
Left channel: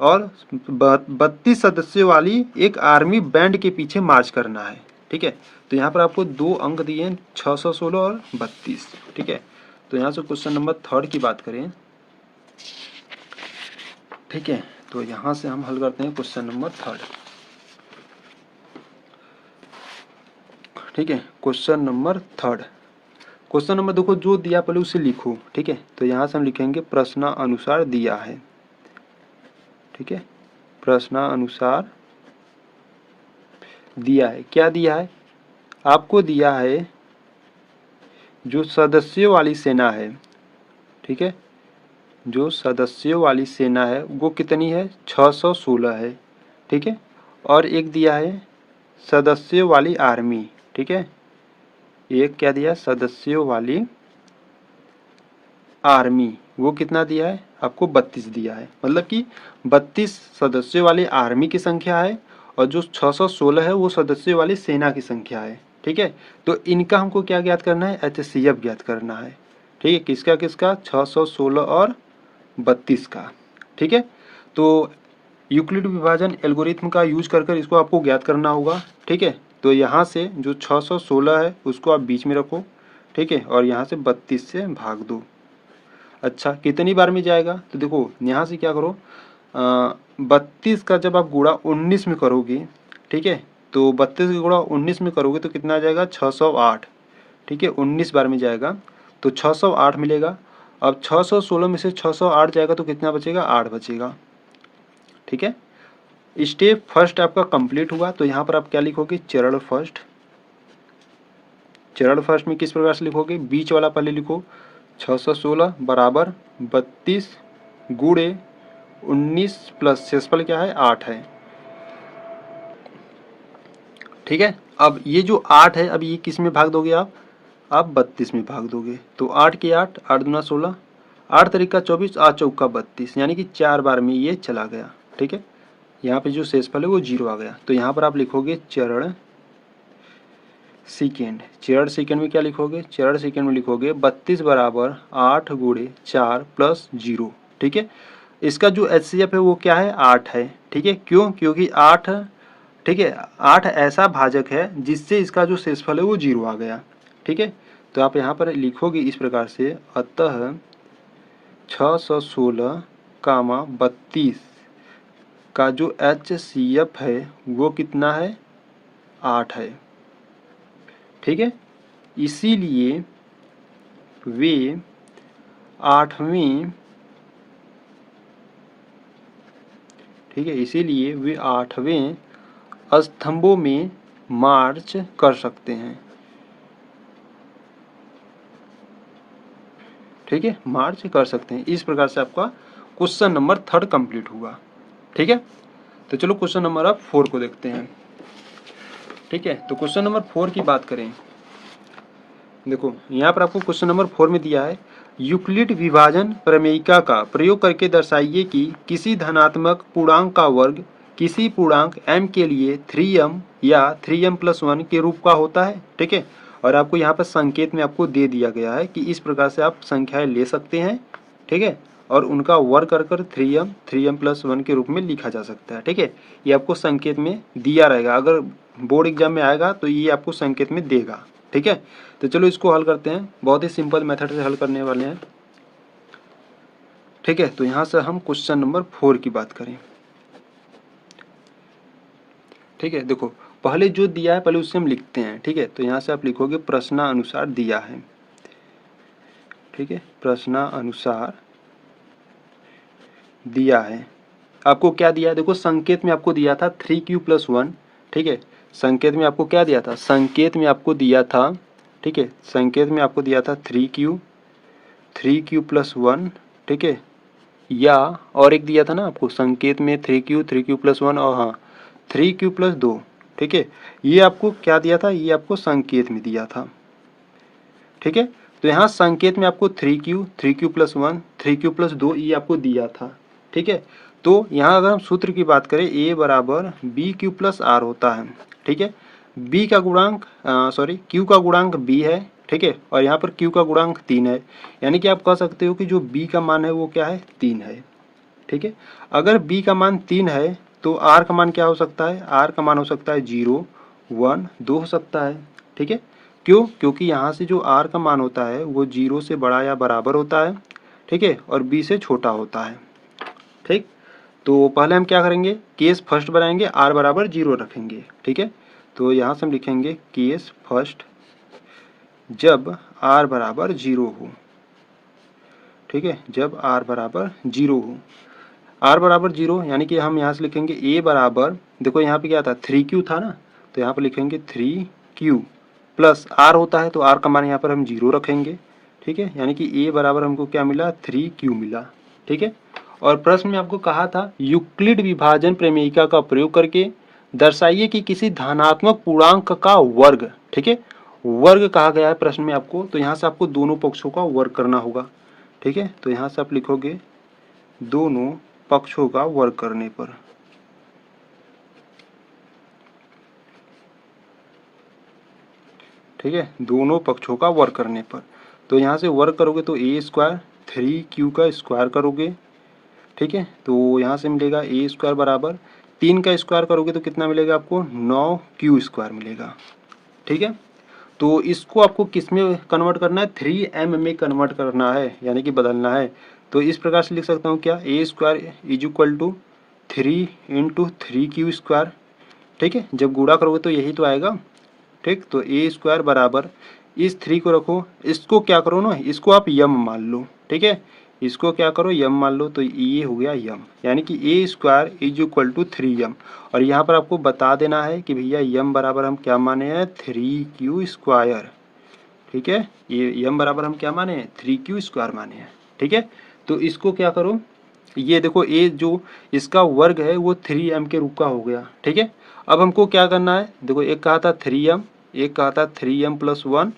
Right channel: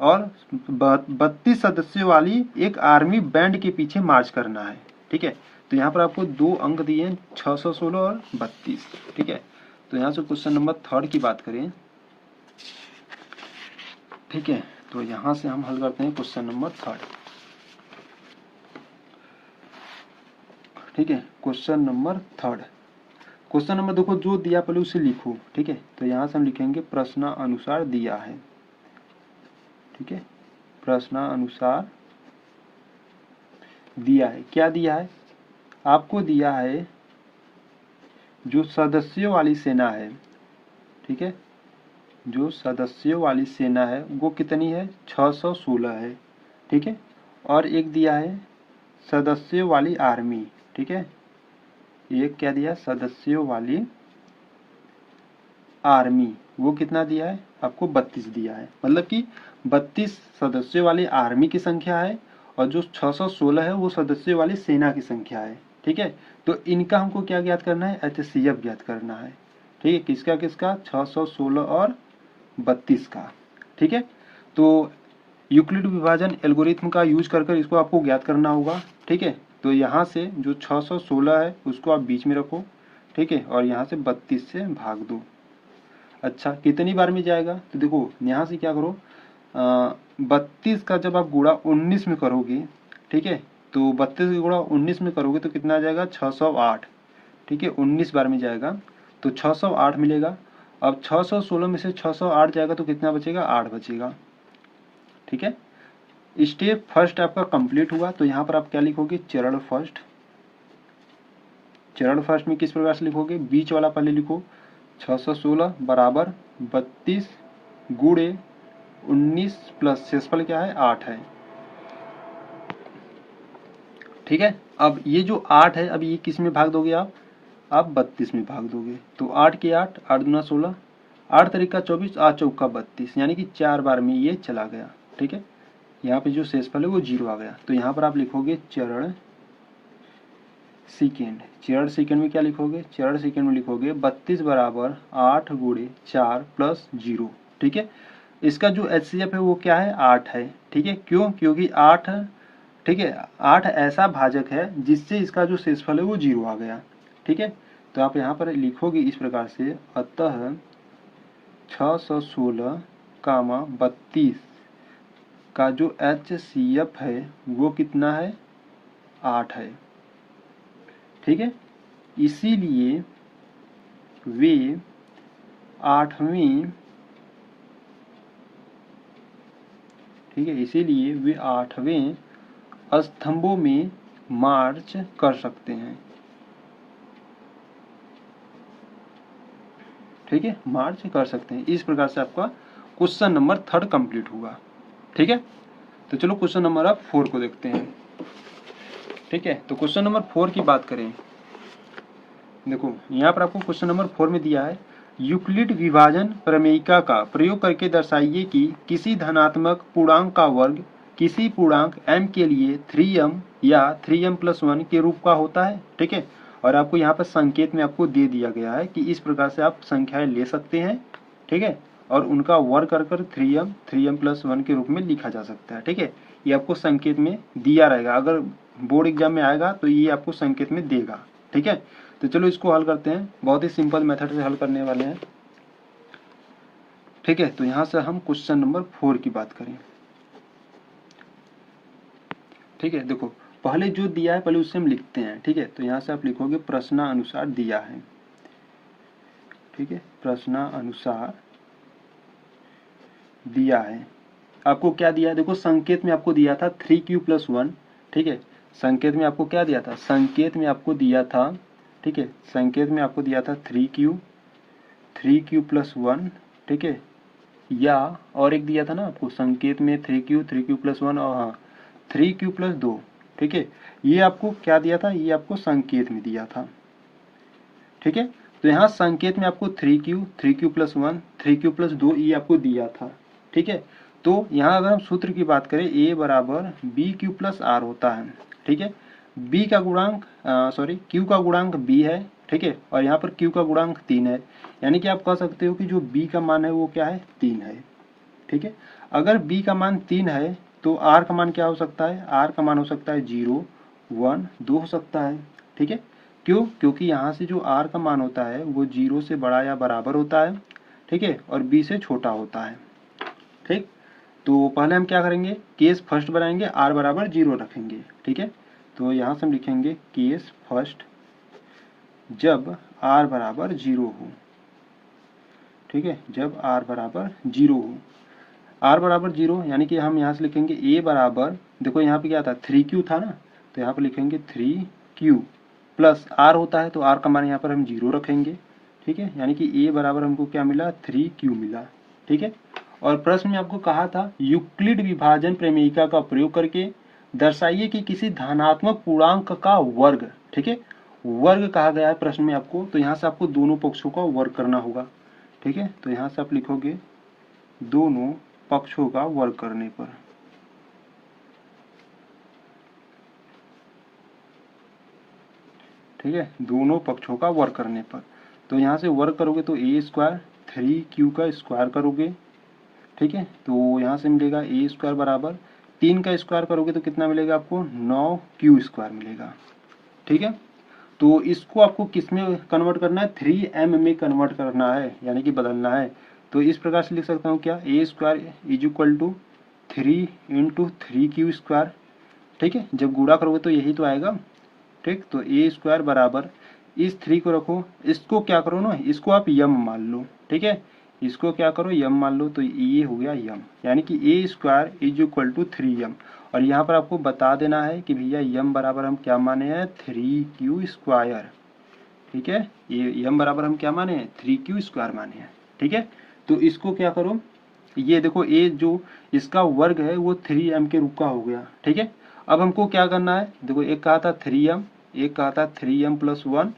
और 32 सदस्यों वाली एक आर्मी बैंड के पीछे मार्च करना है। ठीक है, तो यहाँ पर आपको दो अंक दिए हैं, 616 और 32। ठीक है, तो यहाँ से क्वेश्चन नंबर थर्ड की बात करें, ठीक है, तो यहाँ से हम हल करते हैं क्वेश्चन नंबर थर्ड। ठीक है, question number third, question number देखो जो दिया पहले उसे लिखो। ठीक है, तो यहाँ से हम लिखेंगे प्रश्नानुसार दिया है। ठीक है, प्रश्नानुसार दिया है, क्या दिया है, आपको दिया है जो सदस्यों वाली सेना है। ठीक है, जो सदस्यों वाली सेना है वो कितनी है, 616 है। ठीक है, और एक दिया है सदस्यों वाली आर्मी। ठीक है, एक क्या दिया, सदस्यों वाली आर्मी, वो कितना दिया है आपको, 32 दिया है। मतलब कि 32 सदस्यों वाली आर्मी की संख्या है और जो 616 है वो सदस्यों वाली सेना की संख्या है। ठीक है, तो इनका हमको क्या ज्ञात करना है, HCF ज्ञात करना है। ठीक है, किसका किसका, 616 और 32 का। ठीक है, तो यूक्लिड विभाजन एल्गोरिथम का यूज कर इसको आपको ज्ञात करना होगा। ठीक है, तो यहाँ से जो 616 है उसको आप बीच में रखो। ठीक है, और यहाँ से 32 से भाग दो। अच्छा, कितनी बार में जाएगा, तो देखो यहाँ से क्या करो, 32 का जब आप गुणा 19 में करोगे, ठीक है, तो 32 का गुणा 19 में करोगे तो कितना आ जाएगा, 608। ठीक है, 19 बार में जाएगा तो 608 मिलेगा। अब 616 में से 608 जाएगा तो कितना बचेगा, 8 बचेगा। ठीक है, स्टेप फर्स्ट आपका कंप्लीट हुआ। तो यहाँ पर आप क्या लिखोगे, चरण फर्स्ट। चरण फर्स्ट में किस प्रकार से लिखोगे, बीच वाला पहले लिखो, 616 बराबर 32 गुणे 19 प्लस शेषफल क्या है, 8 है। ठीक है। अब ये जो 8 है, अब ये किस में भाग दोगे आप 32 में भाग दोगे। तो 8 के 8, 8 दूना 16, 8 तरीका 24, 8 चौका 32, यानी कि 4 बार में ये चला गया। ठीक है, यहाँ पे जो शेषफल है वो 0 आ गया। तो यहाँ पर आप लिखोगे चरण सेकेंड। चरण सेकेंड में क्या लिखोगे? चरण सेकेंड में लिखोगे 32 बराबर 8 गुणे 4 प्लस 0। ठीक है, इसका जो HCF है वो क्या है? 8 है। ठीक है, क्यों? क्योंकि 8, ठीक है, 8 ऐसा भाजक है जिससे इसका जो शेषफल है वो 0 आ गया। ठीक है, तो आप यहाँ पर लिखोगे इस प्रकार से, अतः 616 कामा 32 का जो HCF है वो कितना है? 8 है। ठीक है, इसीलिए वे 8वें, ठीक है, इसीलिए वे 8वें स्तंभों में मार्च कर सकते हैं। ठीक है, मार्च कर सकते हैं। इस प्रकार से आपका क्वेश्चन नंबर 3 कंप्लीट हुआ। ठीक है, तो चलो क्वेश्चन नंबर अब 4 को देखते हैं। ठीक है, तो क्वेश्चन नंबर 4 की बात करें, देखो यहाँ पर आपको क्वेश्चन नंबर 4 में दिया है, यूक्लिड विभाजन प्रमेयिका का प्रयोग करके दर्शाइए कि किसी धनात्मक पूर्णांक का वर्ग किसी पूर्णांक m के लिए 3m या 3m+1 के रूप का होता है। ठीक है, और आपको यहाँ पर संकेत में आपको दे दिया गया है कि इस प्रकार से आप संख्याएं ले सकते हैं। ठीक है, और उनका वर्ग कर 3m+1 के रूप में लिखा जा सकता है। ठीक है, ये आपको संकेत में दिया रहेगा, अगर बोर्ड एग्जाम में आएगा तो ये आपको संकेत में देगा। ठीक है, तो चलो इसको हल करते हैं, बहुत ही सिंपल मेथड से हल करने वाले हैं। ठीक है, तो यहाँ से हम क्वेश्चन नंबर 4 की बात करें। ठीक है, देखो पहले जो दिया है पहले उससे हम लिखते हैं। ठीक है, तो यहाँ से आप लिखोगे प्रश्नानुसार दिया है। ठीक है, प्रश्नानुसार दिया है। आपको क्या दिया है? देखो संकेत में आपको दिया था 3q+1। ठीक है, संकेत में आपको क्या दिया था? संकेत में आपको दिया था, ठीक है, संकेत में आपको दिया था 3q+1। ठीक है, या और एक दिया था ना आपको संकेत में 3q+1 और हाँ 3q+2। ठीक है, ये आपको क्या दिया था? ये आपको संकेत में दिया था। ठीक है, तो यहाँ संकेत में आपको 3q+1 3q+2 ये आपको दिया था। ठीक है, तो यहाँ अगर हम सूत्र की बात करें, a बराबर bq+r होता है। ठीक है, b का गुणांक q का गुणांक b है। ठीक है, और यहाँ पर q का गुणांक 3 है, यानी कि आप कह सकते हो कि जो b का मान है वो क्या है? 3 है। ठीक है, अगर b का मान 3 है तो r का मान क्या हो सकता है? r का मान हो सकता है 0, 1, 2 हो सकता है। ठीक है, क्यों? क्योंकि यहाँ से जो r का मान होता है वो 0 से बड़ा या बराबर होता है। ठीक है, और b से छोटा होता है। ठीक, तो पहले हम क्या करेंगे? केस फर्स्ट बनाएंगे, r बराबर 0 रखेंगे। ठीक है, तो यहाँ से हम लिखेंगे केस फर्स्ट जब r बराबर 0 हो। ठीक है, जब r बराबर 0 हो, r बराबर 0 यानी कि हम यहाँ से लिखेंगे a बराबर, देखो यहाँ पे क्या था? 3q था ना, तो यहाँ पर लिखेंगे 3q प्लस r होता है तो r का मान यहाँ पर हम 0 रखेंगे। ठीक है, यानी कि a बराबर हमको क्या मिला? 3q मिला। ठीक है, और प्रश्न में आपको कहा था यूक्लिड विभाजन प्रमेयिका का प्रयोग करके दर्शाइए कि किसी धनात्मक पूर्णांक का वर्ग, ठीक है, वर्ग कहा गया है प्रश्न में आपको, तो यहाँ से आपको दोनों पक्षों का वर्ग करना होगा। ठीक है, तो यहाँ से आप लिखोगे दोनों पक्षों का वर्ग करने पर। ठीक है, दोनों पक्षों का वर्ग करने पर, तो यहाँ से वर्ग करोगे तो a² 3q का स्क्वायर करोगे। ठीक है, तो यहाँ से मिलेगा a² बराबर 3 का स्क्वायर करोगे तो कितना मिलेगा आपको? 9q² मिलेगा। ठीक है, तो इसको आपको किस में कन्वर्ट करना है? 3m में कन्वर्ट करना है, यानी कि बदलना है। तो इस प्रकार से लिख सकता हूँ क्या? a² = 3 × 3q²। ठीक है, जब गुणा करोगे तो यही तो आएगा। ठीक, तो a² बराबर इस 3 को रखो, इसको क्या करो ना, इसको आप यम मान लो। ठीक है, इसको क्या करो? यम मान लो, तो ये हो गया यम, यानी कि a² = 3m। और यहाँ पर आपको बता देना है कि भैया यम बराबर हम क्या माने हैं? 3q²। ठीक है, ये यम बराबर हम क्या माने हैं? 3q² माने हैं। ठीक है, तो इसको क्या करो? ये देखो ए जो इसका वर्ग है वो 3m के रूप का हो गया, ठीक है। अब हमको क्या करना है, देखो एक कहा था 3m, एक कहा था 3m प्लस 1,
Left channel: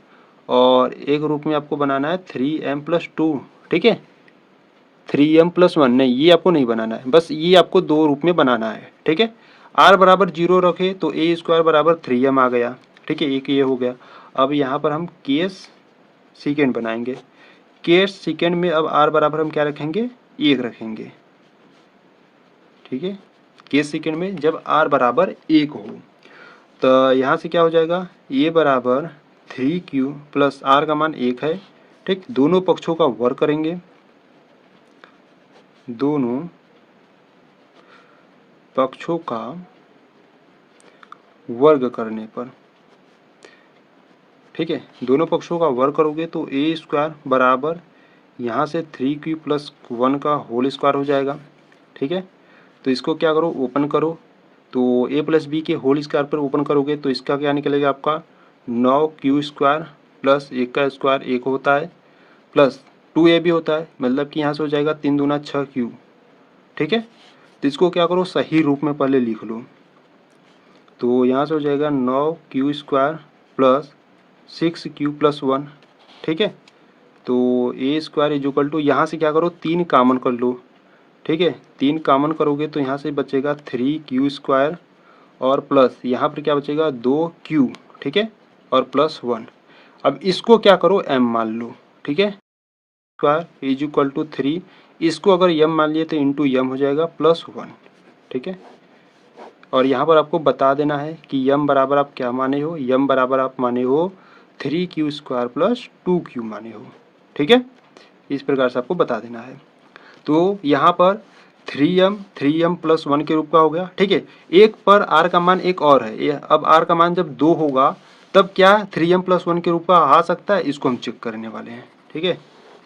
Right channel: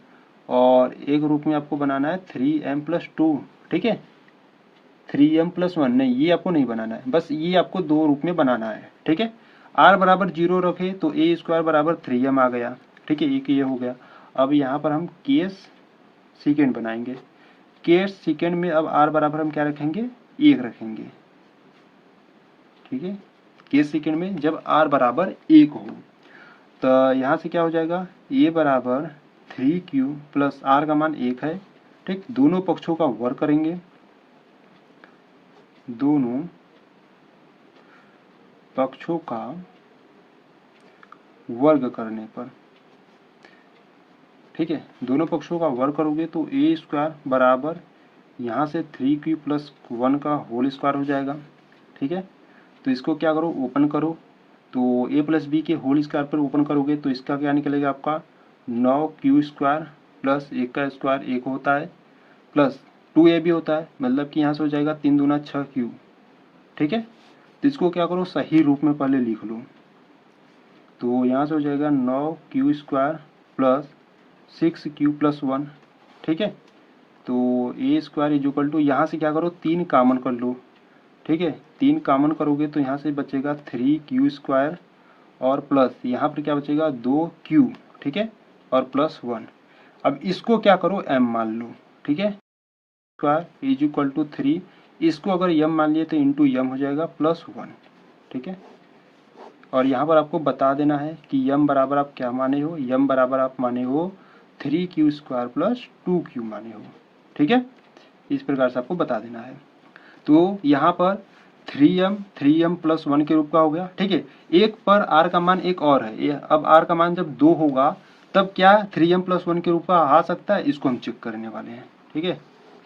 और एक रूप में आपको बनाना है 3m प्लस 2, ठीक है। 3m प्लस 1 नहीं, ये आपको नहीं बनाना है, बस ये आपको दो रूप में बनाना है, ठीक है। r बराबर 0 रखे तो ए स्क्वायर बराबर 3m आ गया, ठीक है, एक ये हो गया। अब यहाँ पर हम केस सेकेंड बनाएंगे। केस सेकेंड में अब r बराबर हम क्या रखेंगे, 1 रखेंगे, ठीक है। केस सेकेंड में जब r बराबर 1 हो तो यहाँ से क्या हो जाएगा, a बराबर 3q प्लस r का मान 1 है, ठीक। दोनों पक्षों का वर्ग करेंगे, दोनों पक्षों का वर्ग करने पर, ठीक है, दोनों पक्षों का वर्ग करोगे तो ए स्क्वायर बराबर यहाँ से 3q प्लस 1 का होल स्क्वायर हो जाएगा, ठीक है। तो इसको क्या करो, ओपन करो, तो a प्लस बी के होल स्क्वायर पर ओपन करोगे तो इसका क्या निकलेगा आपका 9q स्क्वायर प्लस 1 का स्क्वायर 1 होता है, प्लस 2a भी होता है, मतलब कि यहाँ से हो जाएगा 3 दूना 6q, ठीक है। तो इसको क्या करो, सही रूप में पहले लिख लो, तो यहाँ से हो जाएगा 9q square plus 6q plus 1, ठीक है। तो ए स्क्वायर इज इक्वल टू, यहाँ से क्या करो 3 कॉमन कर लो, ठीक है। 3 कॉमन करोगे तो यहाँ से बचेगा 3q स्क्वायर और प्लस यहाँ पर क्या बचेगा 2q, ठीक है, और प्लस 1। अब इसको क्या करो m मान लो, ठीक है। स्क्वायर इज इक्वल टू 3, इसको अगर m मान लिए तो इंटू m हो जाएगा प्लस 1, ठीक है। और यहाँ पर आपको बता देना है कि m बराबर आप क्या माने हो, m बराबर आप माने हो 3q स्क्वायर प्लस 2q माने हो, ठीक है। इस प्रकार से आपको बता देना है। तो यहाँ पर 3m प्लस 1 के रूप का हो गया, ठीक है। एक पर r का मान एक और है, अब r का मान जब 2 होगा तब क्या 3m प्लस 1 के रूप का आ सकता है, इसको हम चेक करने वाले हैं, ठीक है।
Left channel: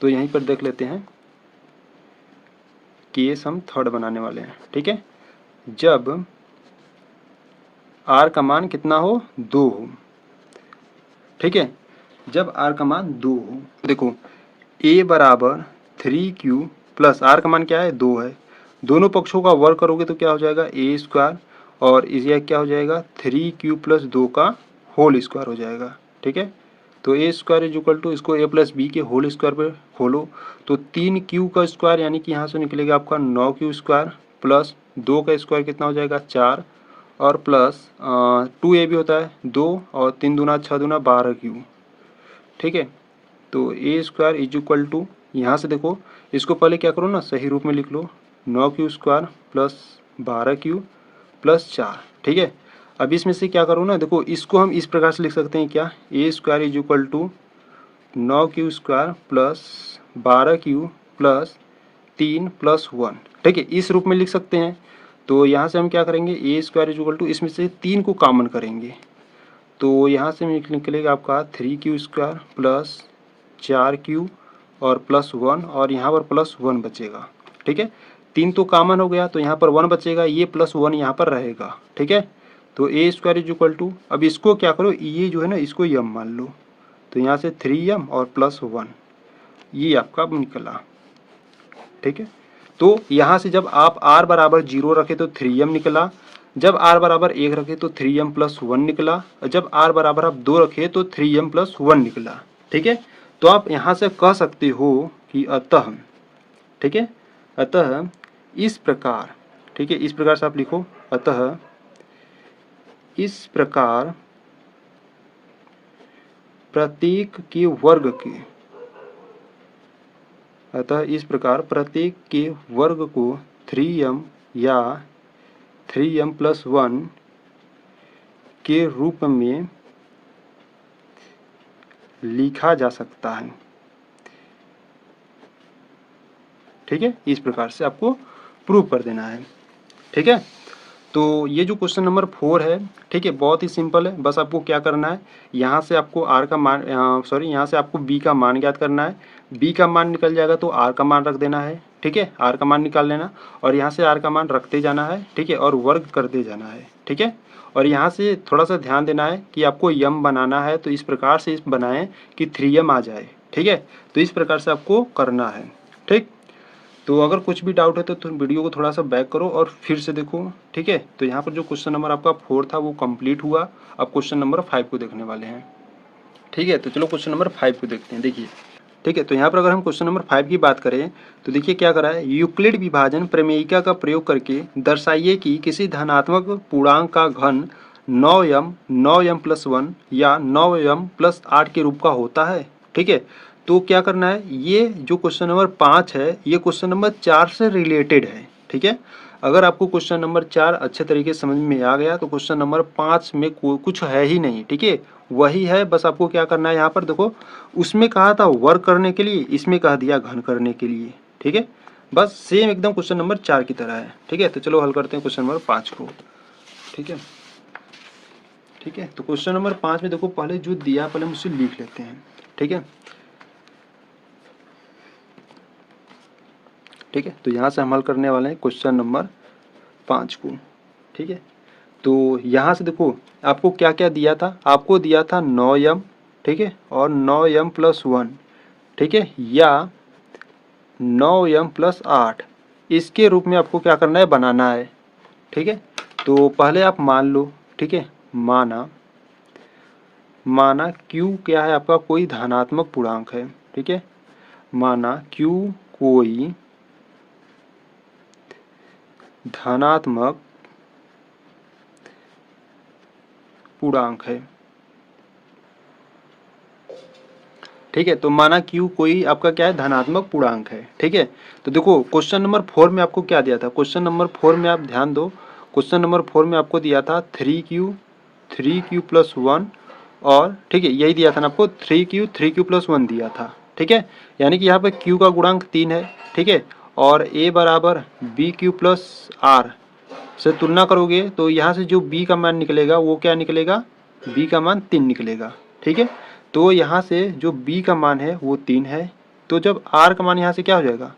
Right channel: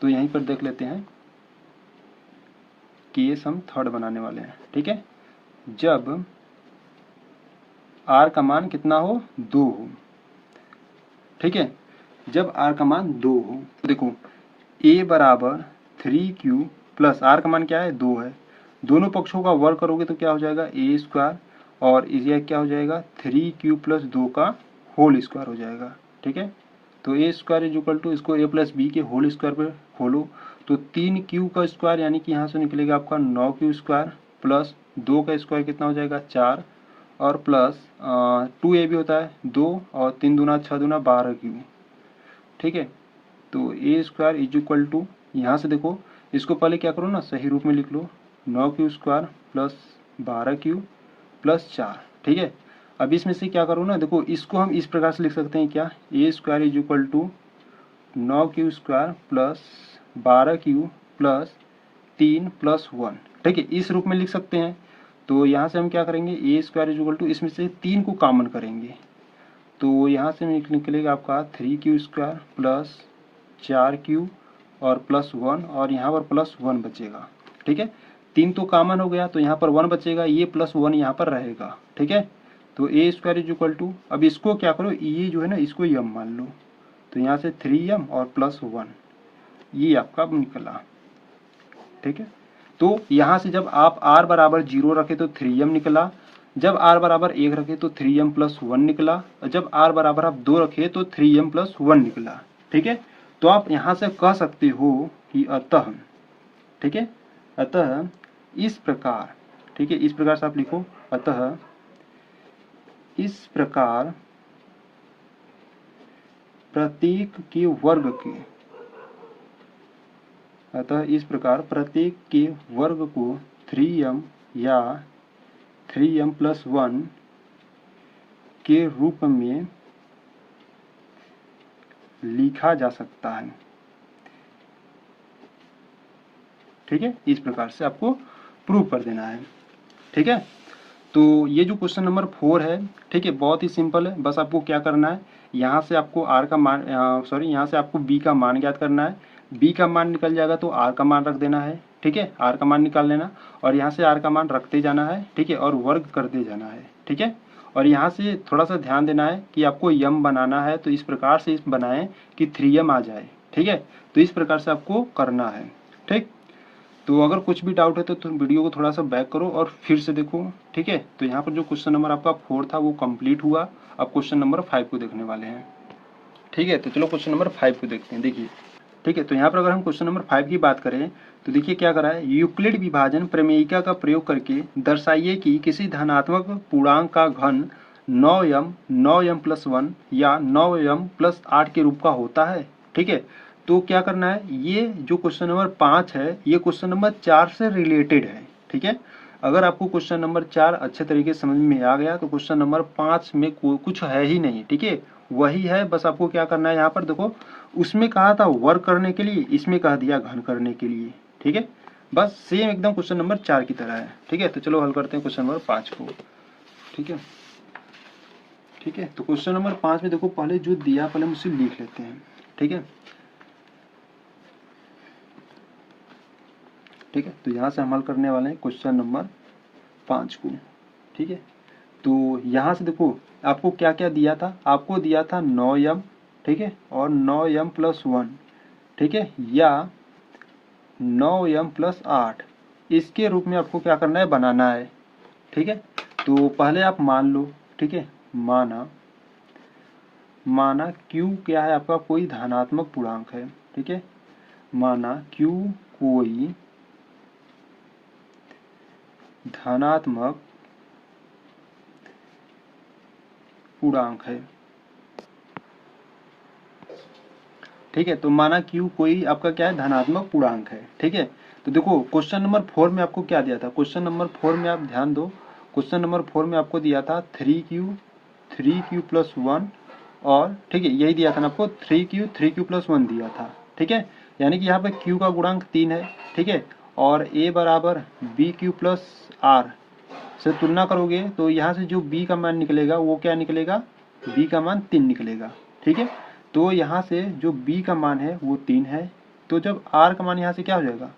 तो यहीं पर देख लेते हैं, केस हम थर्ड बनाने वाले हैं, ठीक है। जब r का मान कितना हो, 2 हो, ठीक है। जब r का मान 2 हो, देखो a बराबर 3q प्लस r का मान क्या है 2 है, दोनों पक्षों का वर्ग करोगे तो क्या हो जाएगा ए स्क्वायर, और इसे क्या हो जाएगा 3q प्लस 2 का होल स्क्वायर हो जाएगा, ठीक है। तो ए स्क्वायर इज इक्वल टू, इसको a प्लस बी के होल स्क्वायर पे खोलो तो 3q का स्क्वायर यानी कि यहाँ से निकलेगा आपका 9q स्क्वायर प्लस 2 का स्क्वायर कितना हो जाएगा 4, और प्लस 2a भी होता है 2, और 3 दूना 6 दूना 12q, ठीक है। तो ए स्क्वायर इज इक्वल टू, यहाँ से देखो इसको पहले क्या करो ना, सही रूप में लिख लो, 9q square plus 12q plus 4, ठीक है। अब इसमें से क्या करो ना, देखो इसको हम इस प्रकार से लिख सकते हैं, क्या A square is equal to 9q square plus 12q plus 3 plus 1, ठीक है, इस रूप में लिख सकते हैं। तो यहाँ से हम क्या करेंगे, ए स्क्वायर इज इक्वल टू, इसमें से 3 को कॉमन करेंगे तो यहाँ से निकलेगा आपका 3q स्क्वायर प्लस 4q और प्लस 1, और यहाँ पर प्लस 1 बचेगा, ठीक है। 3 तो कॉमन हो गया तो यहाँ पर 1 बचेगा, ये प्लस 1 यहाँ पर रहेगा, ठीक है। तो ए स्क्वायर इज इक्वल टू, अब इसको क्या करो, ये जो है ना इसको m मान लो, तो यहाँ से 3m और प्लस 1, ये आपका निकला, ठीक है। तो यहाँ से जब आप r बराबर 0 रखे तो 3m निकला, जब r बराबर 1 रखे तो 3m प्लस 1 निकला, और जब r बराबर आप 2 रखे तो 3m प्लस 1 निकला, ठीक है। तो आप यहाँ से कह सकते हो कि अतः, ठीक है, अतः इस प्रकार, ठीक है, इस प्रकार से आप लिखो, अतः इस प्रकार प्रत्येक के वर्ग के, अतः इस प्रकार प्रत्येक के वर्ग को 3m या 3m प्लस 1 के रूप में लिखा जा सकता है, ठीक है। इस प्रकार से आपको प्रूव कर देना है, ठीक है। तो ये जो क्वेश्चन नंबर 4 है, ठीक है, बहुत ही सिंपल है, बस आपको क्या करना है, यहाँ से आपको r का मान, सॉरी, यहाँ से आपको b का मान ज्ञात करना है, b का मान निकल जाएगा तो r का मान रख देना है, ठीक है, r का मान निकाल लेना, और यहाँ से r का मान रखते जाना है, ठीक है, और वर्ग करते जाना है, ठीक है। और यहाँ से थोड़ा सा ध्यान देना है कि आपको m बनाना है तो इस प्रकार से बनाएं कि 3m आ जाए, ठीक है। तो इस प्रकार से आपको करना है, ठीक। तो अगर कुछ भी डाउट है तो तुम वीडियो को थोड़ा सा बैक करो और फिर से देखो, ठीक है। तो यहाँ पर जो क्वेश्चन नंबर आपका 4 था वो कंप्लीट हुआ। अब क्वेश्चन नंबर 5 को देखने वाले हैं, ठीक है। तो चलो क्वेश्चन नंबर 5 को देखते हैं। देखिए, ठीक है। तो यहाँ पर अगर हम क्वेश्चन नंबर 5 की बात करें तो देखिए क्या करा है, यूक्लिड विभाजन प्रमेयिका का प्रयोग करके दर्शाइए कि किसी धनात्मक पूर्णांक का घन 9m 9m+1 या 9m+8 के रूप का होता है, ठीक है। तो क्या करना है, ये जो क्वेश्चन नंबर 5 है ये क्वेश्चन नंबर 4 से रिलेटेड है, ठीक है। अगर आपको क्वेश्चन नंबर 4 अच्छे तरीके से समझ में आ गया तो क्वेश्चन नंबर 5 में कुछ है ही नहीं, ठीक है। वही है, बस आपको क्या करना है, यहाँ पर देखो उसमें कहा था वर्क करने के लिए, इसमें कह दिया घन करने के लिए, ठीक है। बस सेम एकदम क्वेश्चन नंबर 4 की तरह है, ठीक है। तो चलो हल करते हैं क्वेश्चन नंबर 5 को, ठीक है। ठीक है, तो क्वेश्चन नंबर 5 में देखो पहले जो दिया पहले हम उसे लिख लेते हैं, ठीक है। ठीक है, तो यहाँ से हम हल करने वाले हैं क्वेश्चन नंबर 5 को, ठीक है। तो यहाँ से देखो आपको क्या क्या दिया था, आपको दिया था 9m, ठीक है, और 9m+1, ठीक है, या 9m+8, इसके रूप में आपको क्या करना है, बनाना है, ठीक है। तो पहले आप मान लो, ठीक है, माना q क्या है आपका, कोई धनात्मक पूर्णांक है, ठीक है। माना q कोई धनात्मक पूर्णांक है, ठीक है। तो माना q कोई आपका क्या है, धनात्मक पूर्णांक है, ठीक है। तो देखो क्वेश्चन नंबर 4 में आपको क्या दिया था, क्वेश्चन नंबर 4 में आप ध्यान दो, क्वेश्चन नंबर 4 में आपको दिया था 3q+1 और, ठीक है, यही दिया था ना आपको, 3q+1 दिया था, ठीक है। यानी कि यहाँ पे q का गुणांक 3 है, ठीक है, और a बराबर bq+r से तुलना करोगे तो यहाँ से जो b का मान निकलेगा वो क्या निकलेगा, b का मान 3 निकलेगा, ठीक है। तो यहाँ से जो b का मान है वो 3 है, तो जब r का मान यहाँ से क्या हो जाएगा,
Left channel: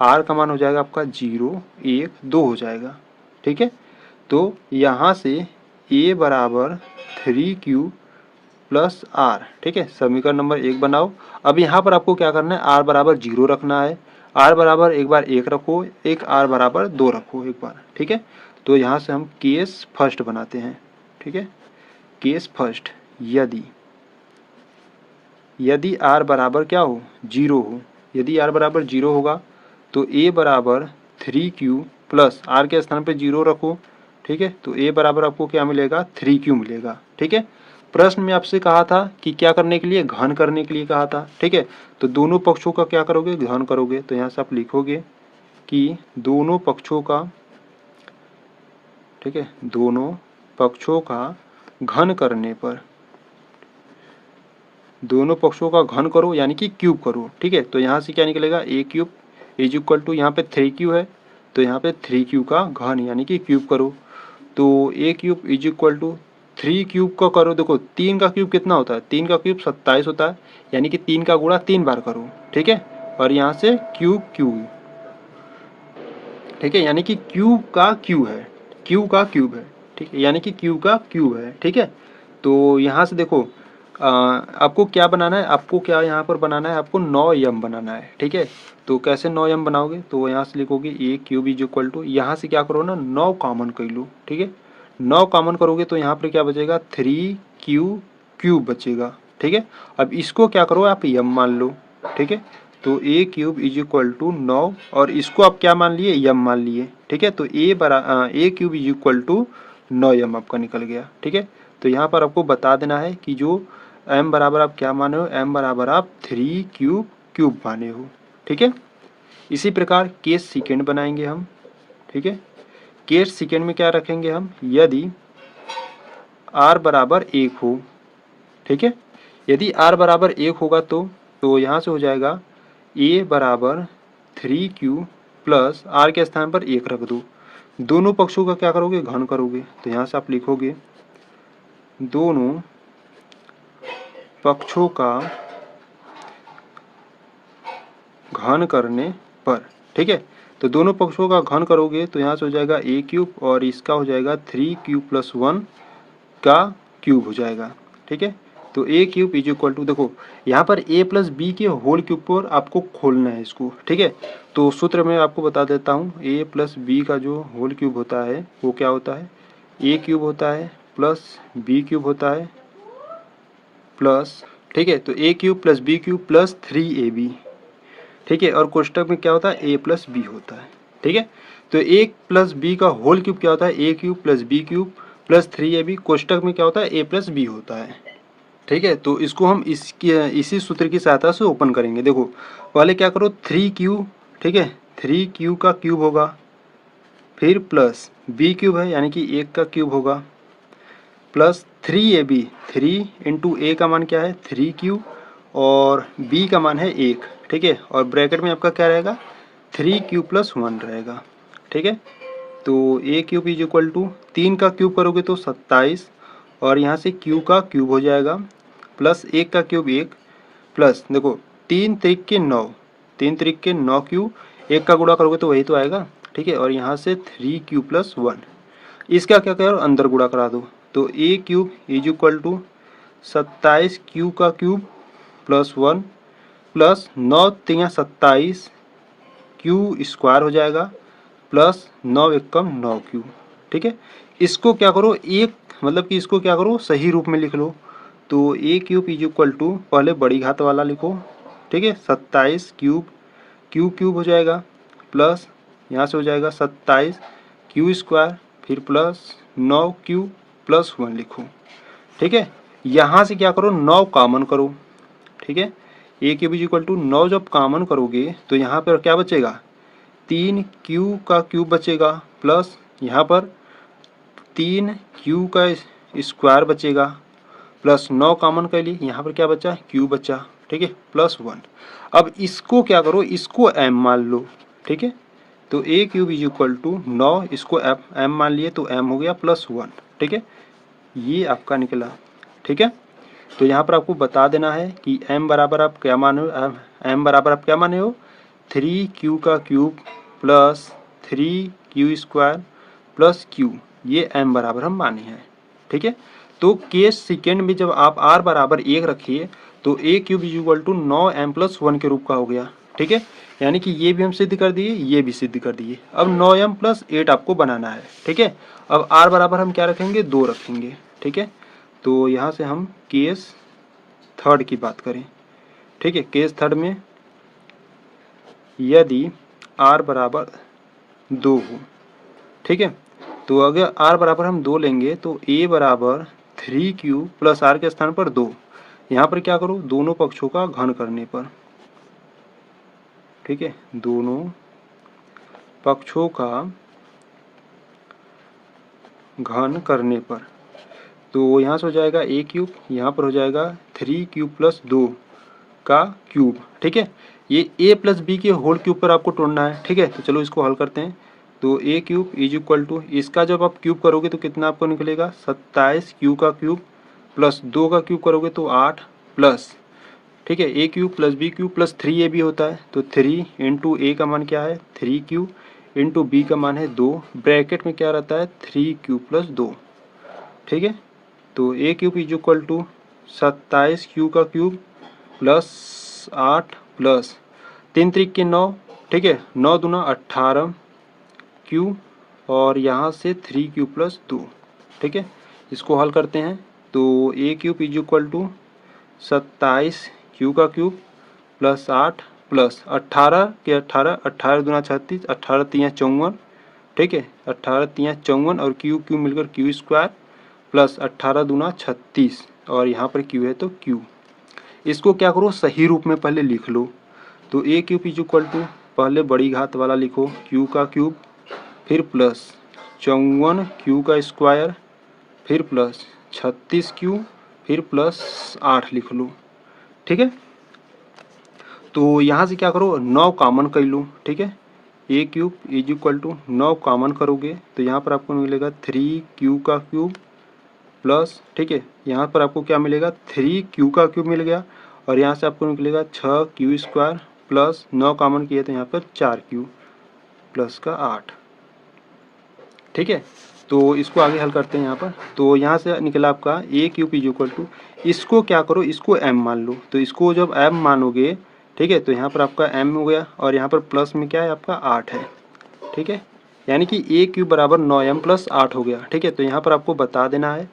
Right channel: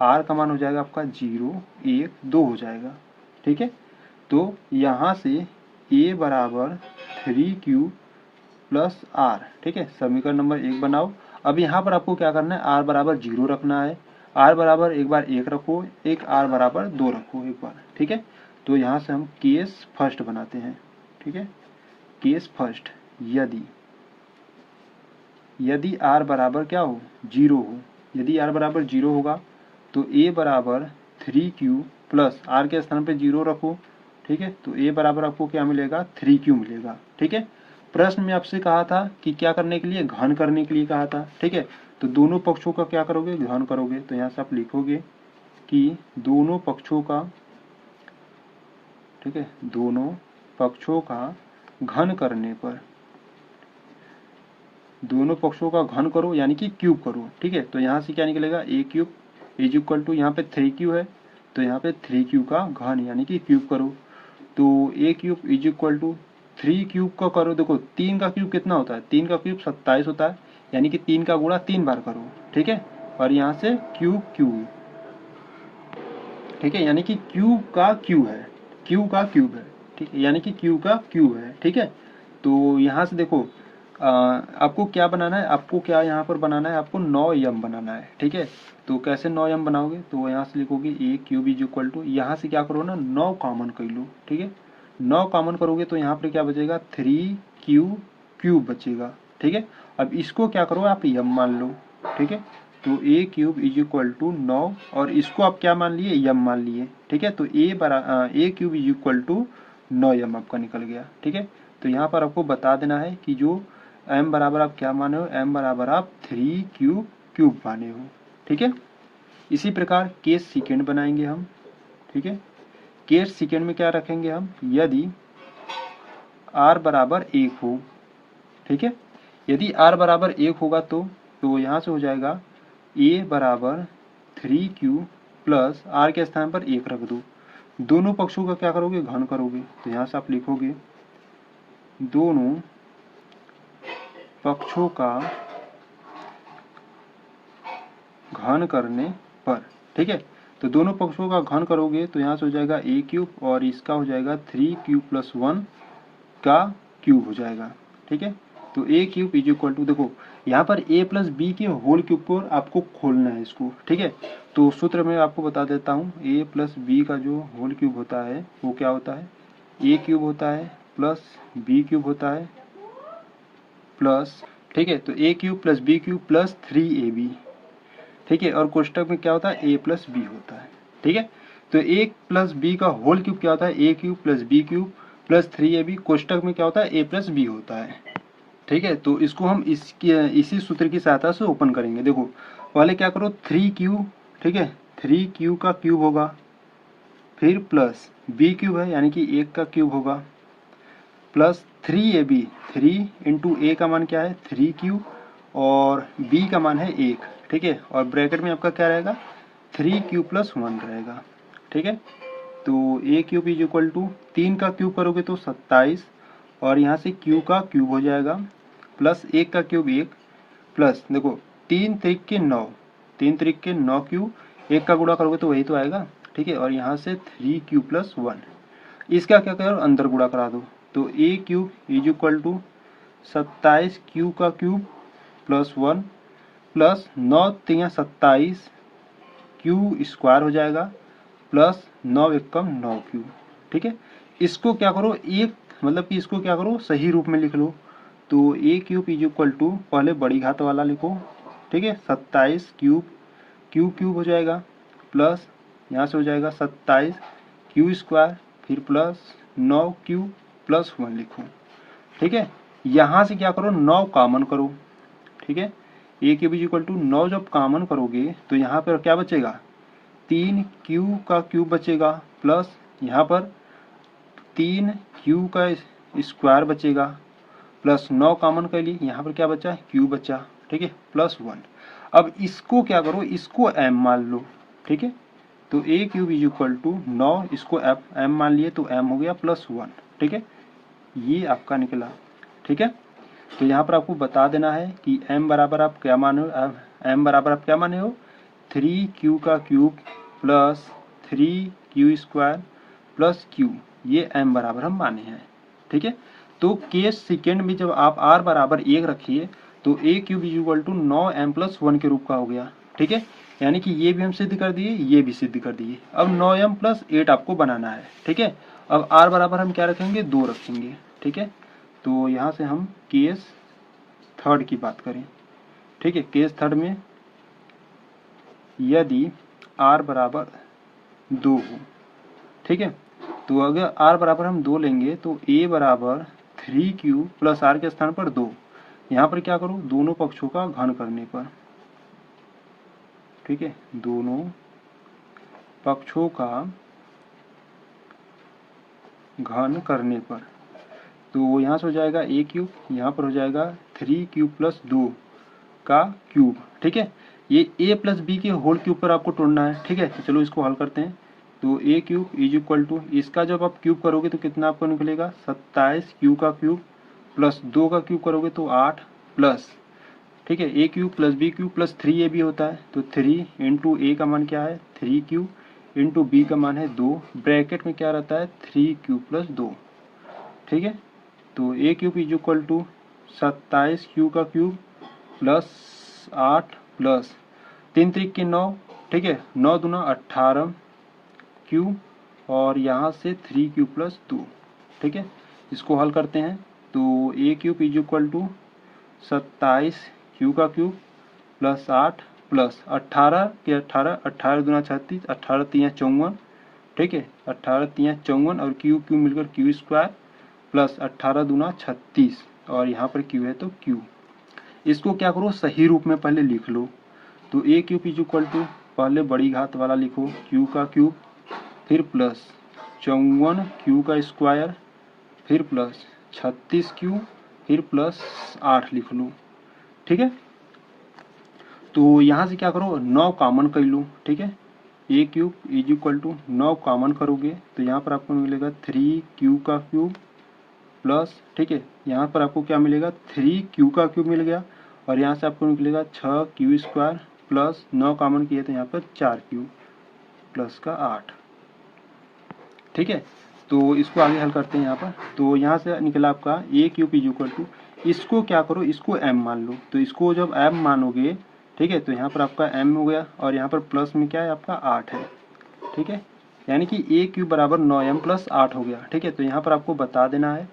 r का मान हो जाएगा आपका 0 1 2 हो जाएगा, ठीक है। तो यहाँ से a बराबर 3q+r, ठीक है, समीकरण नंबर 1 बनाओ। अब यहाँ पर आपको क्या करना है, r बराबर 0 रखना है, r बराबर एक बार 1 रखो, एक r बराबर 2 रखो एक बार, ठीक है। तो यहाँ से हम केस फर्स्ट बनाते हैं, ठीक है। केस फर्स्ट, यदि r बराबर क्या हो, 0 हो, यदि r बराबर 0 होगा तो a बराबर 3q प्लस r के स्थान पे 0 रखो, ठीक है। तो a बराबर आपको क्या मिलेगा, 3q मिलेगा, ठीक है। प्रश्न में आपसे कहा था कि क्या करने के लिए, घन करने के लिए कहा था, ठीक है। तो दोनों पक्षों का क्या करोगे, घन करोगे। तो यहाँ से आप लिखोगे कि दोनों पक्षों का, ठीक है, दोनों पक्षों का घन करने पर, दोनों पक्षों का घन करो यानी कि क्यूब करो, ठीक है। तो यहाँ से क्या निकलेगा, a³ इज इक्वल टू, यहाँ पे 3q है तो यहाँ पे 3q का घन यानी कि क्यूब करो। तो a³ इज इक्वल टू 3 का करो, देखो 3 का क्यूब कितना होता है, 3 का क्यूब 27 होता है, यानी कि 3 का गुणा 3 बार करो, ठीक है। और यहाँ से क्यूब, ठीक है, यानी कि क्यूब का क्यूब है, क्यूब का क्यूब है, ठीक है, यानी कि क्यूब का क्यूब है, ठीक है। तो यहाँ से देखो आपको क्या बनाना है, आपको क्या यहाँ पर बनाना है, आपको 9m बनाना है, ठीक है। तो कैसे 9m बनाओगे, तो यहाँ से लिखोगे a³ इज इक्वल टू, यहाँ से क्या करो ना, 9 कॉमन कर लो, ठीक है। 9 कॉमन करोगे तो यहाँ पर क्या बचेगा, 3q³ बचेगा, ठीक है। अब इसको क्या करो, आप m मान लो, ठीक है। तो a³ इज इक्वल टू 9 और इसको आप क्या मान लिए, m मान लिए, ठीक है। तो a³ is equal to 9m आपका निकल गया, ठीक है। तो यहाँ पर आपको बता देना है कि जो m बराबर आप क्या माने हो, m बराबर आप 3q³ माने हो, ठीक है। इसी प्रकार केस सेकेंड बनाएंगे हम, ठीक है। केस सेकेंड में क्या रखेंगे हम, यदि r बराबर 1 हो, ठीक है। यदि r बराबर 1 होगा तो यहाँ से हो जाएगा a बराबर 3q प्लस r के स्थान पर 1 रख दो, दोनों पक्षों का क्या करोगे, घन करोगे। तो यहाँ से आप लिखोगे दोनों पक्षों का घन करने पर, ठीक है। तो दोनों पक्षों का घन करोगे तो यहाँ से हो जाएगा a³ और इसका हो जाएगा 3q+1 का क्यूब हो जाएगा, ठीक है। तो A cube is equal to, देखो यहाँ पर ए प्लस बी के होल क्यूब पर आपको खोलना है इसको, ठीक है। तो सूत्र मैं आपको बता देता हूँ, ए प्लस बी का जो होल क्यूब होता है वो क्या होता है, ए क्यूब होता है प्लस बी क्यूब होता है प्लस, ठीक है, तो A cube plus B cube plus 3ab, ठीक है। और कोष्टक में क्या होता है, ए प्लस बी होता है, ठीक है। तो ए प्लस बी का होल क्यूब क्या होता है, A cube plus B cube plus 3ab, कोष्टक में क्या होता है, ए प्लस बी होता है, ठीक है। तो इसको हम इसी सूत्र की सहायता से ओपन करेंगे। देखो पहले क्या करो, 3q, ठीक है, 3q का क्यूब होगा, फिर प्लस बी क्यूब है यानी कि 1 का क्यूब होगा, प्लस 3ab, 3 इंटू ए का मान क्या है 3q और b का मान है 1, ठीक है। और ब्रैकेट में आपका क्या रहेगा, 3q प्लस 1 रहेगा, ठीक है। तो A cube is equal to 3 का क्यूब करोगे तो 27 और यहाँ से q का क्यूब हो जाएगा प्लस 1 का क्यूब 1 प्लस, देखो 3 त्रिक के 9, 3 त्रिक के 9q, 1 का गुणा करोगे तो वही तो आएगा, ठीक है। और यहाँ से 3q प्लस 1, इसका क्या करो अंदर गुणा करा दो, तो A cube is equal to 27q का cube plus 1 plus 9 3 27 Q square हो जाएगा प्लस 9 एकम 9q, ठीक है। इसको क्या करो एक, मतलब कि इसको क्या करो सही रूप में लिख लो, तो A cube is equal to पहले बड़ी घात वाला लिखो, ठीक है, 27 क्यूब, क्यू क्यूब हो जाएगा प्लस यहाँ से हो जाएगा 27 क्यू स्क्वायर, फिर प्लस 9q प्लस 1 लिखो, ठीक है। यहाँ से क्या करो 9 कॉमन करो, ठीक है। A cube is equal to 9 जब कॉमन करोगे तो यहाँ पर क्या बचेगा, 3q का क्यूब बचेगा प्लस यहाँ पर 3q का स्क्वायर बचेगा प्लस 9 कॉमन कर लिए, यहाँ पर क्या बचा q बचा, ठीक है, प्लस 1। अब इसको क्या करो, इसको m मान लो, ठीक है। तो A cube is equal to 9, इसको m मान लिए तो m हो गया प्लस 1, ठीक है, ये आपका निकला, ठीक है। तो यहाँ पर आपको बता देना है कि m बराबर आप क्या माने हो, m बराबर आप क्या माने हो 3q का cube plus 3q square plus q, ये m बराबर हम माने हैं, ठीक है। तो केस सेकेंड में जब आप r बराबर 1 रखिए तो A cube is equal to 9m plus 1 के रूप का हो गया, ठीक है। यानी कि ये भी हम सिद्ध कर दिए, ये भी सिद्ध कर दिए। अब 9m प्लस 8 आपको बनाना है, ठीक है। अब r बराबर हम क्या रखेंगे 2 रखेंगे, ठीक है। तो यहाँ से हम केस थर्ड की बात करें, ठीक है। केस थर्ड में यदि r बराबर 2 हो, ठीक है, तो अगर r बराबर हम 2 लेंगे तो a बराबर 3q प्लस r के स्थान पर 2, यहाँ पर क्या करो दोनों पक्षों का घन करने पर, ठीक है, दोनों पक्षों का घन करने पर, तो यहाँ से हो जाएगा a क्यूब, यहाँ पर हो जाएगा 3q प्लस 2 का क्यूब, ठीक है। ये a प्लस बी के होल क्यूब पर आपको तोड़ना है, ठीक है। तो चलो इसको हल करते हैं। तो A cube is equal to, इसका जब आप क्यूब करोगे तो कितना आपको निकलेगा 27 क्यू का क्यूब प्लस 2 का क्यूब करोगे तो 8 प्लस, ठीक है, A cube plus B cube plus 3ab होता है, तो 3 इंटू ए का मान क्या है 3q इंटू बी का मान है 2, ब्रैकेट में क्या रहता है 3q प्लस 2, ठीक है। तो A cube is equal to 27q का क्यूब प्लस 8 प्लस 3 त्रिक के 9, ठीक है, 9 दूना 18 क्यू और यहाँ से 3q प्लस 2, ठीक है। इसको हल करते हैं तो A cube is equal to 27 Q का क्यूब प्लस 8 प्लस 18 के 18, 18 दूना 36, 18 तियाँ 54, ठीक है, 18 तियाँ 54 और क्यू क्यू मिलकर क्यू स्क्वायर प्लस 18 दूना 36 और यहाँ पर क्यू है तो क्यू। इसको क्या करो सही रूप में पहले लिख लो, तो A cube is equal to पहले बड़ी घात वाला लिखो क्यू का क्यूब, फिर प्लस 54 क्यू का स्क्वायर, फिर प्लस 36q, फिर प्लस 8 लिख लो, ठीक है। तो यहाँ से क्या करो 9 कॉमन कर लो, ठीक है। A cube is equal to 9 common करोगे तो यहाँ पर आपको मिलेगा 3q का क्यूब प्लस, ठीक है, यहाँ पर आपको क्या मिलेगा 3q का क्यूब मिल गया और यहाँ से आपको निकलेगा 6q स्क्वायर प्लस 9 कॉमन किए तो यहाँ पर 4q प्लस का 8, ठीक है। तो इसको आगे हल करते हैं यहाँ पर, तो यहाँ से निकला आपका ए क्यूब इज इक्वल टू इसको क्या करो, इसको m मान लो। तो इसको जब m मानोगे, ठीक है, तो यहाँ पर आपका m हो गया और यहाँ पर प्लस में क्या है आपका 8 है, ठीक है, यानी कि a क्यूब बराबर 9m प्लस 8 हो गया, ठीक है। तो यहाँ पर आपको बता देना है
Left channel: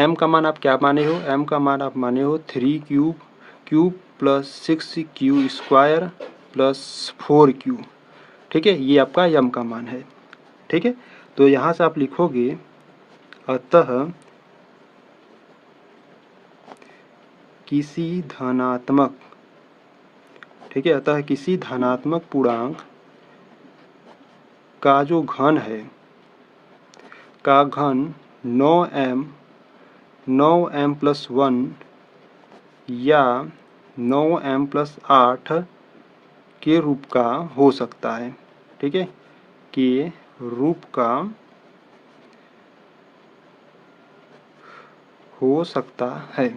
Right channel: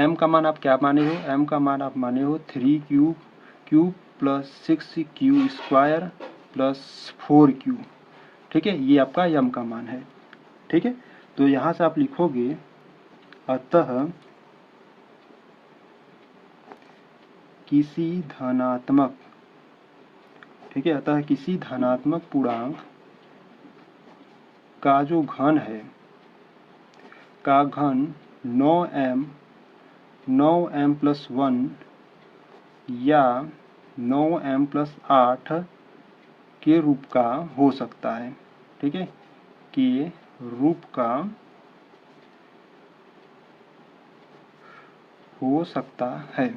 m का मान आप क्या माने हो, m का मान आप माने हो 3 cube plus 6 Q square plus 4 Q, ठीक है, ये आपका m का मान है, ठीक है। तो यहाँ से आप लिखोगे अतः किसी धनात्मक, ठीक है, अतः किसी धनात्मक पूर्णांक का जो घन है, का घन 9m प्लस 1 या 9m प्लस 8 के रूप का हो सकता है, ठीक है, के रूप का हो सकता है,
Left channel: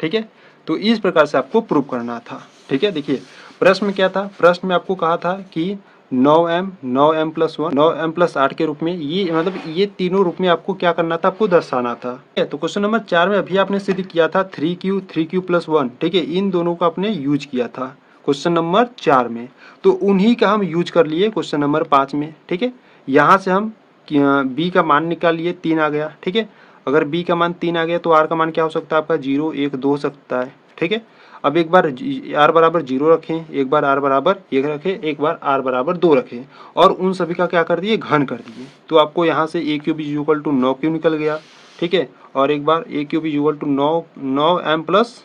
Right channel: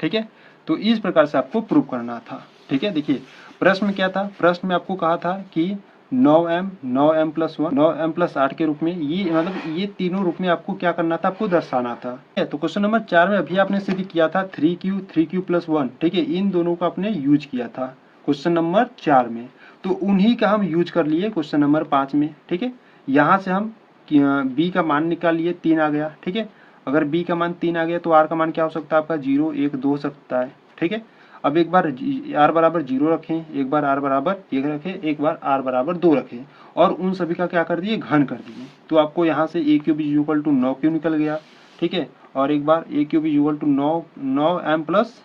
ठीक है। तो इस प्रकार से आपको प्रूव करना था, ठीक है। देखिए प्रश्न में क्या था, प्रश्न में आपको कहा था कि 9m प्लस 1 9m प्लस 8 के रूप में, ये मतलब ये तीनों रूप में आपको क्या करना था, आपको दर्शाना था। तो क्वेश्चन नंबर 4 में अभी आपने सिद्ध किया था 3q प्लस 1, ठीक है, इन दोनों का आपने यूज किया था क्वेश्चन नंबर 4 में, तो उन्हीं का हम यूज कर लिए क्वेश्चन नंबर 5 में, ठीक है। यहाँ से हम b का मान निकाल लिए, 3 आ गया, ठीक है। अगर b का मान 3 आ गया तो r का मान क्या हो सकता है आपका 0 1 2 हो सकता है, ठीक है। अब एक बार r बराबर 0 रखें, एक बार r बराबर 1 रखें, एक बार r बराबर 2 रखें और उन सभी का क्या कर दिए, घन कर दिए। तो आपको यहाँ से a cube is equal to 9q निकल गया, ठीक है। और एक बार a cube is equal to 9m plus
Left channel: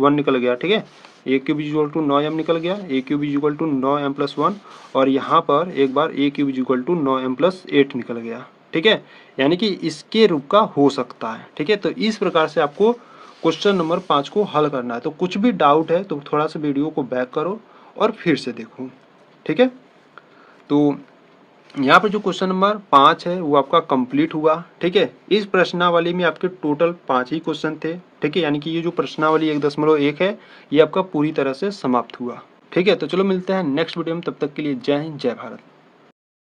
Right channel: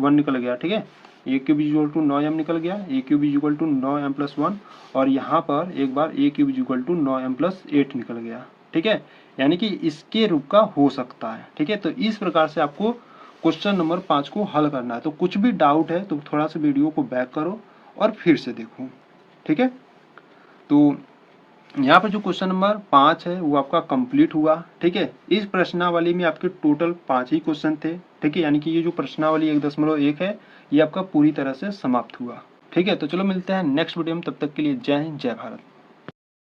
1 निकल गया, ठीक है। a cube is equal to 9m निकल गया, a cube is equal to 9m plus 1 और यहाँ पर एक बार a cube is equal to 9m plus 8 निकल गया, ठीक है, यानी कि इसके रूप का हो सकता है, ठीक है। तो इस प्रकार से आपको क्वेश्चन नंबर 5 को हल करना है। तो कुछ भी डाउट है तो थोड़ा सा वीडियो को बैक करो और फिर से देखो, ठीक है। तो यहाँ पर जो क्वेश्चन नंबर 5 है वो आपका कंप्लीट हुआ, ठीक है। इस प्रश्नावली में आपके टोटल 5 ही क्वेश्चन थे, ठीक है, यानी कि ये जो प्रश्नावली 1.1 है ये आपका पूरी तरह से समाप्त हुआ, ठीक है। तो चलो मिलते हैं नेक्स्ट वीडियो में, तब तक के लिए जय हिंद जय भारत।